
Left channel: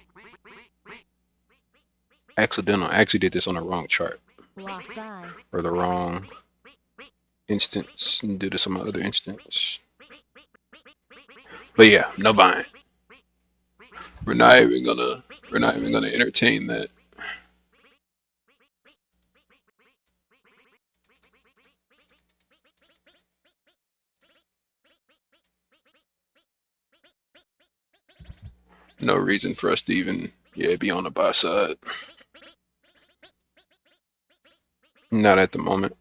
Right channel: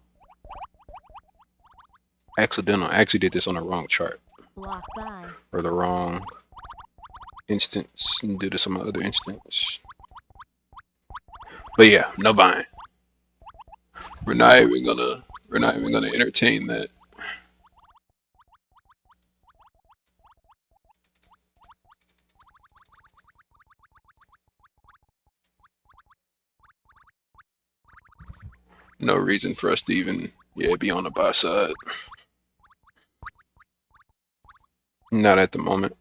accidental. I actually did this on the wrong chart. Block by. or the wrong instance due to some other instance. But yeah, no buying. We're not even gonna entertain that. No reason for us to even be on the buy side. Not at the moment.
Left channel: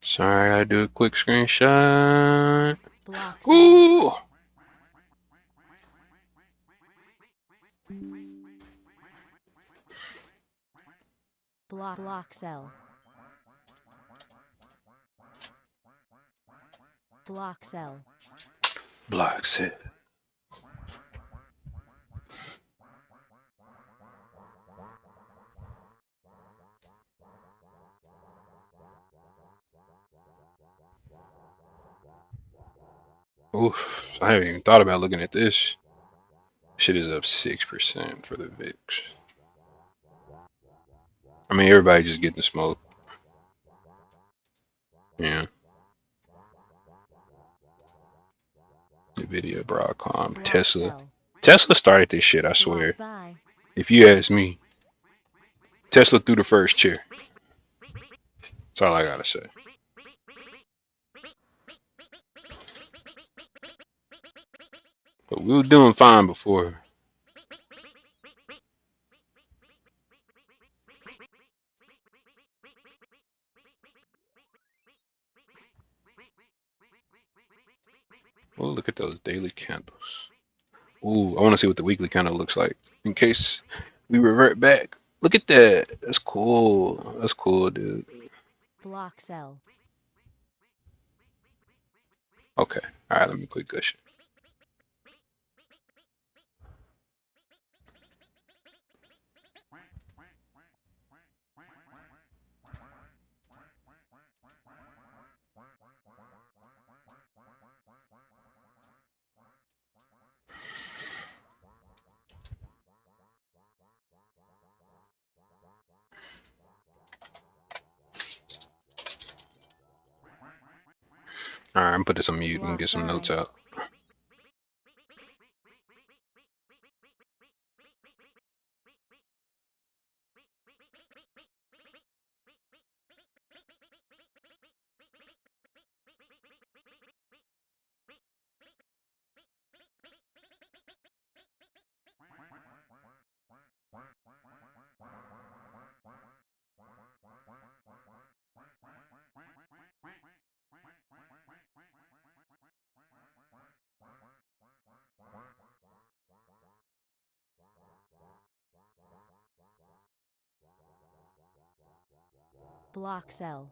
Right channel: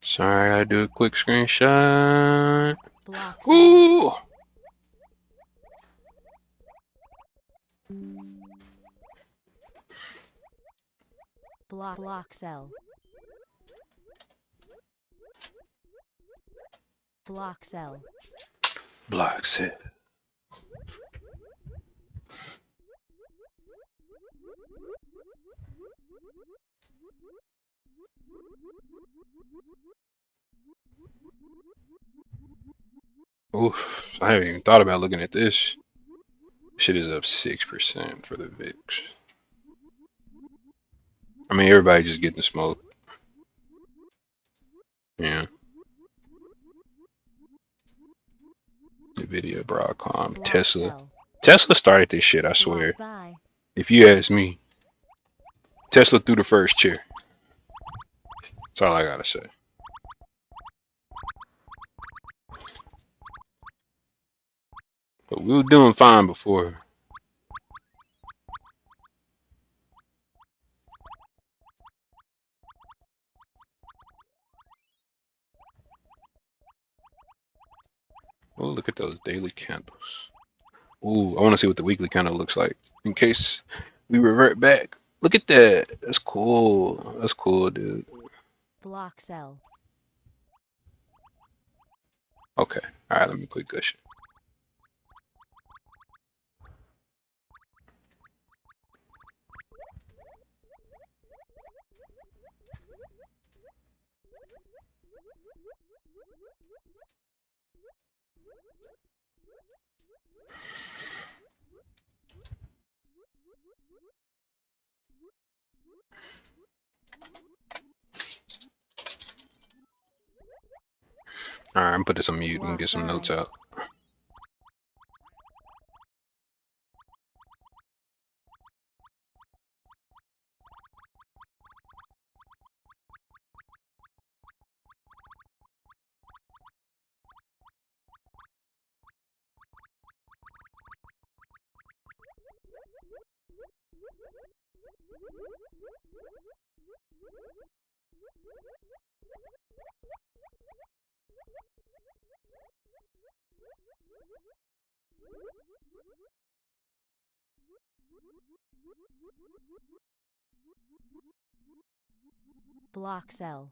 Sorry, I gotta do a quick screenshot. Block sell. Ooh! Block sell. Block sell. Block set. Oof, I haven't even thought about looking at this. Shit is up 6% for the VIX. I mean, everybody just getting smoked. Yeah. Nvidia, Broadcom, Block Tesla. sell. Tesla started this shit, I swear. Block buy. If you ask me, Tesla threw the first chair. That's all I gotta say. But we were doing fine before. Oh, look at those daily candles. Ooh, I want to see what the weekly candle looks like in case we revert back. Look at that. That's cool. That's cool, dude. Block sell. Okay. All right, let me quit gushing. All right, I'm put this on mute and Block get some buy. notes out. Block sell.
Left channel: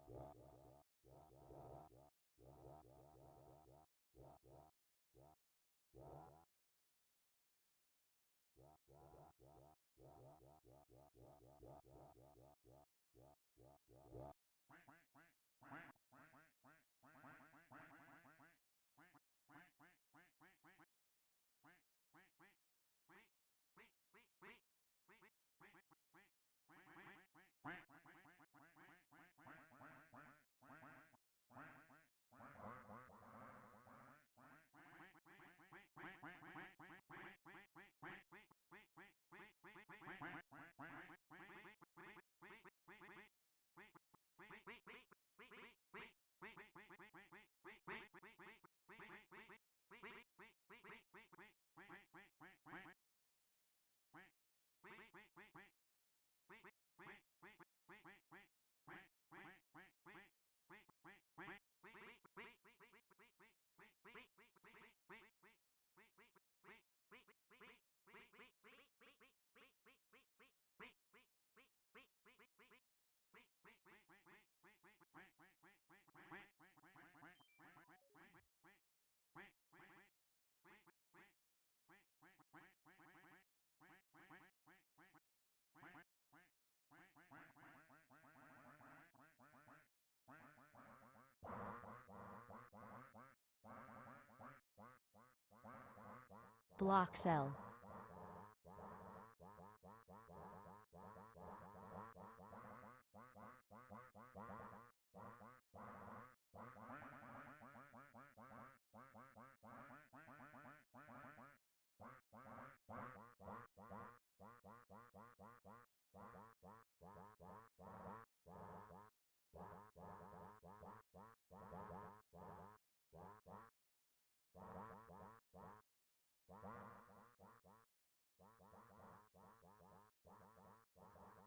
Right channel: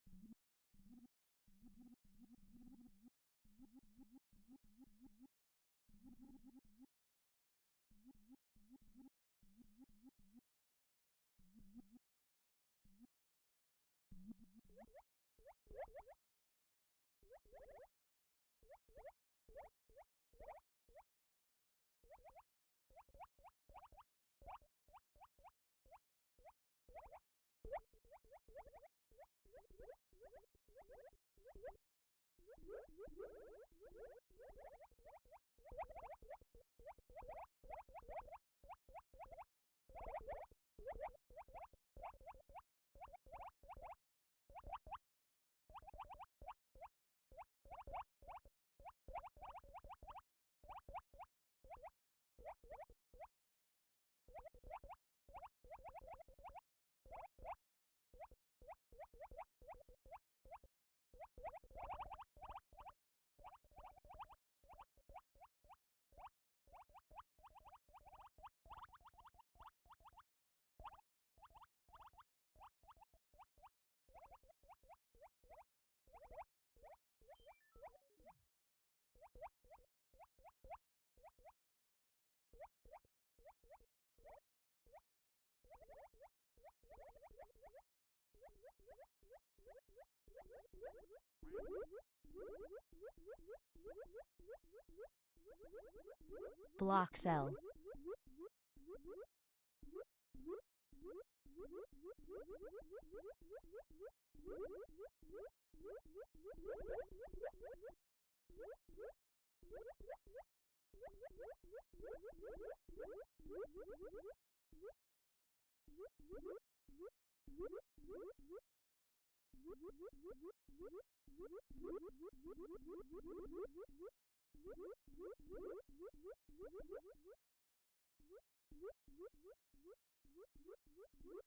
Block cell.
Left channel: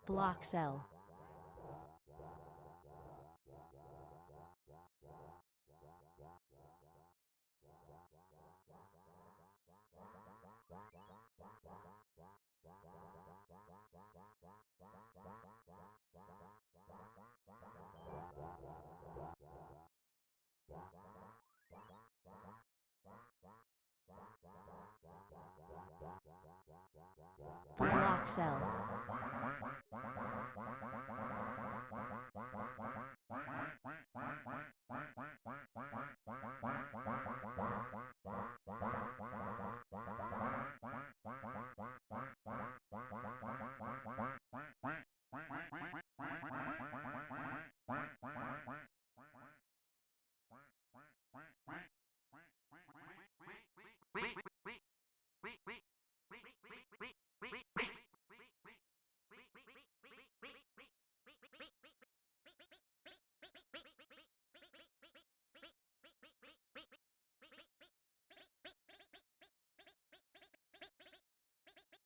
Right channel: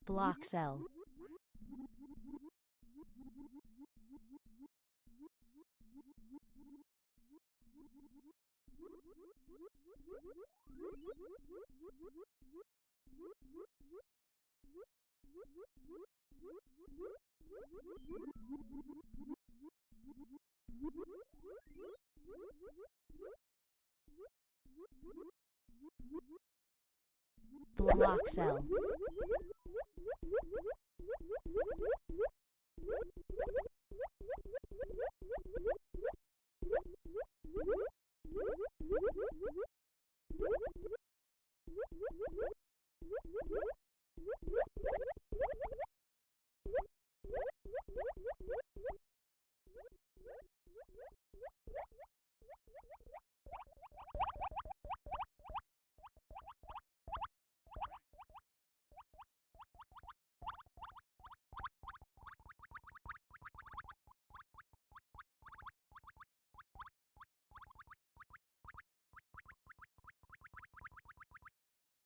Block cell. Block cell.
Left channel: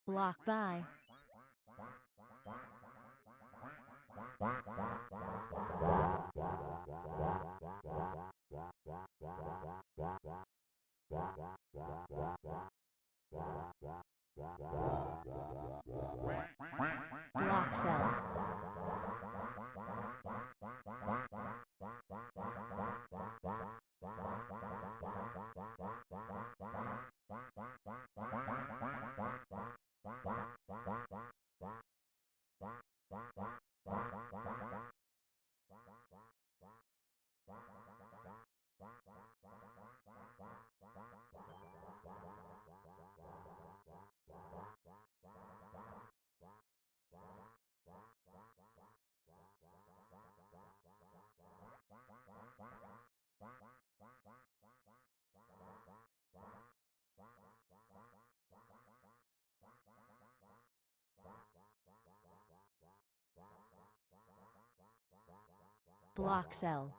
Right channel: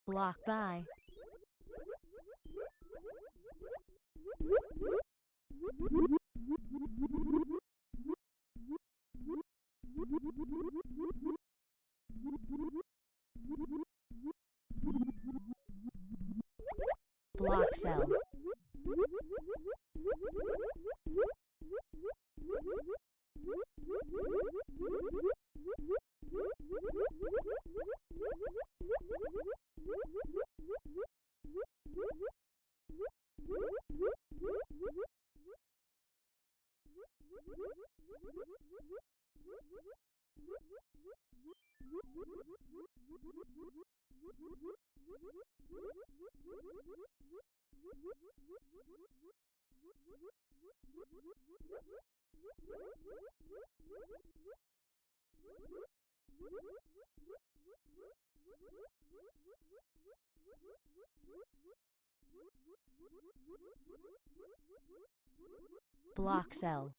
Block by. Block cell. Block cell.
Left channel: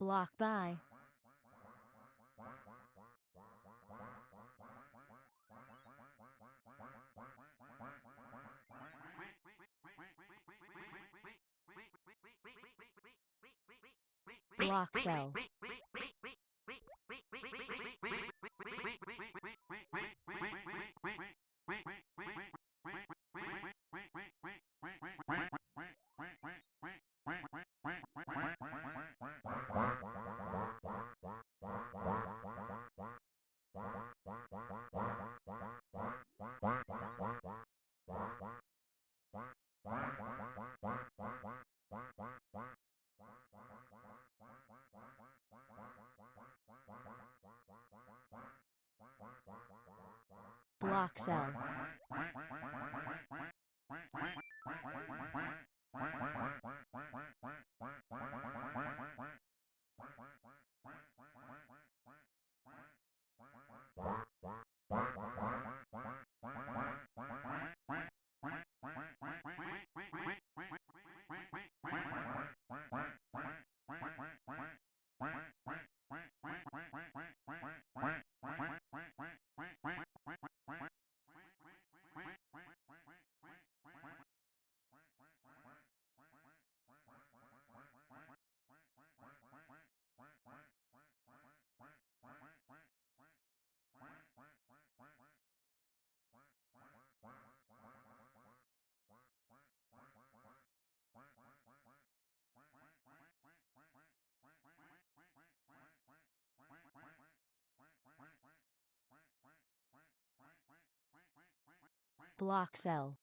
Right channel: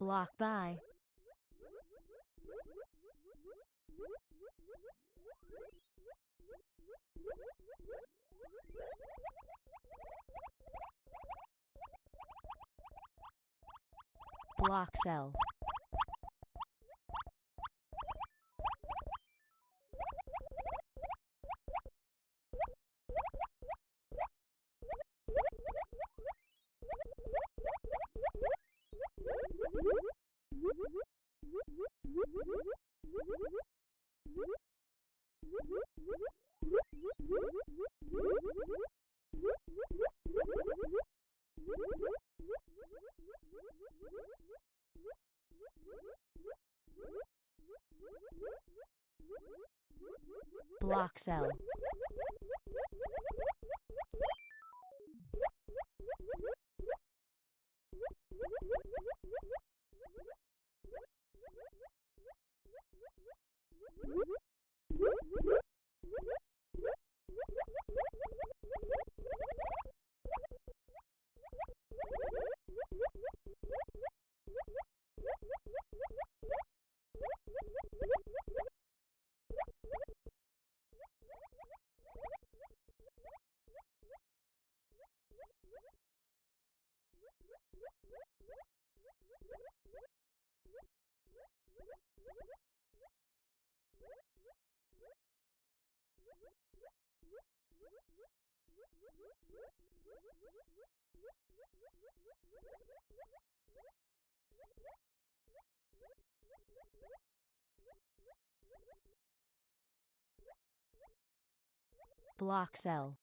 Block by. Block cell. Block cell. Block cell.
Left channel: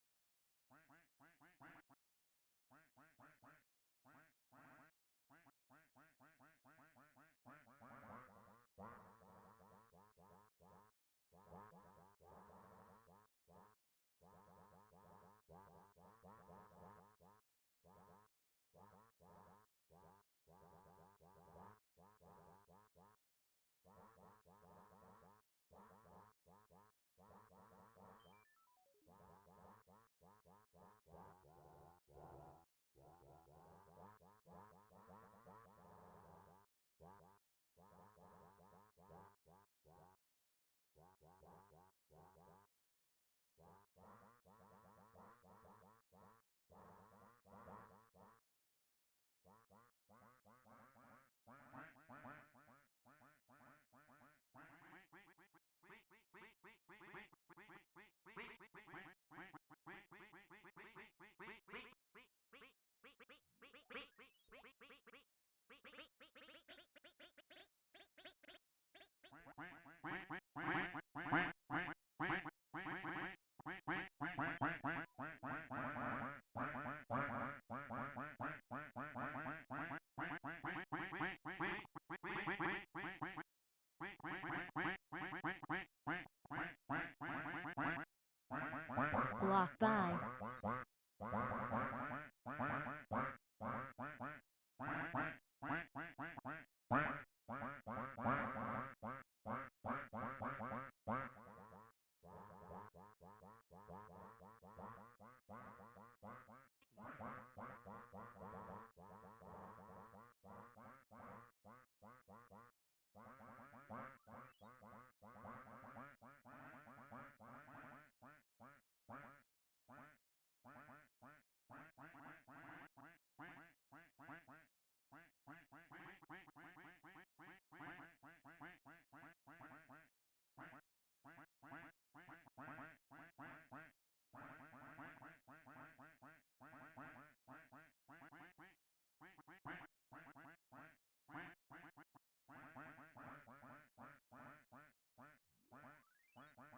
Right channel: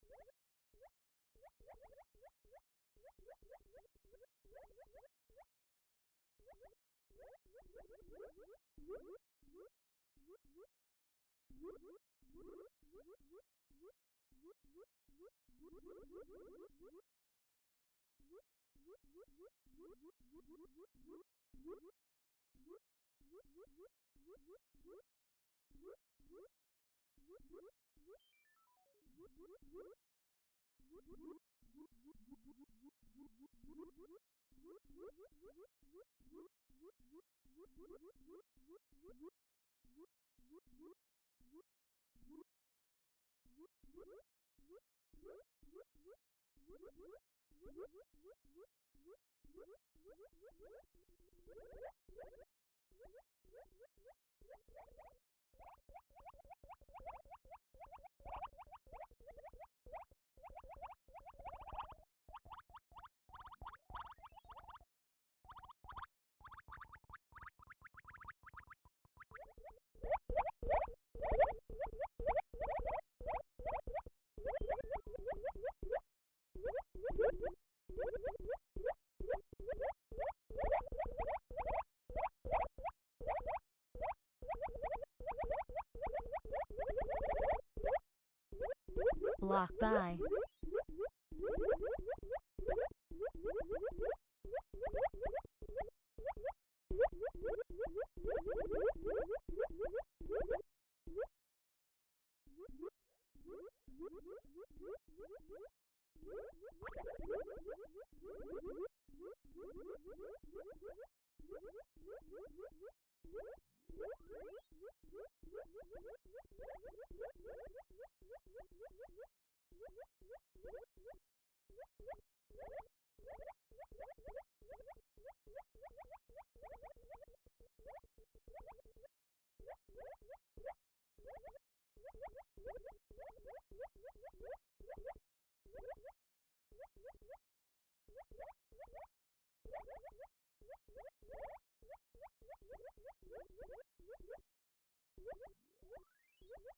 Block by.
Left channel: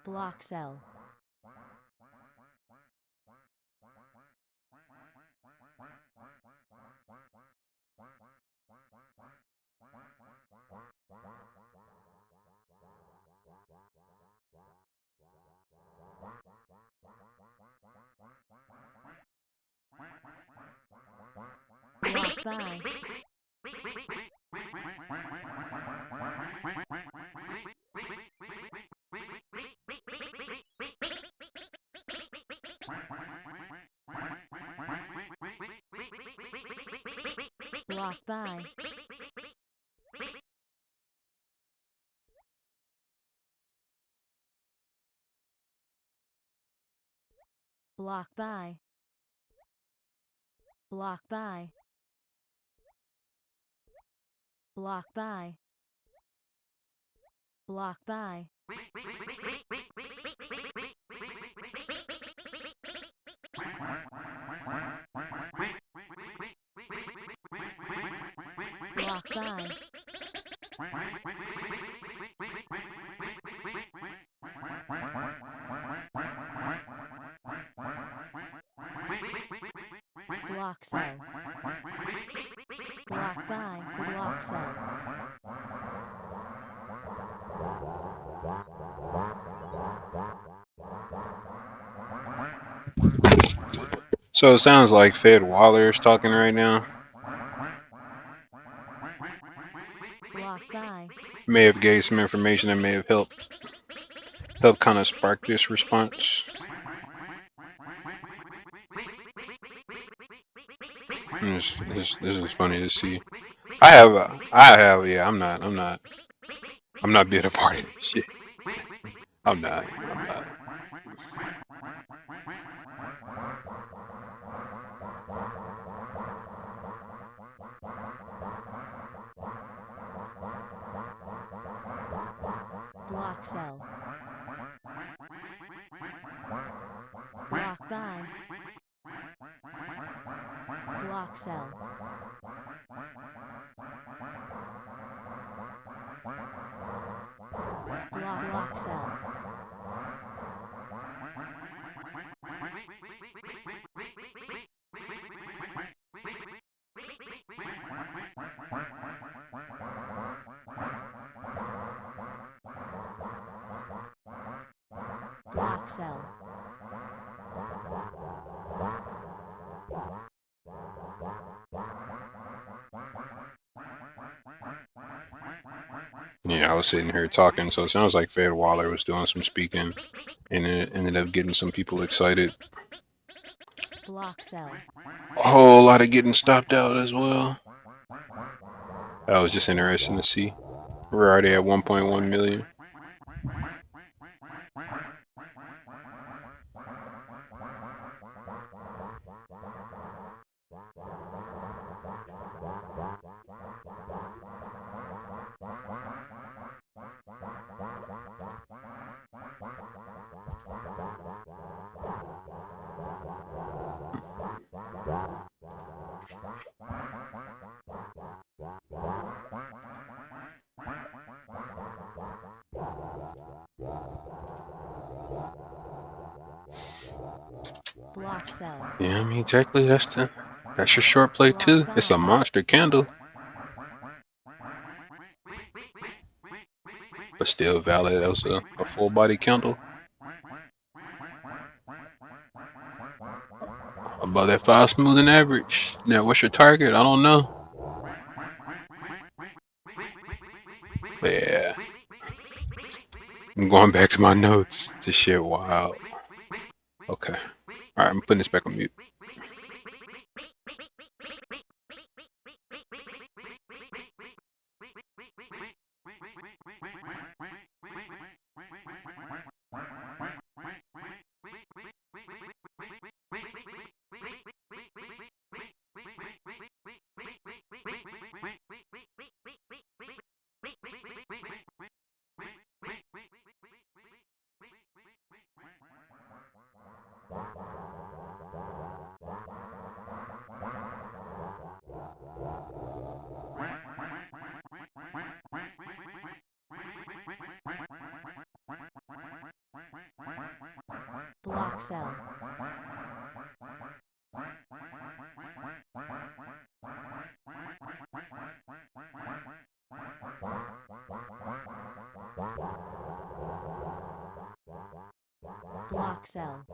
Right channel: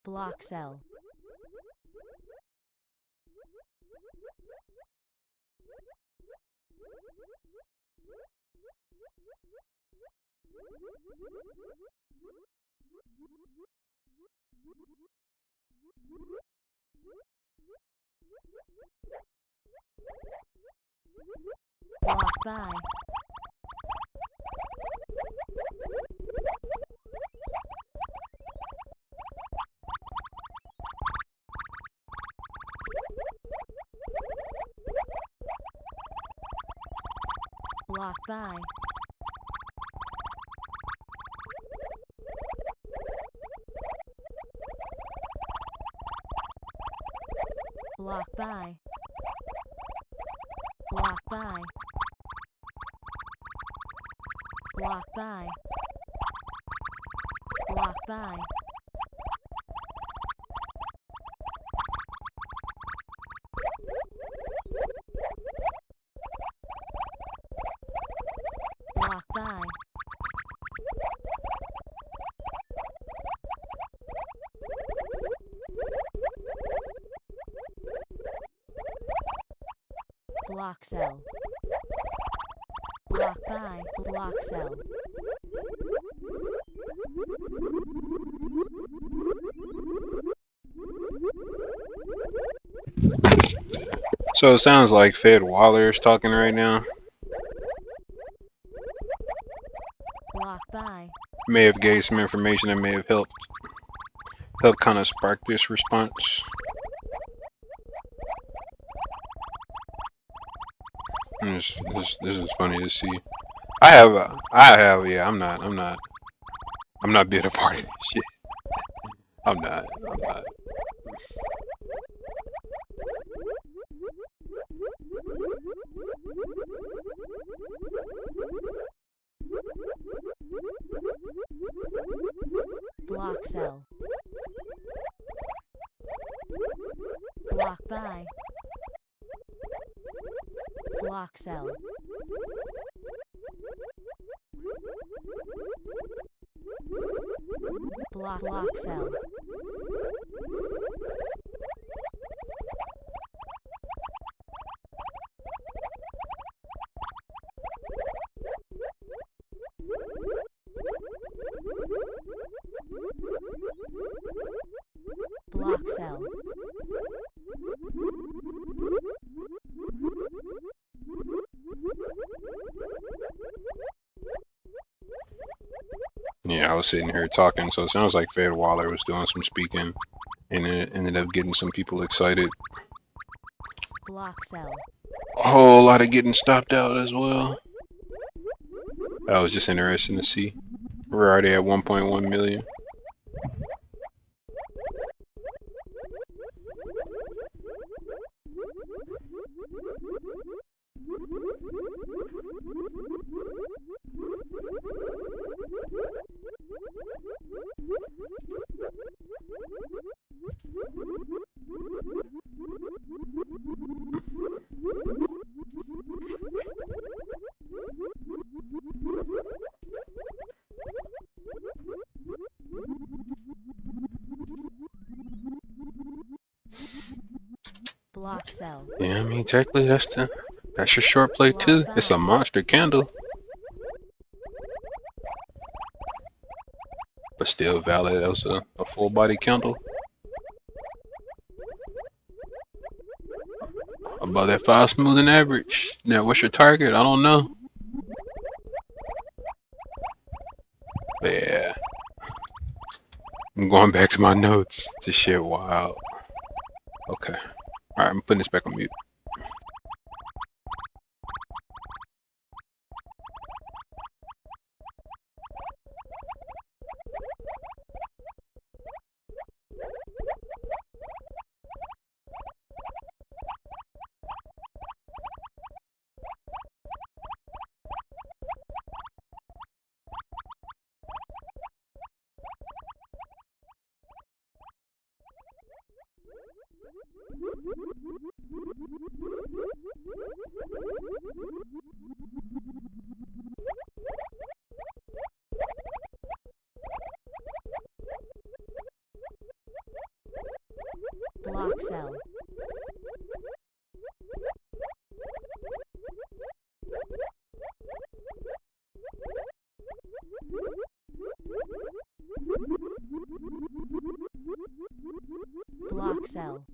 Block cell. Block by. Block by. Block by. Block by. Block by. Block by. Block by. Block cell. Block by. Block cell. So it sounds like Fed Waller is talking right now. Block by. May have gave some information that may have helped kind of spark this response. This is funny to see. I have, yeah. I'm not being a part of this shit. I'm not. Block cell. Block by. Block cell. Block cell. Block cell. Yeah, I was sitting here talking, so it sounds like Fed Waller was doing some speaking, and it ended up getting some people excited. Block cell. A whole lot of getting stopped out as well. That was just interesting to see. We're already at 1.1 million. Block cell. Yeah, I mean, technically that's your short play too. It's a monster candle, but still valid as a full body candle. Above that 5 smoothing average. Now, what's your target? I don't know. But yeah, I'm going back to my notes. This shit wild. Okay. Alright, I'm putting this back on mute. Block cell. Block cell.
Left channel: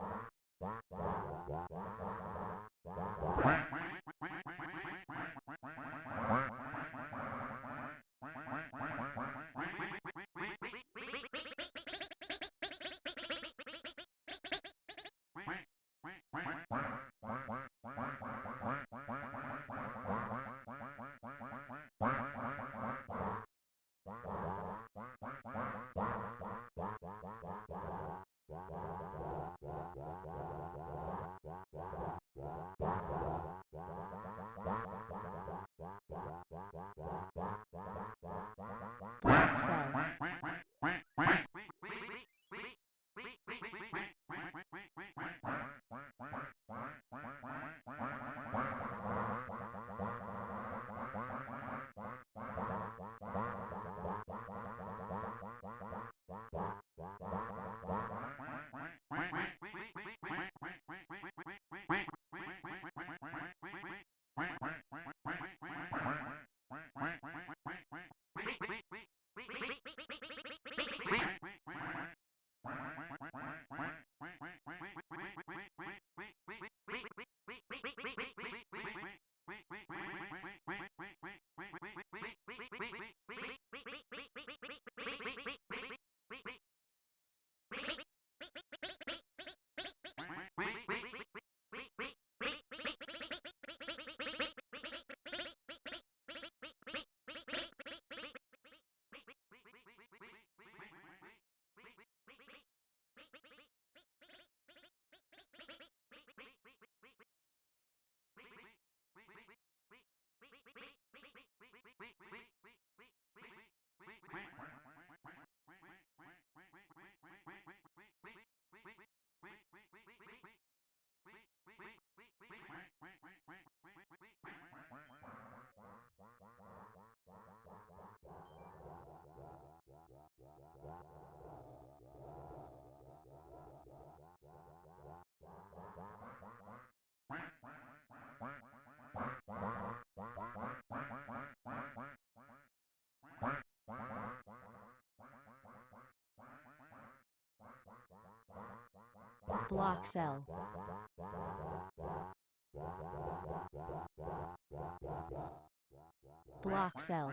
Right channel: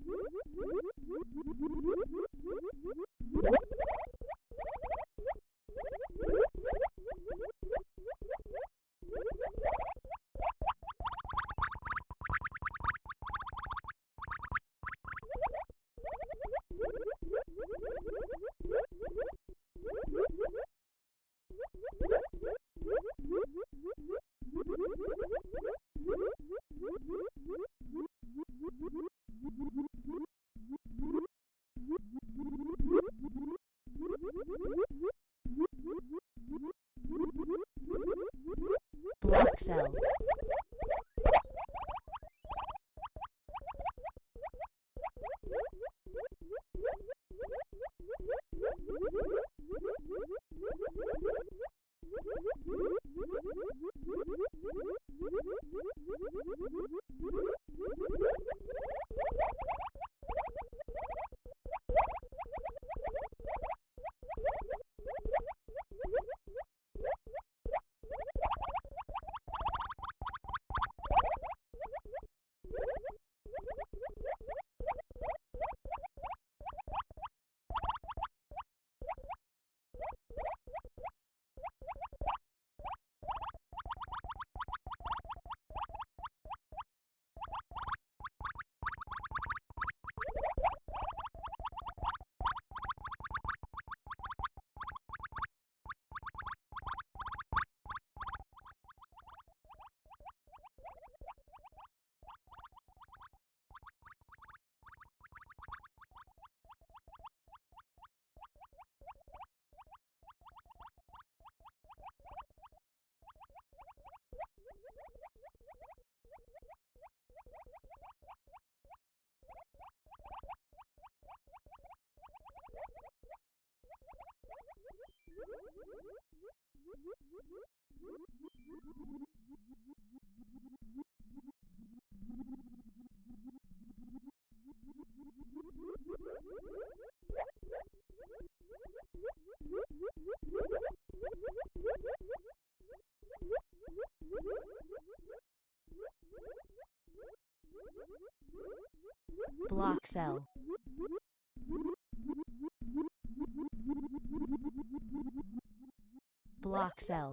Block cell. Block cell. Block cell.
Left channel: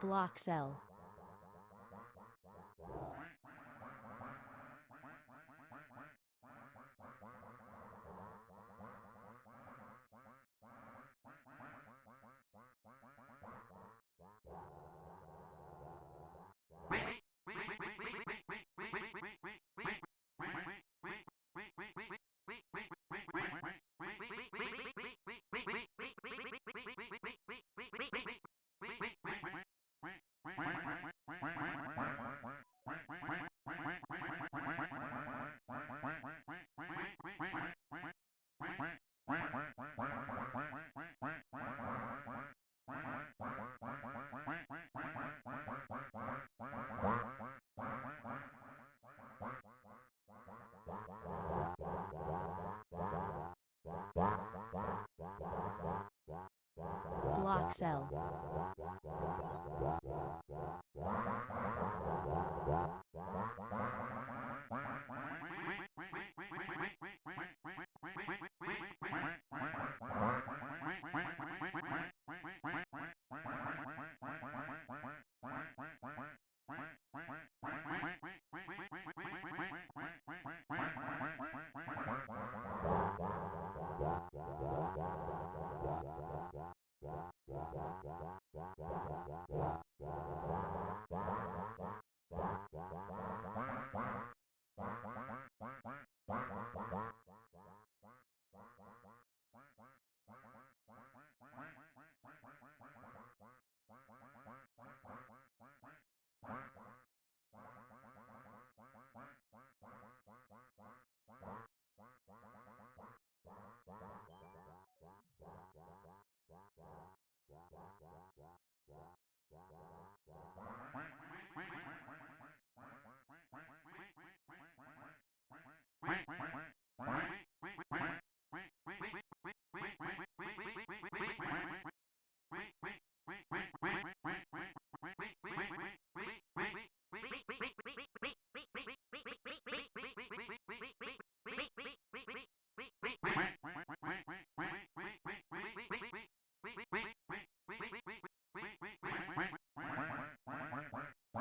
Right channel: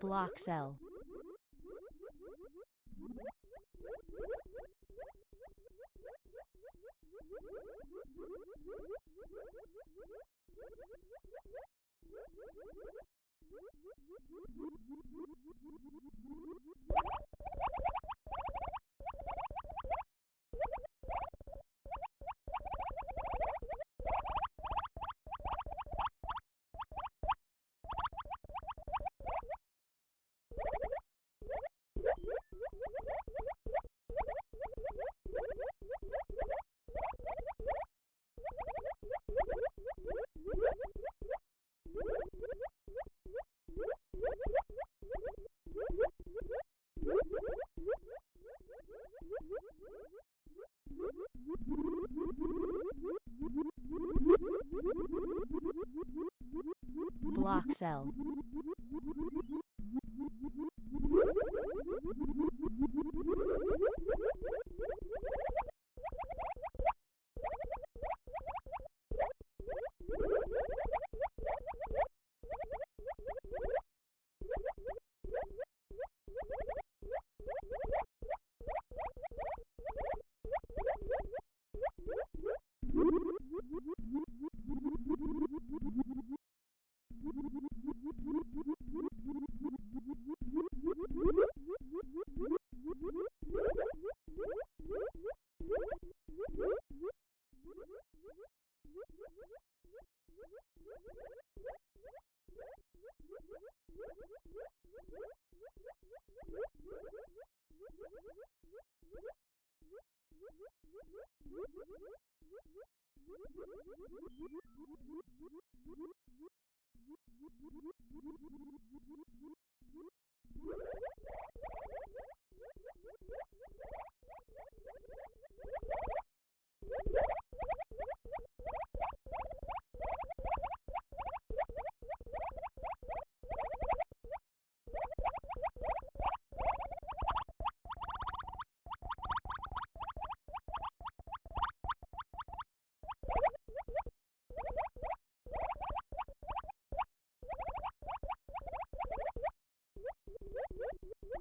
Block cell. Block cell.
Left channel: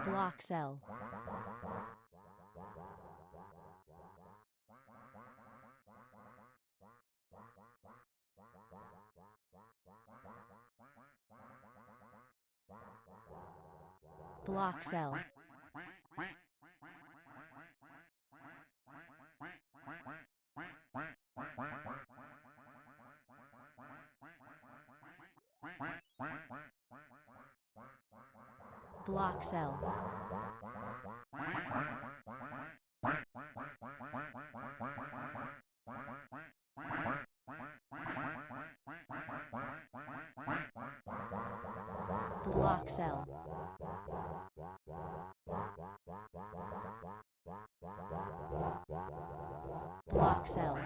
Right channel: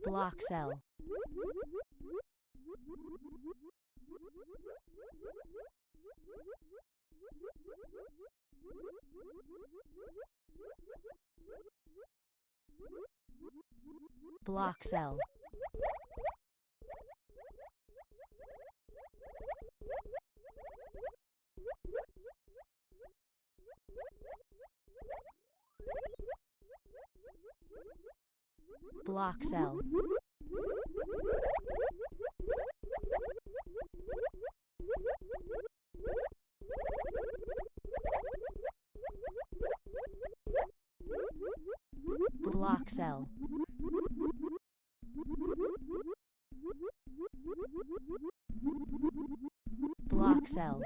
Block cell. Block cell. Block cell. Block cell. Block cell.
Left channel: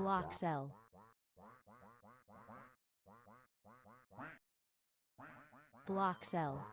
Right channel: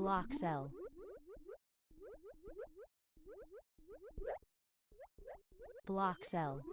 Block cell. Block cell.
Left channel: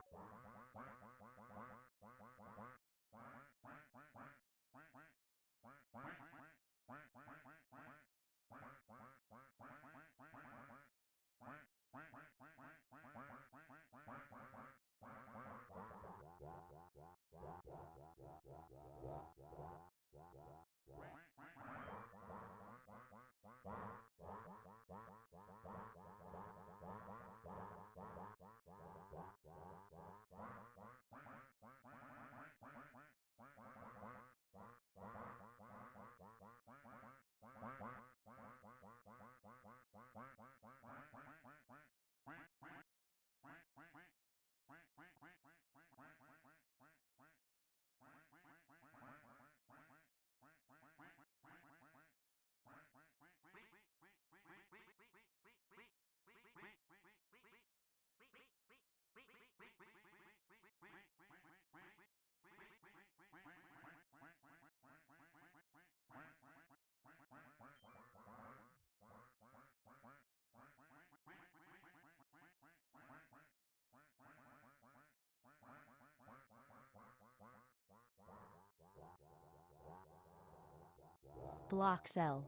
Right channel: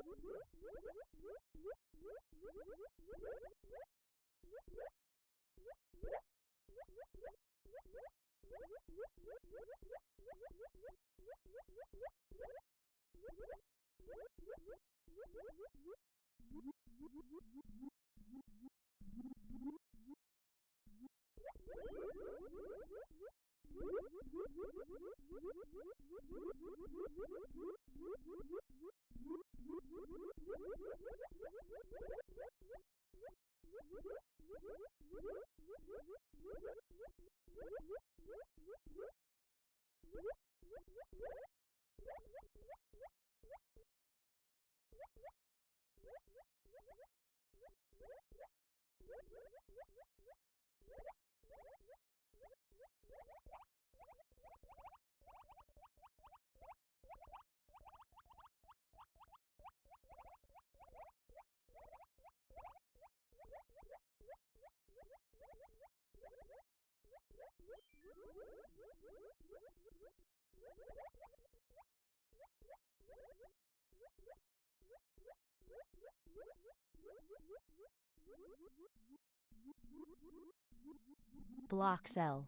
Block cell.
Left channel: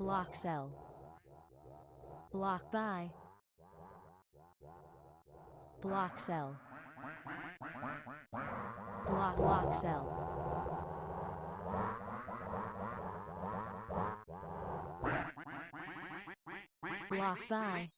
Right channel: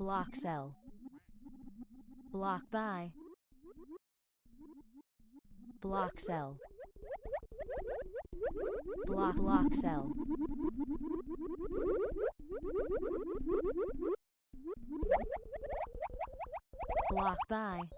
Block cell. Block by. Block cell. Block cell. Block by.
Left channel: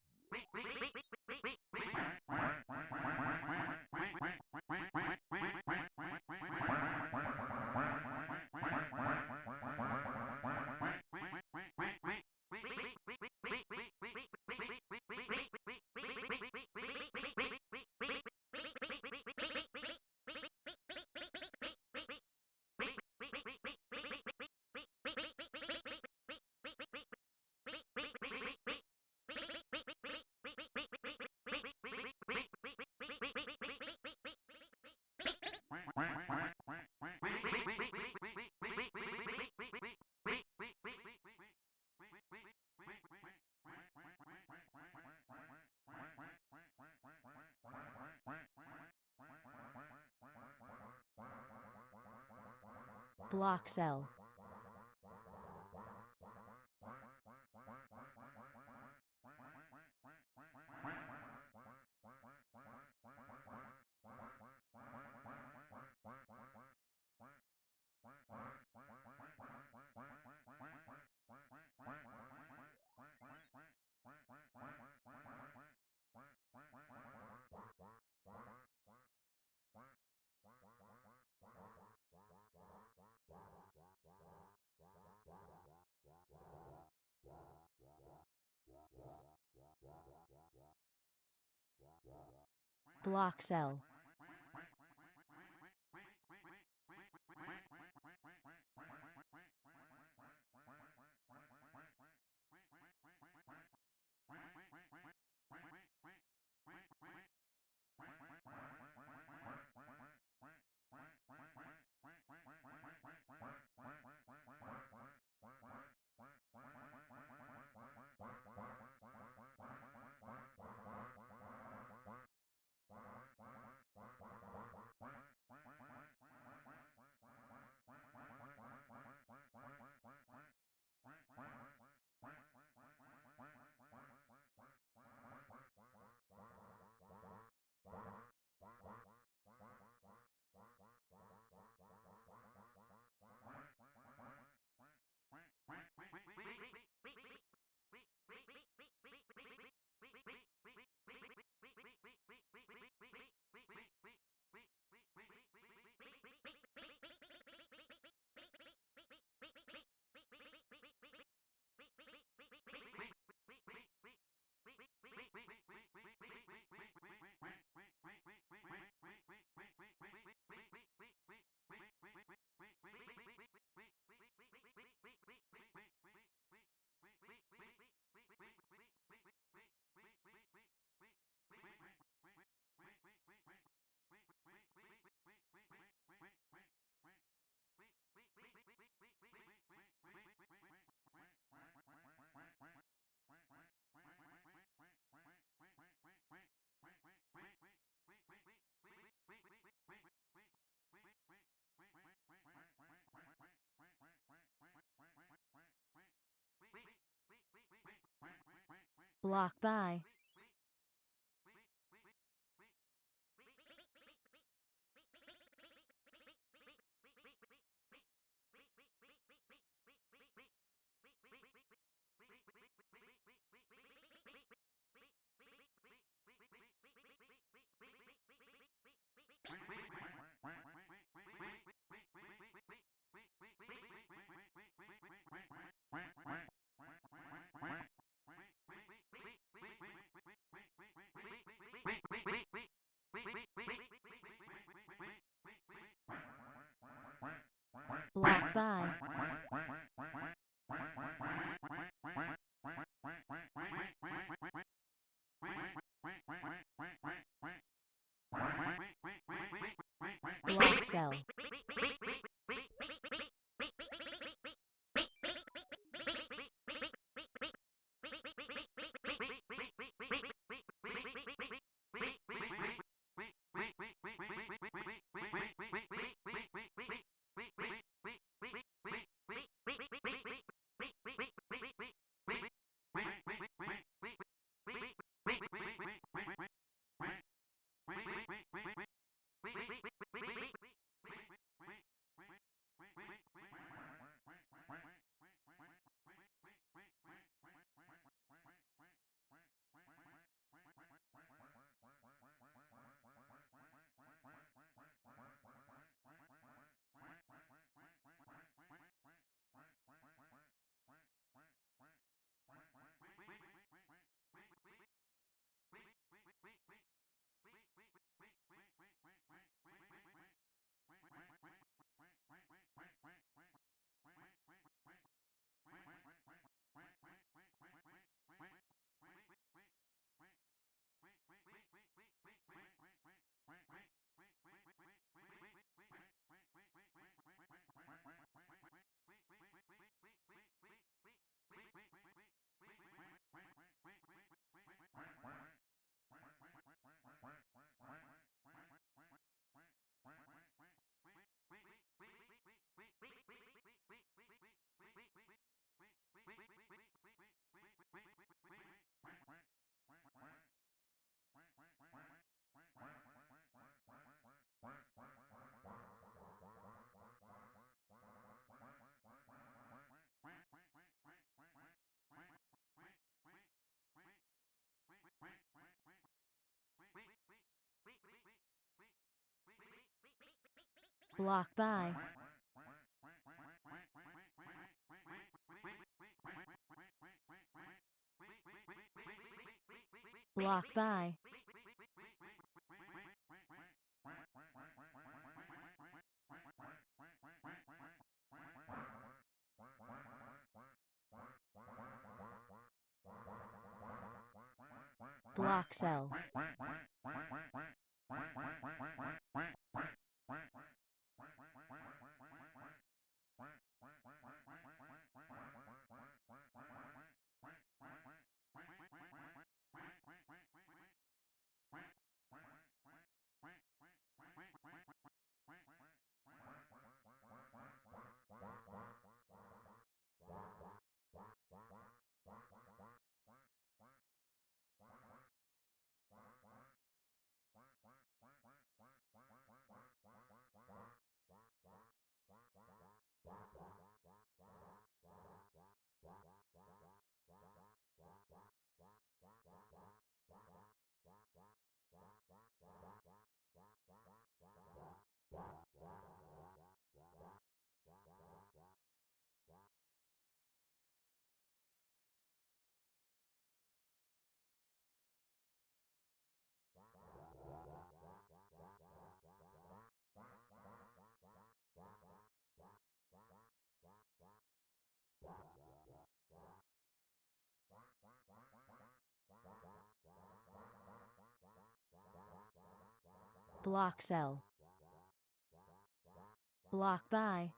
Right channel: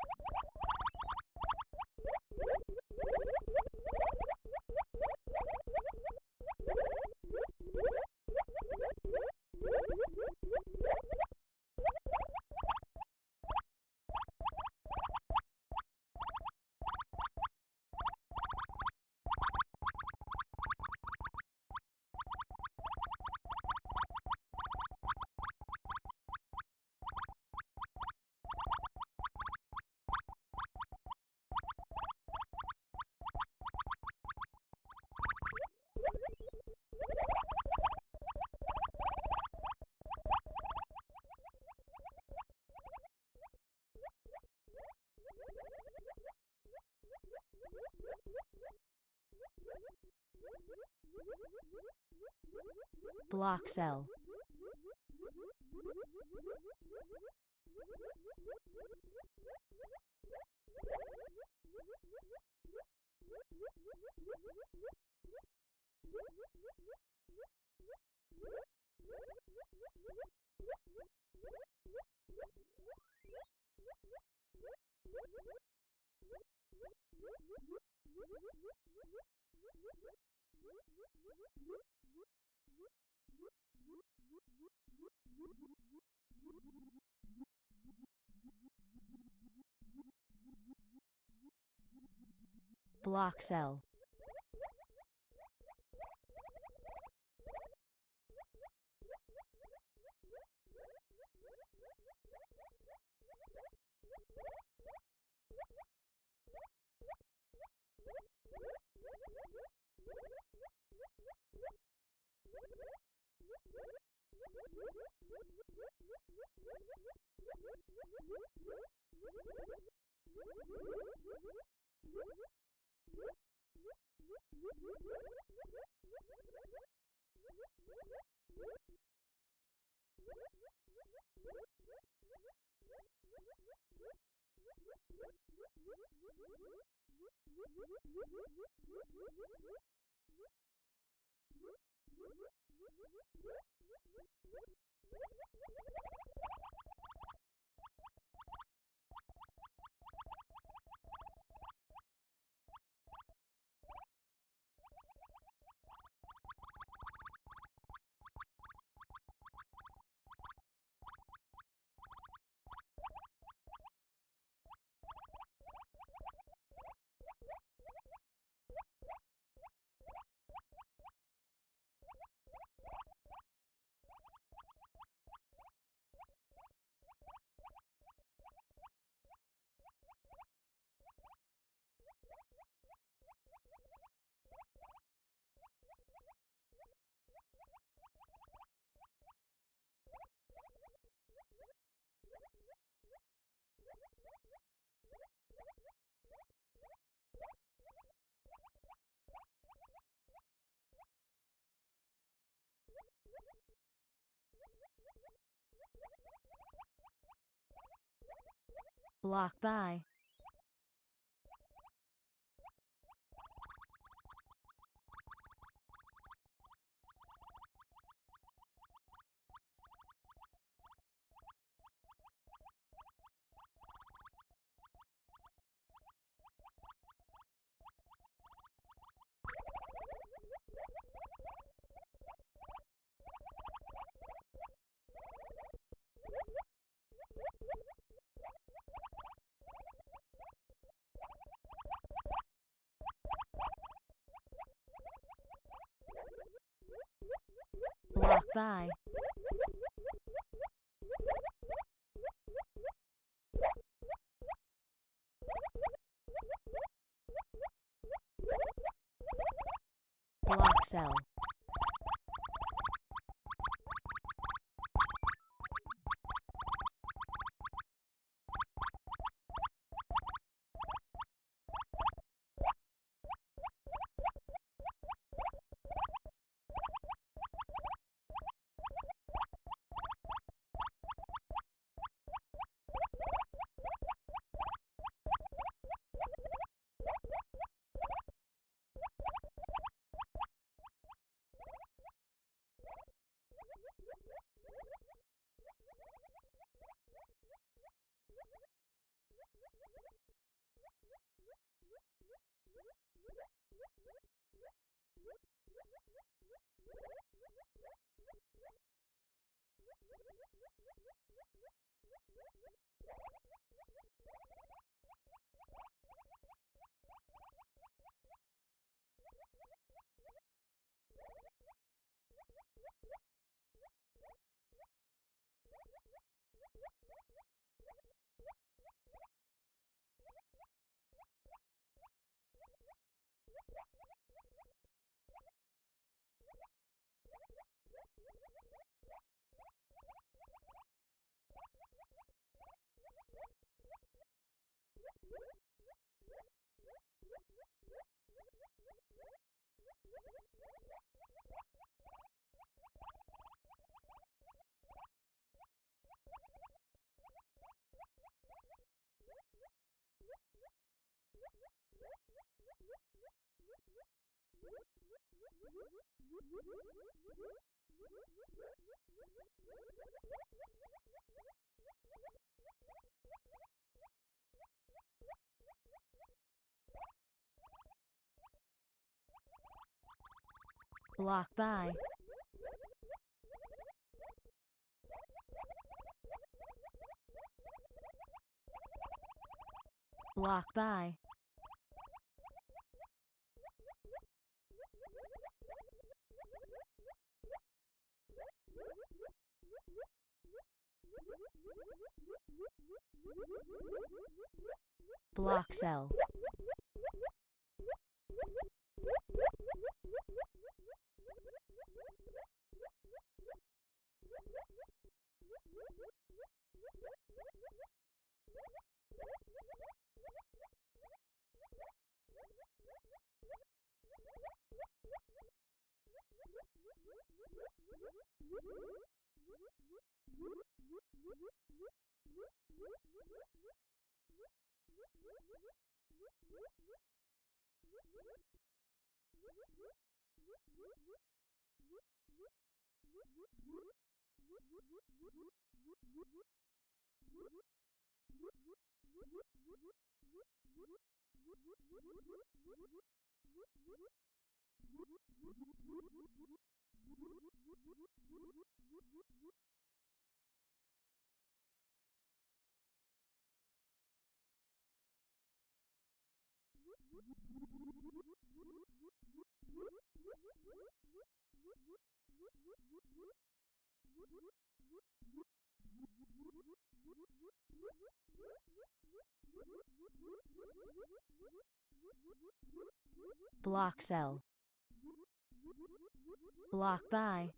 Block cell. Block cell. Block by. Block by. Block cell. Block by. Block by. Block cell. Block cell. Block by.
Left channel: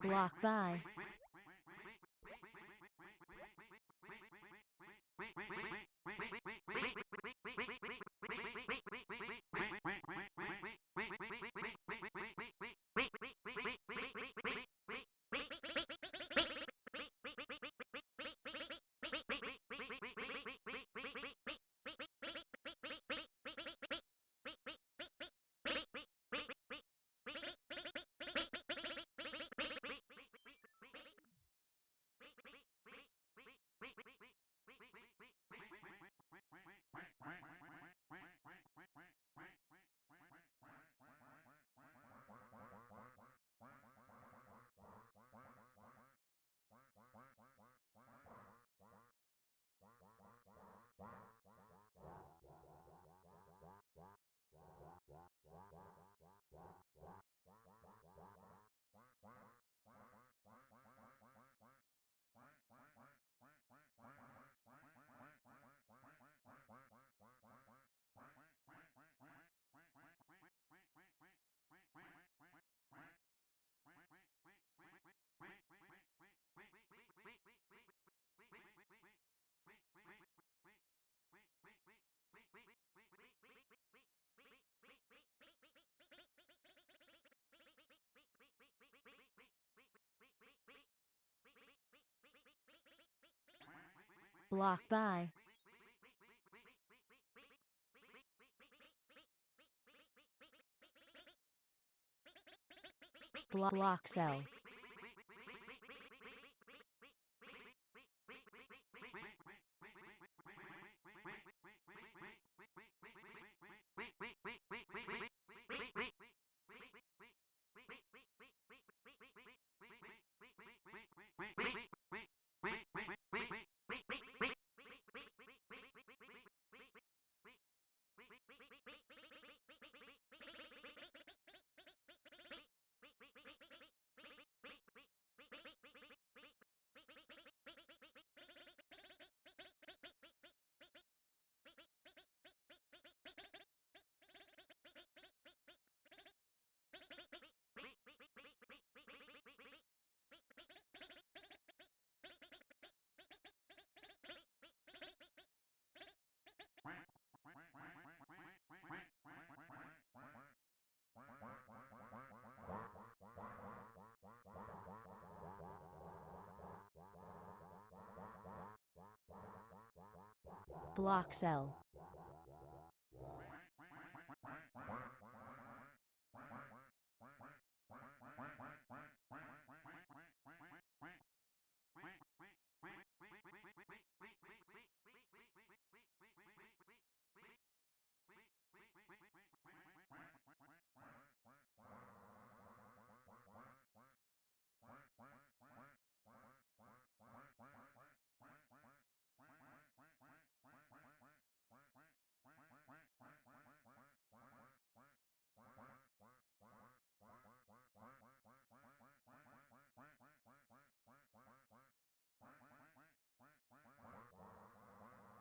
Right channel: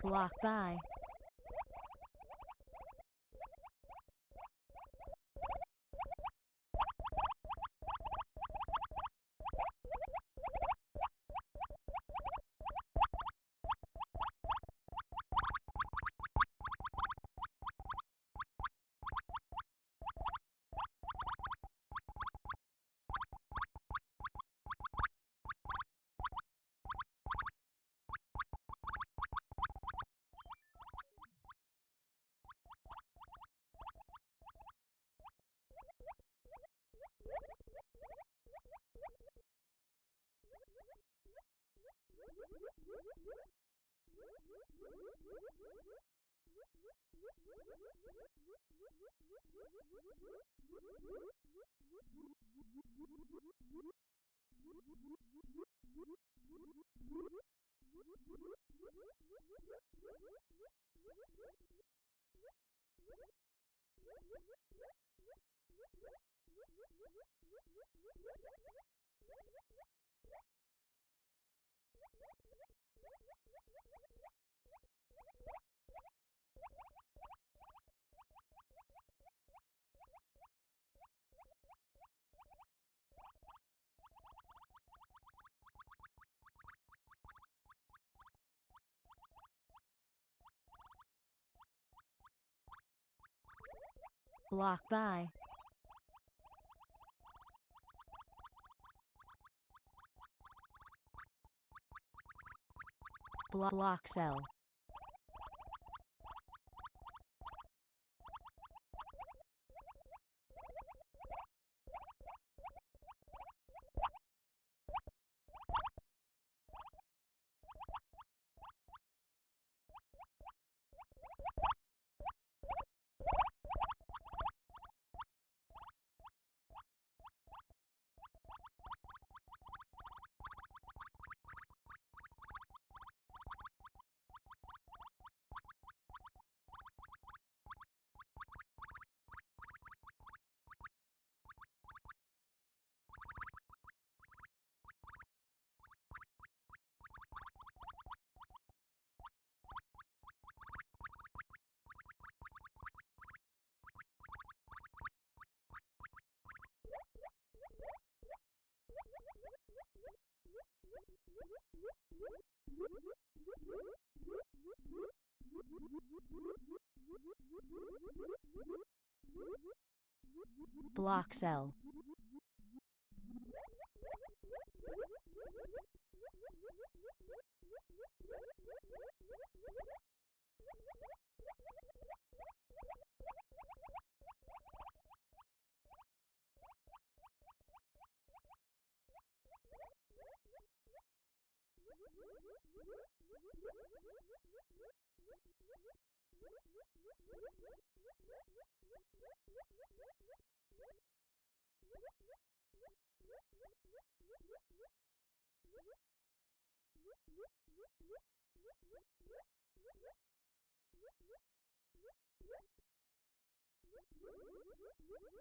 Block by. Block by. Block cell. Block cell.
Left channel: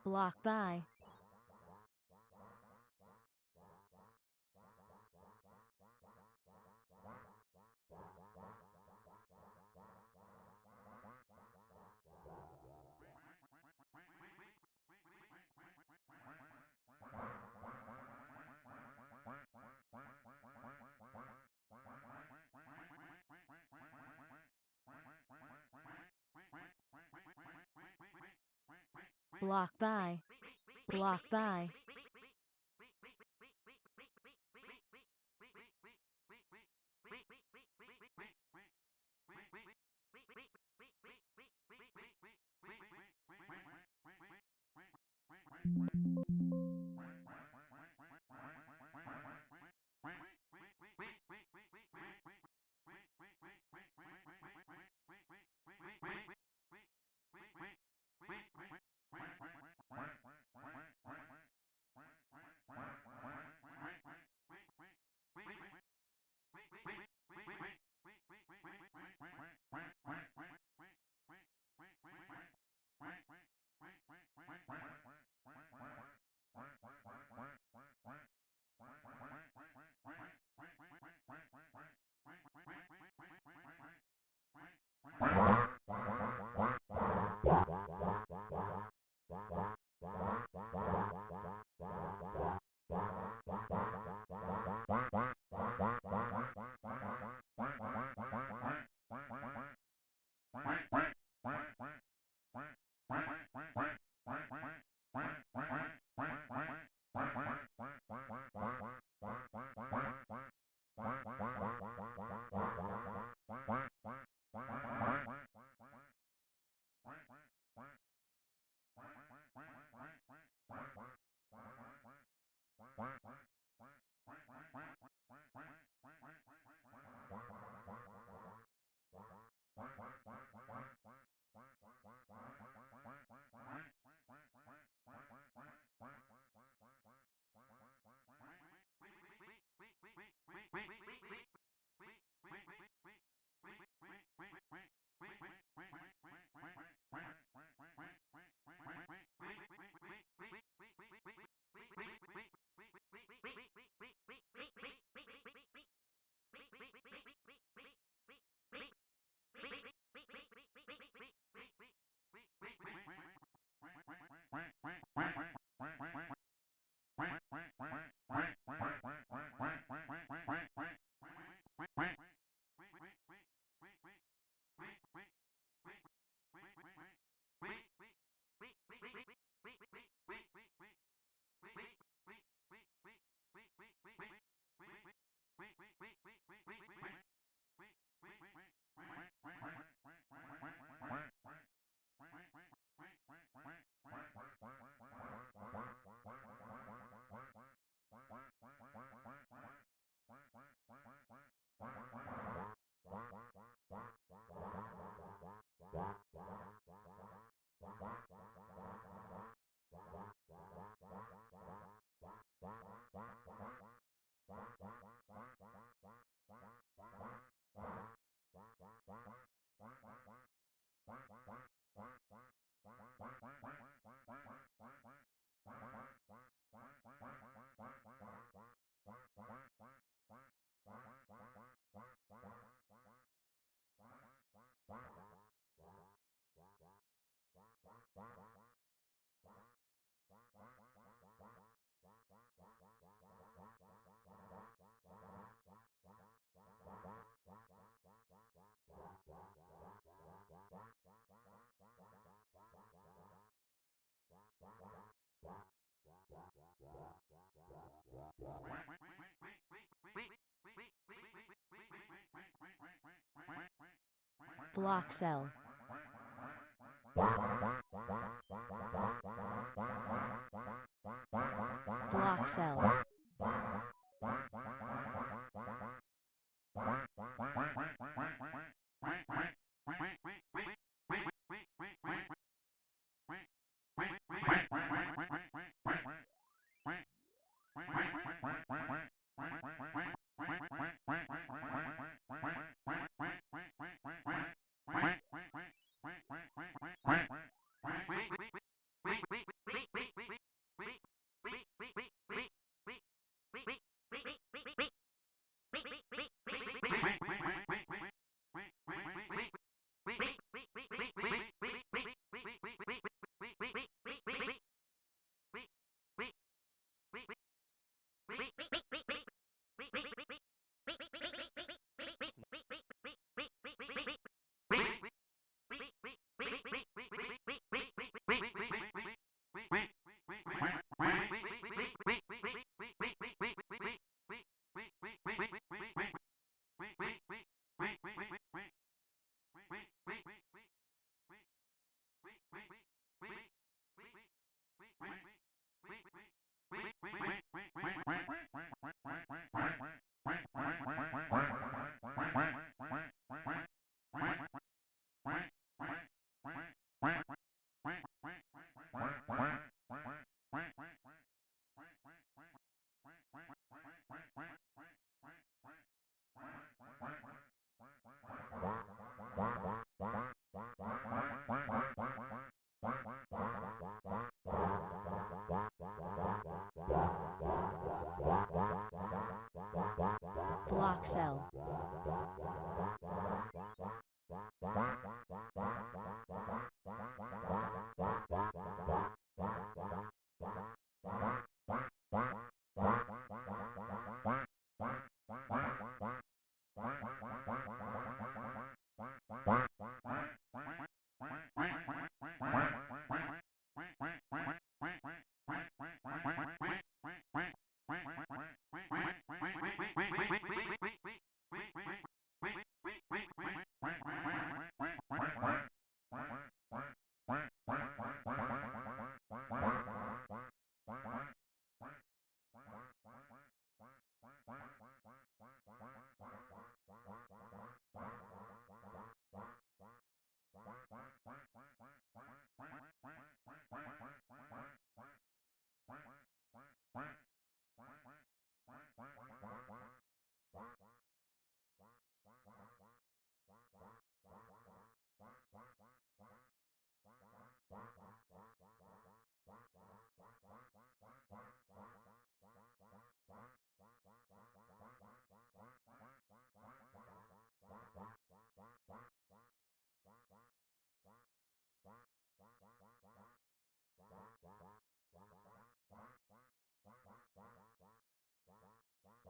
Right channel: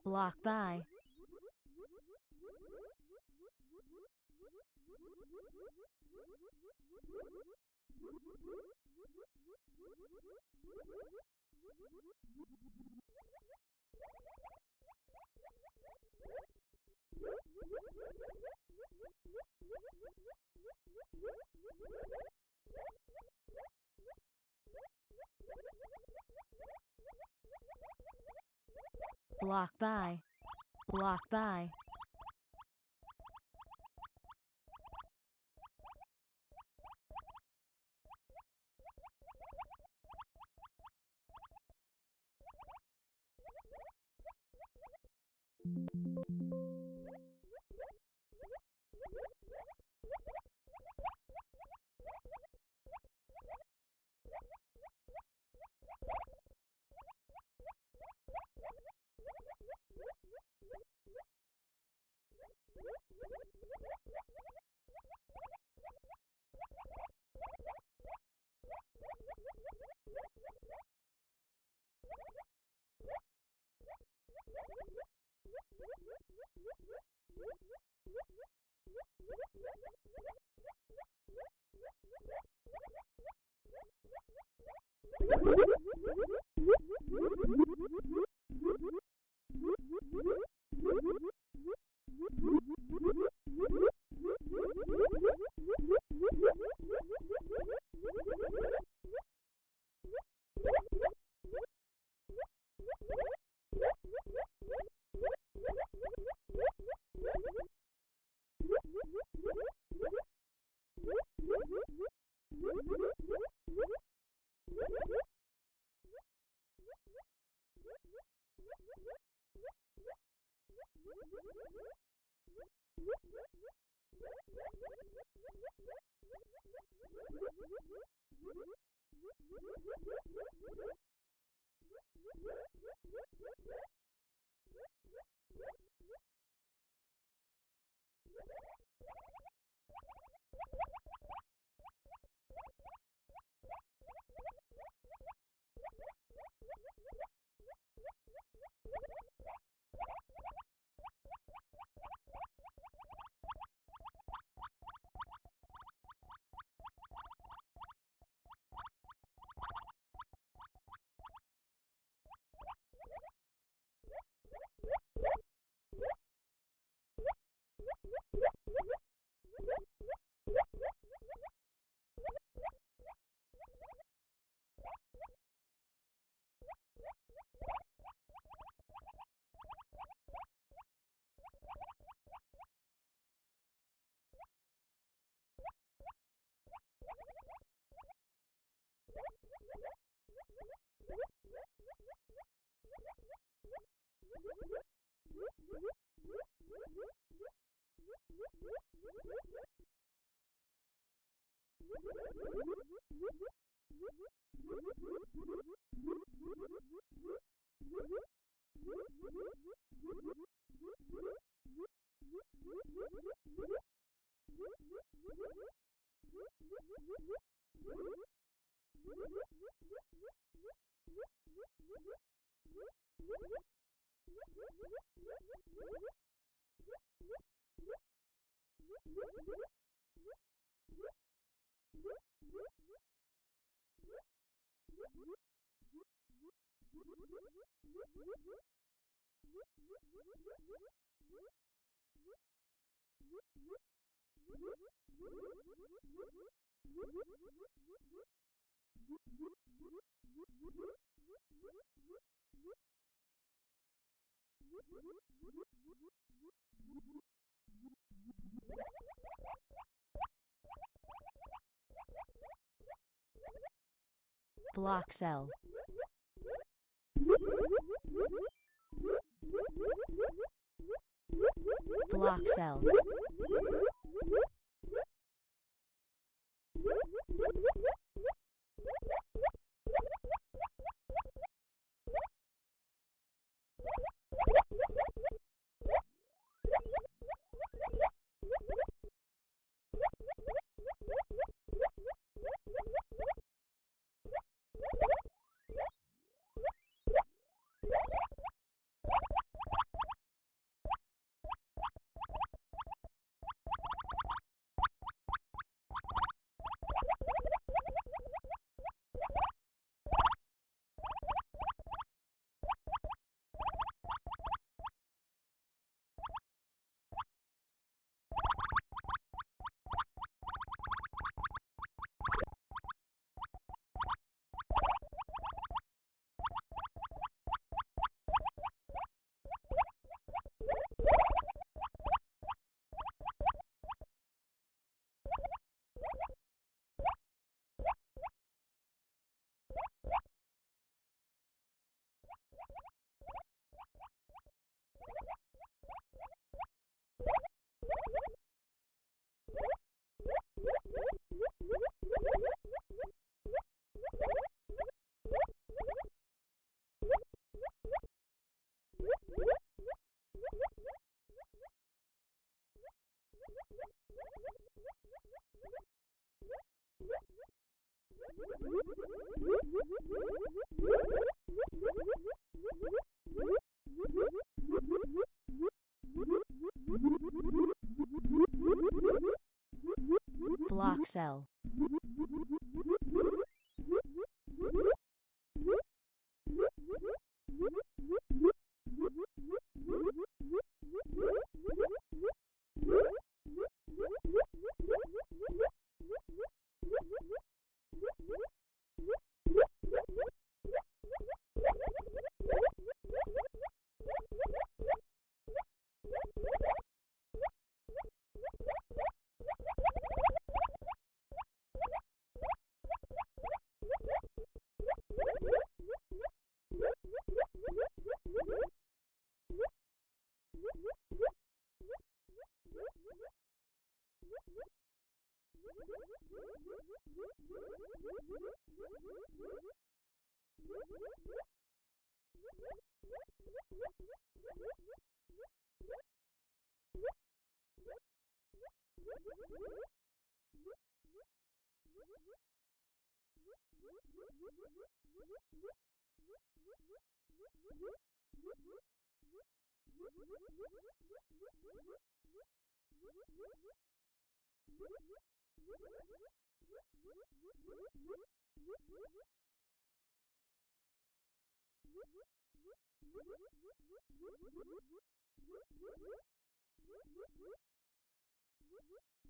Block by. Block by. Block by. Block cell. Block cell. Block cell.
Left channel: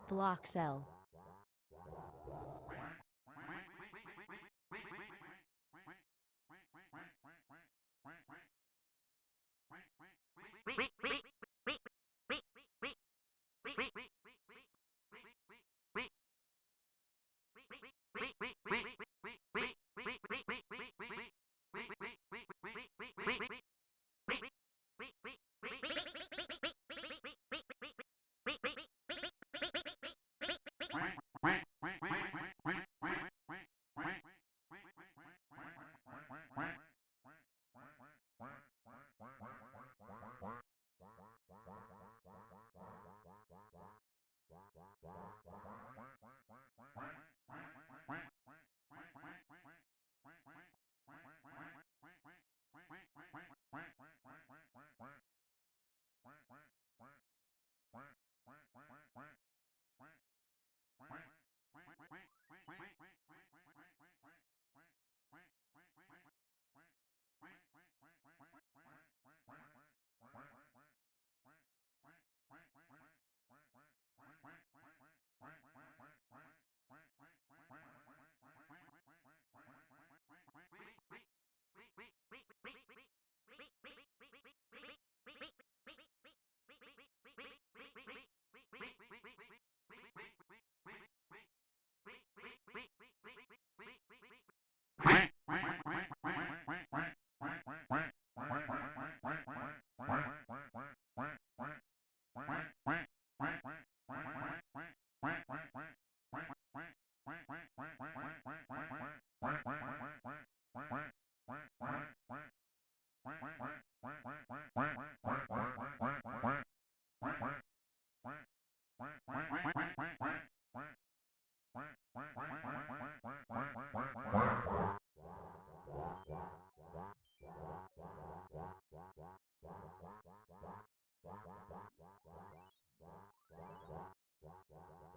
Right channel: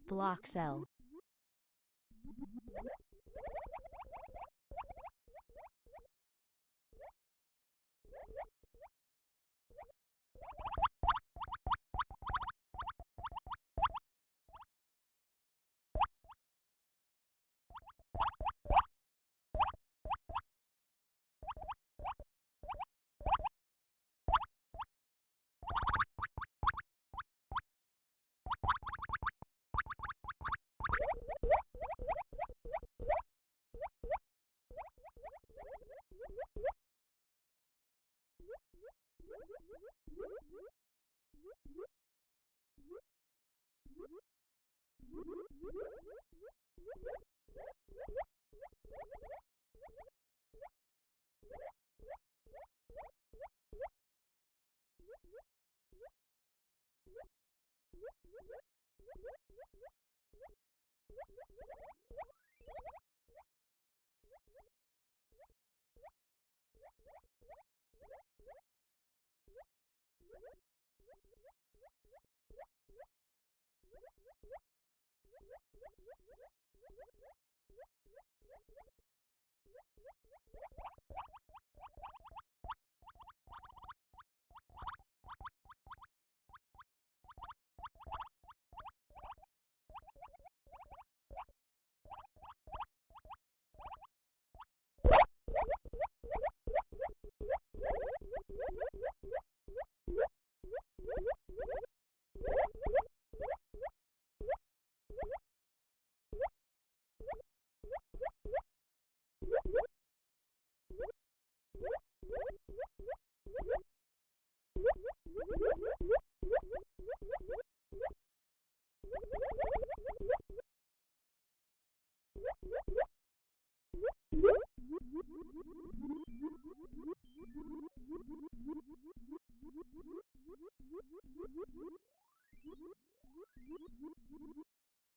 Block cell.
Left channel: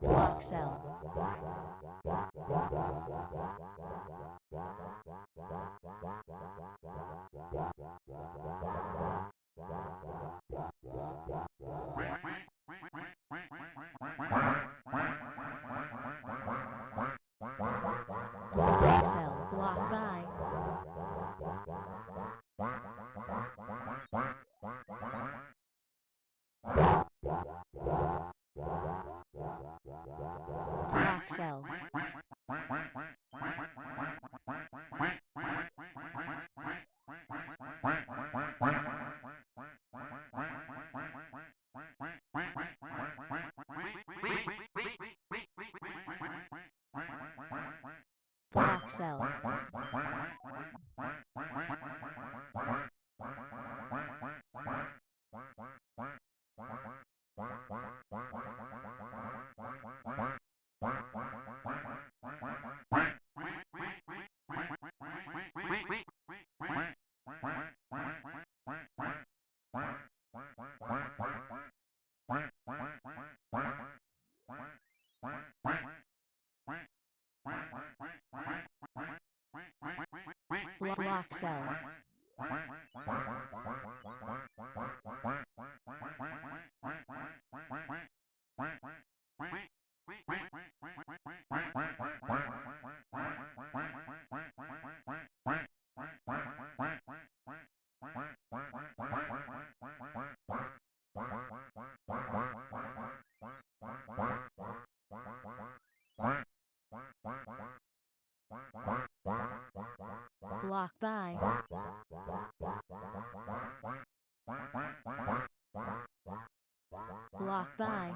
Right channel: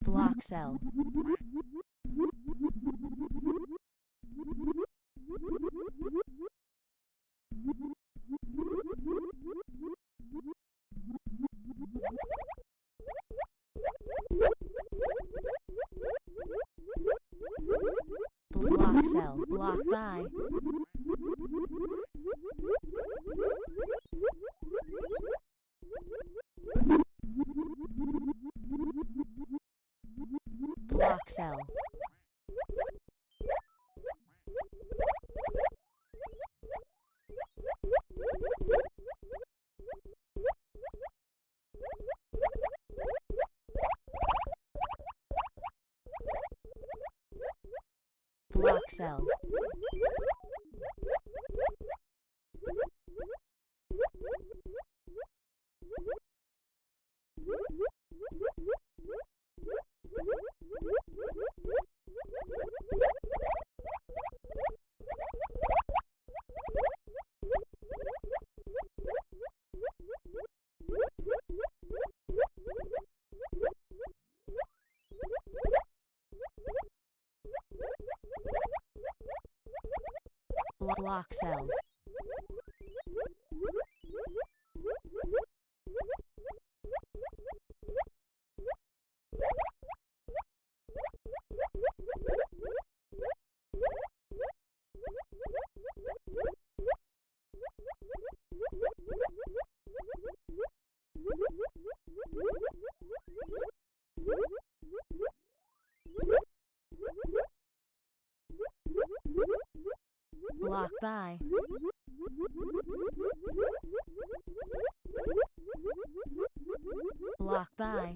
Block cell. Block cell. Block by. Block cell. Block cell. Block cell. Block by. Block by.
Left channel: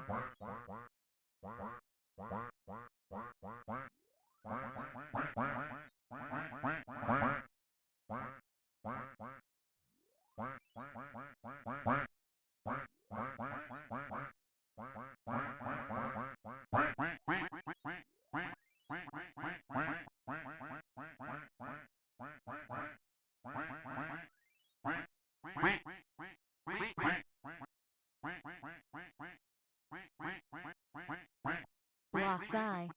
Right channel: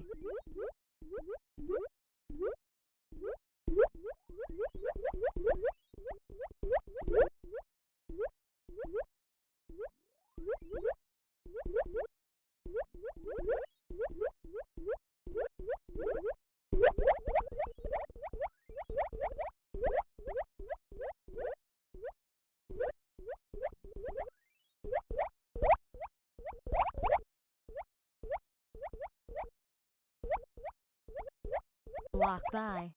Block by.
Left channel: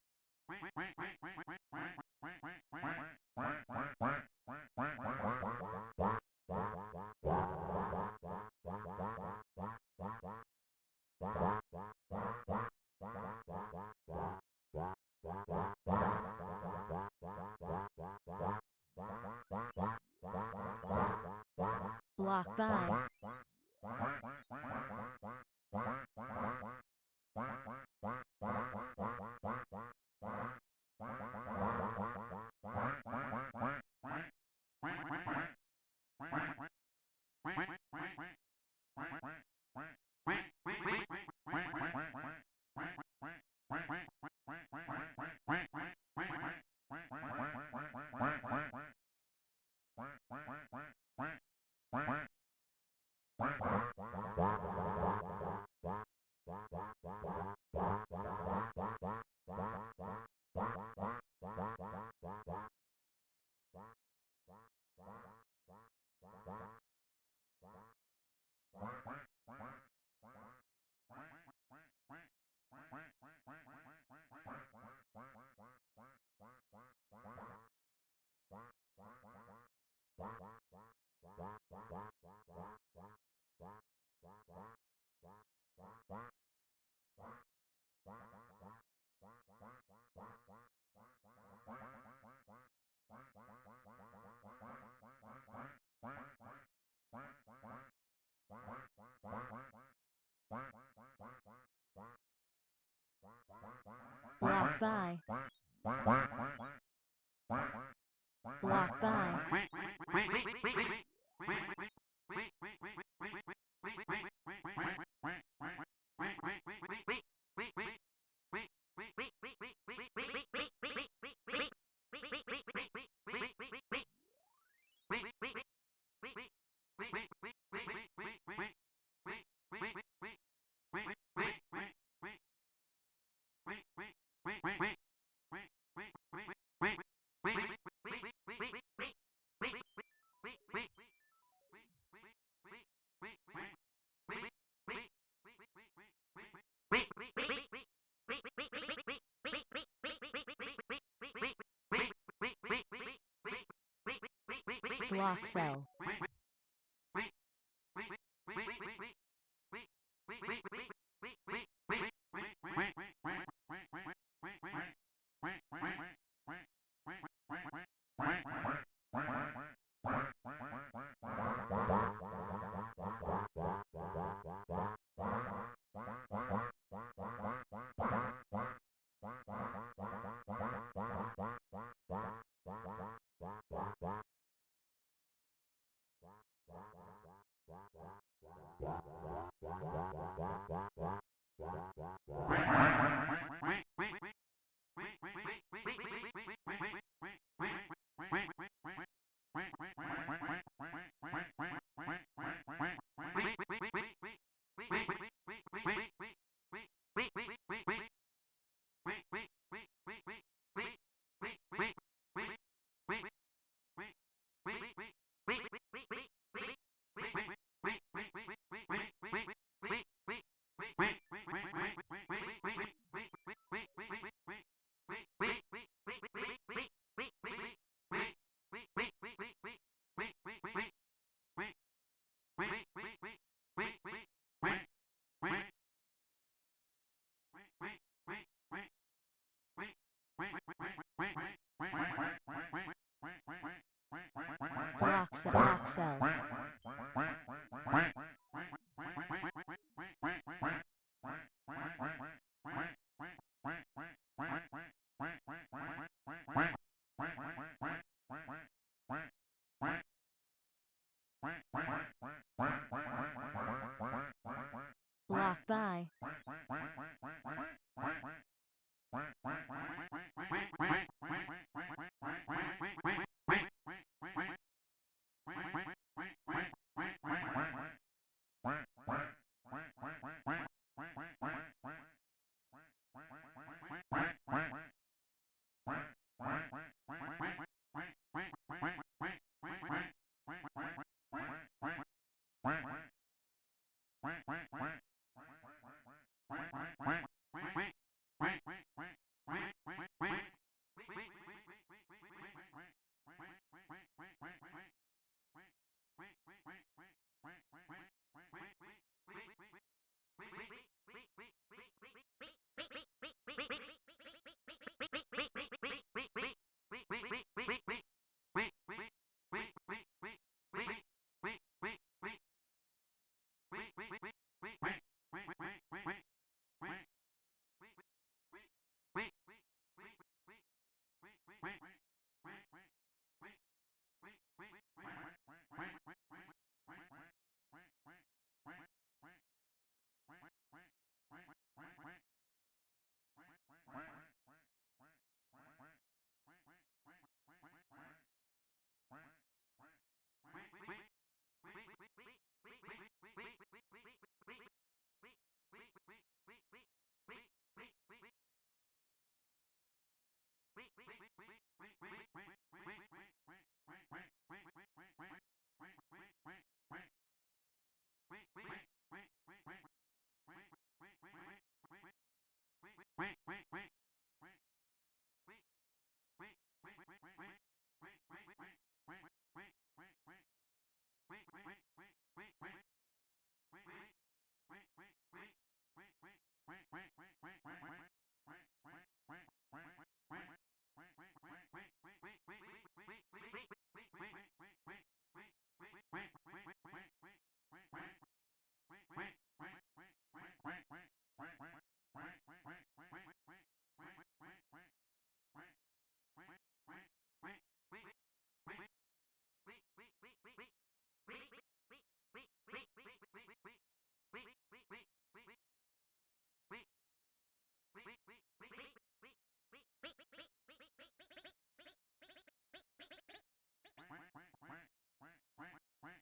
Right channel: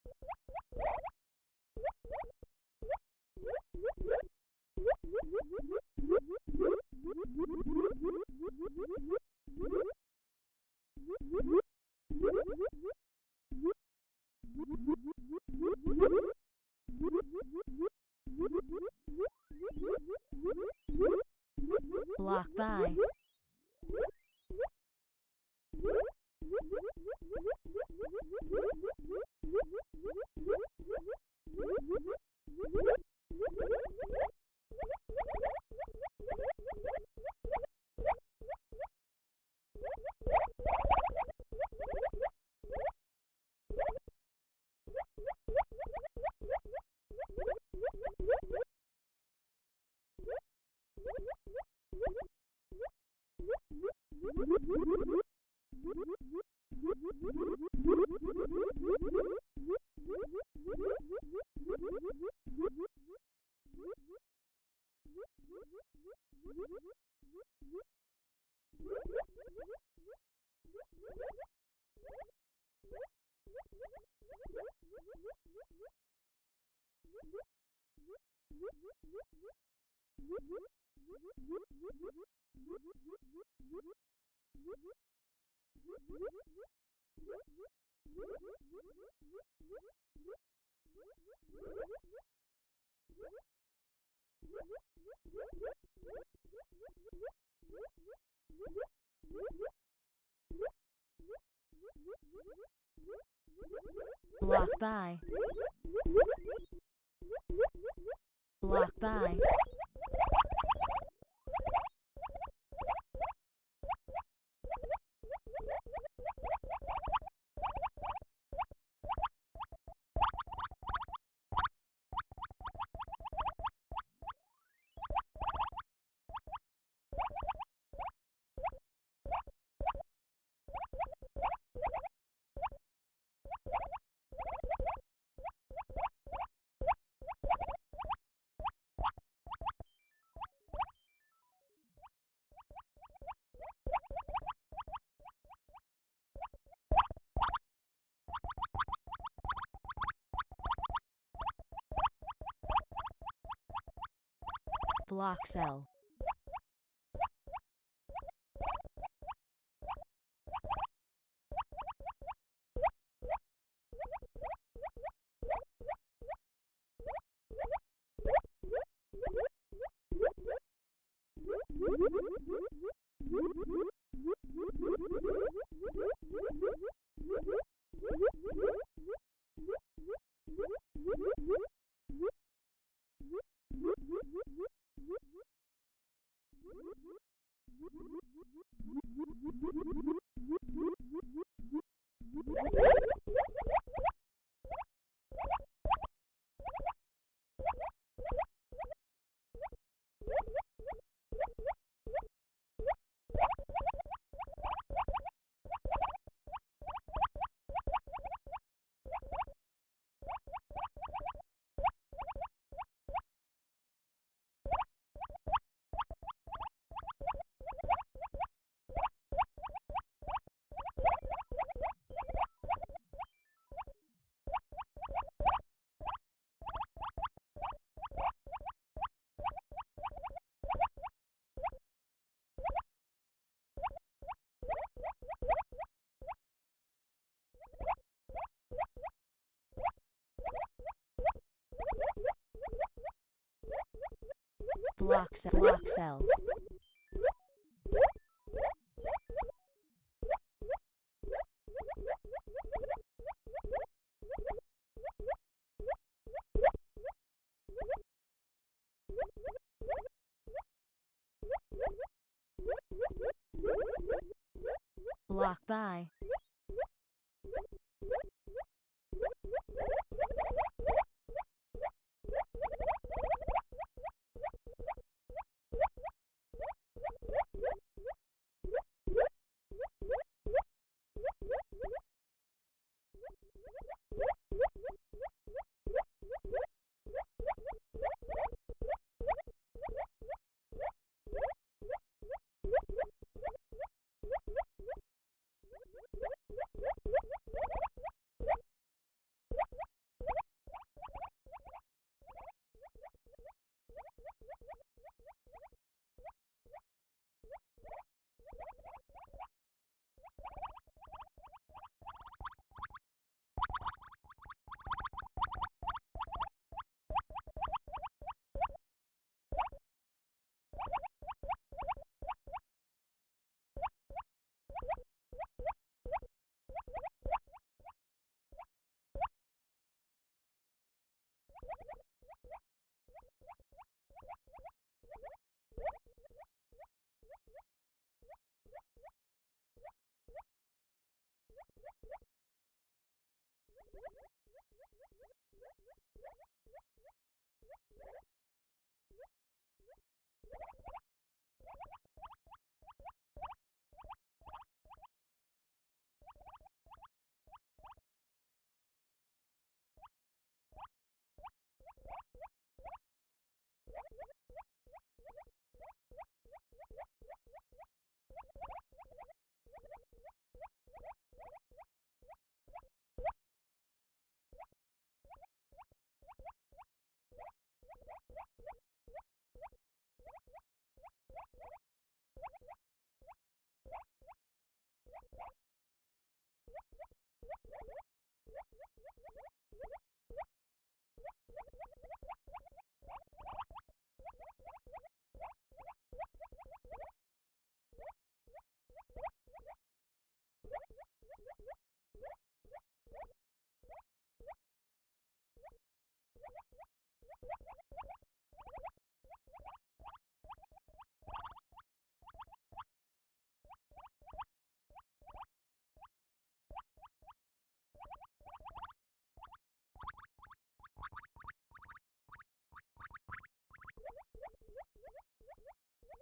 Block by. Block by. Block by. Block cell. Block cell. Block cell. Block by.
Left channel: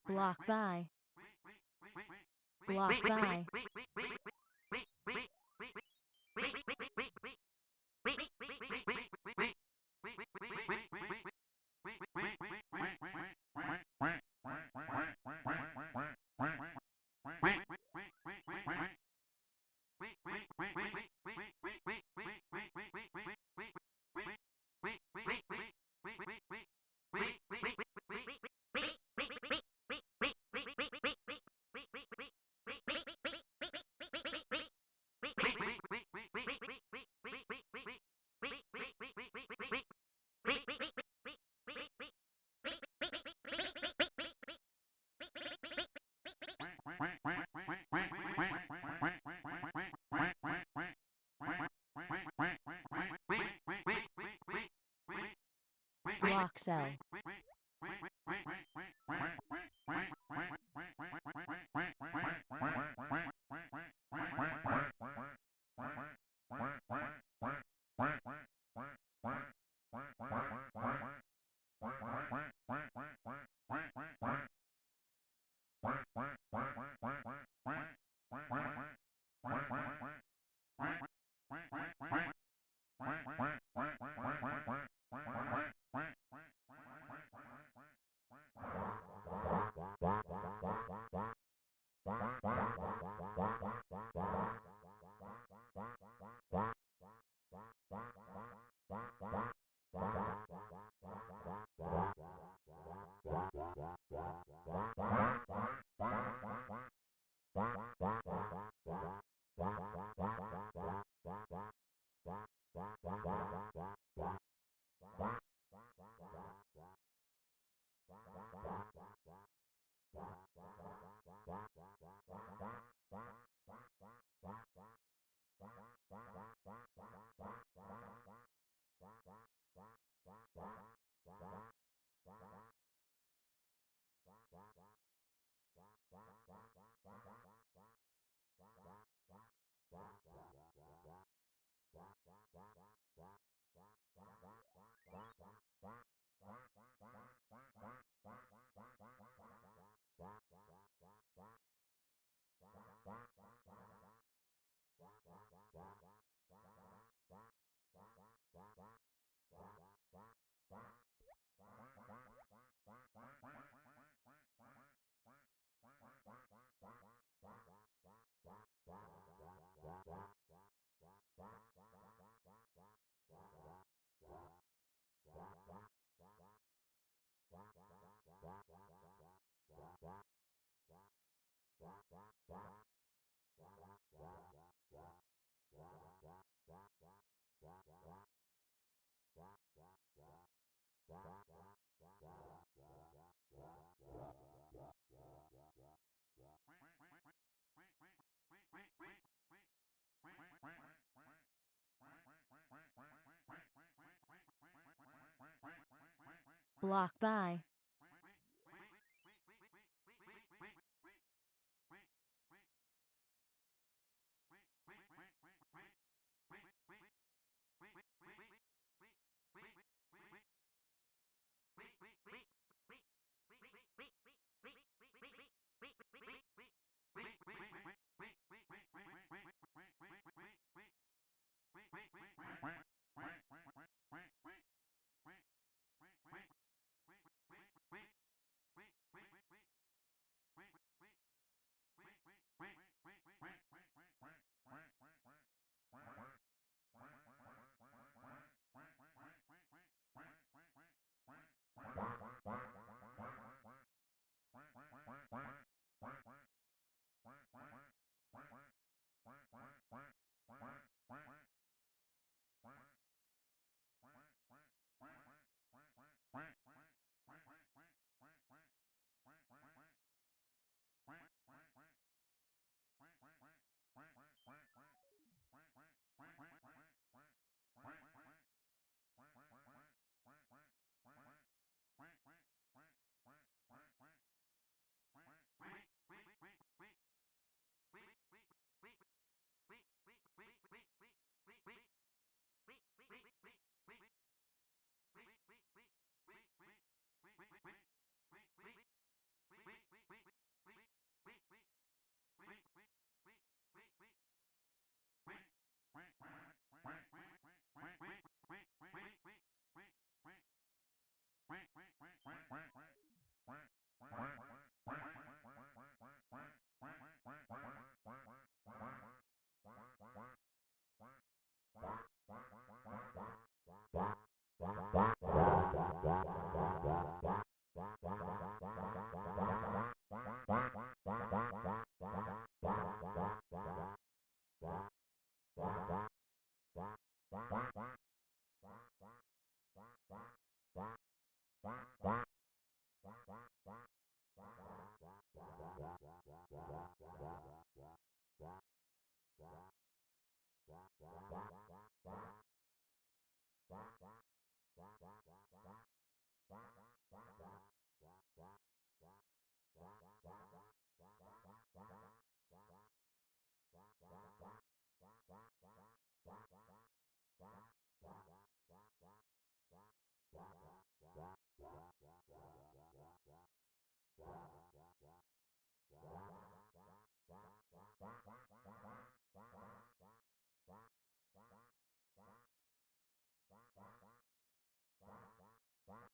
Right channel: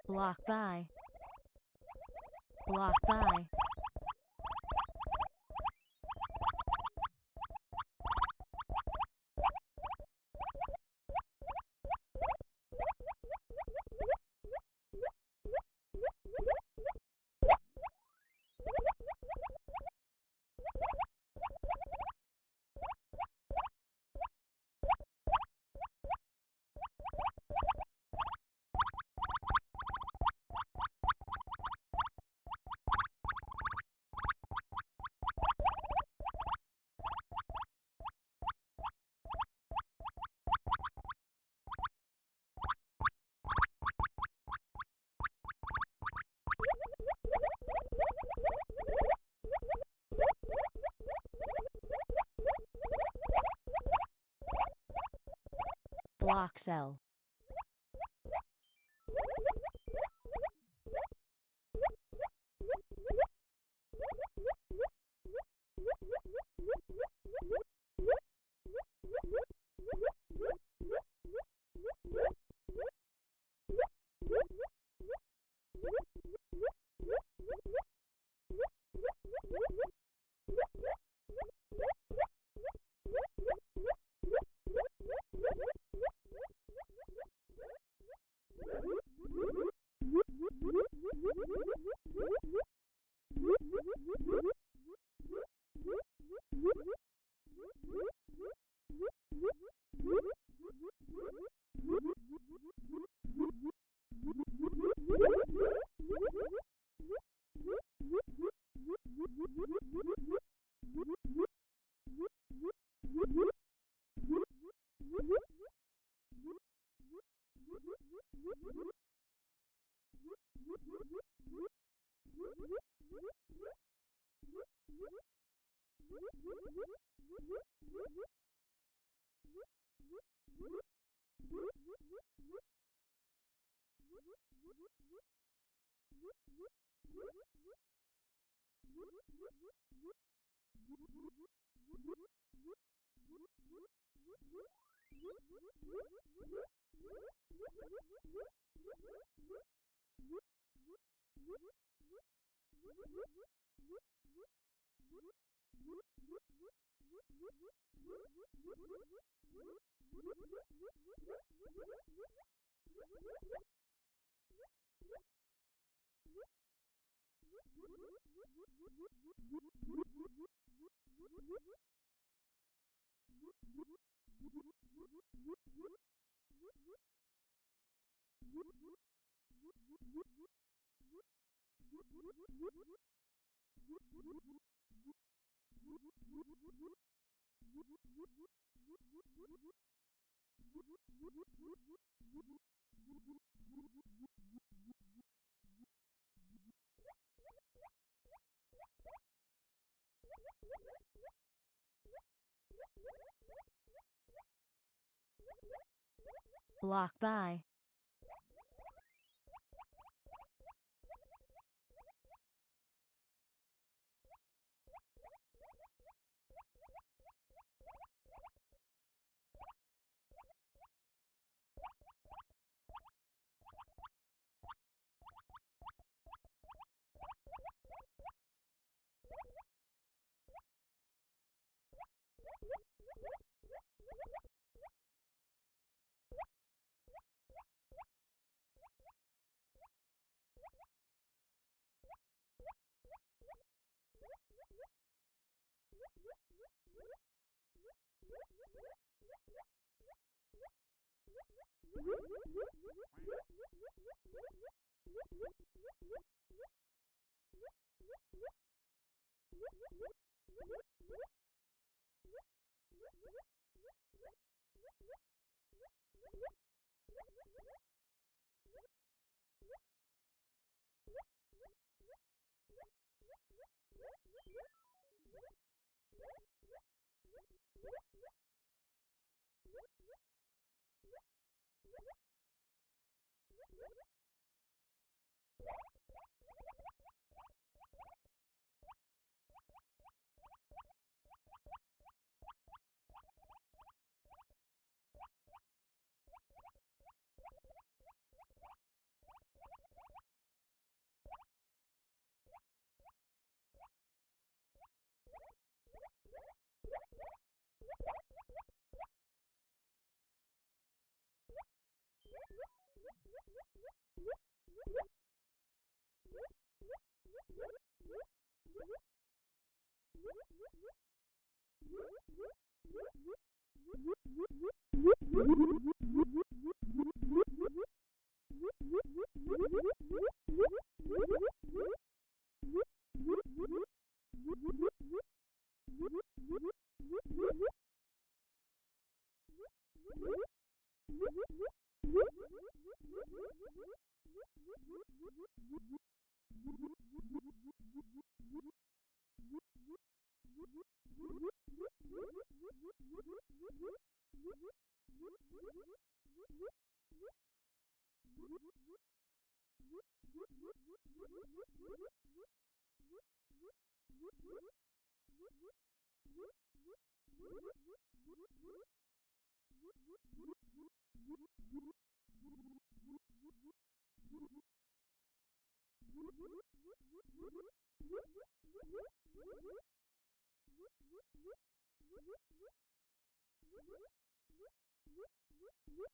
Block by. Block by. Block cell. Block by.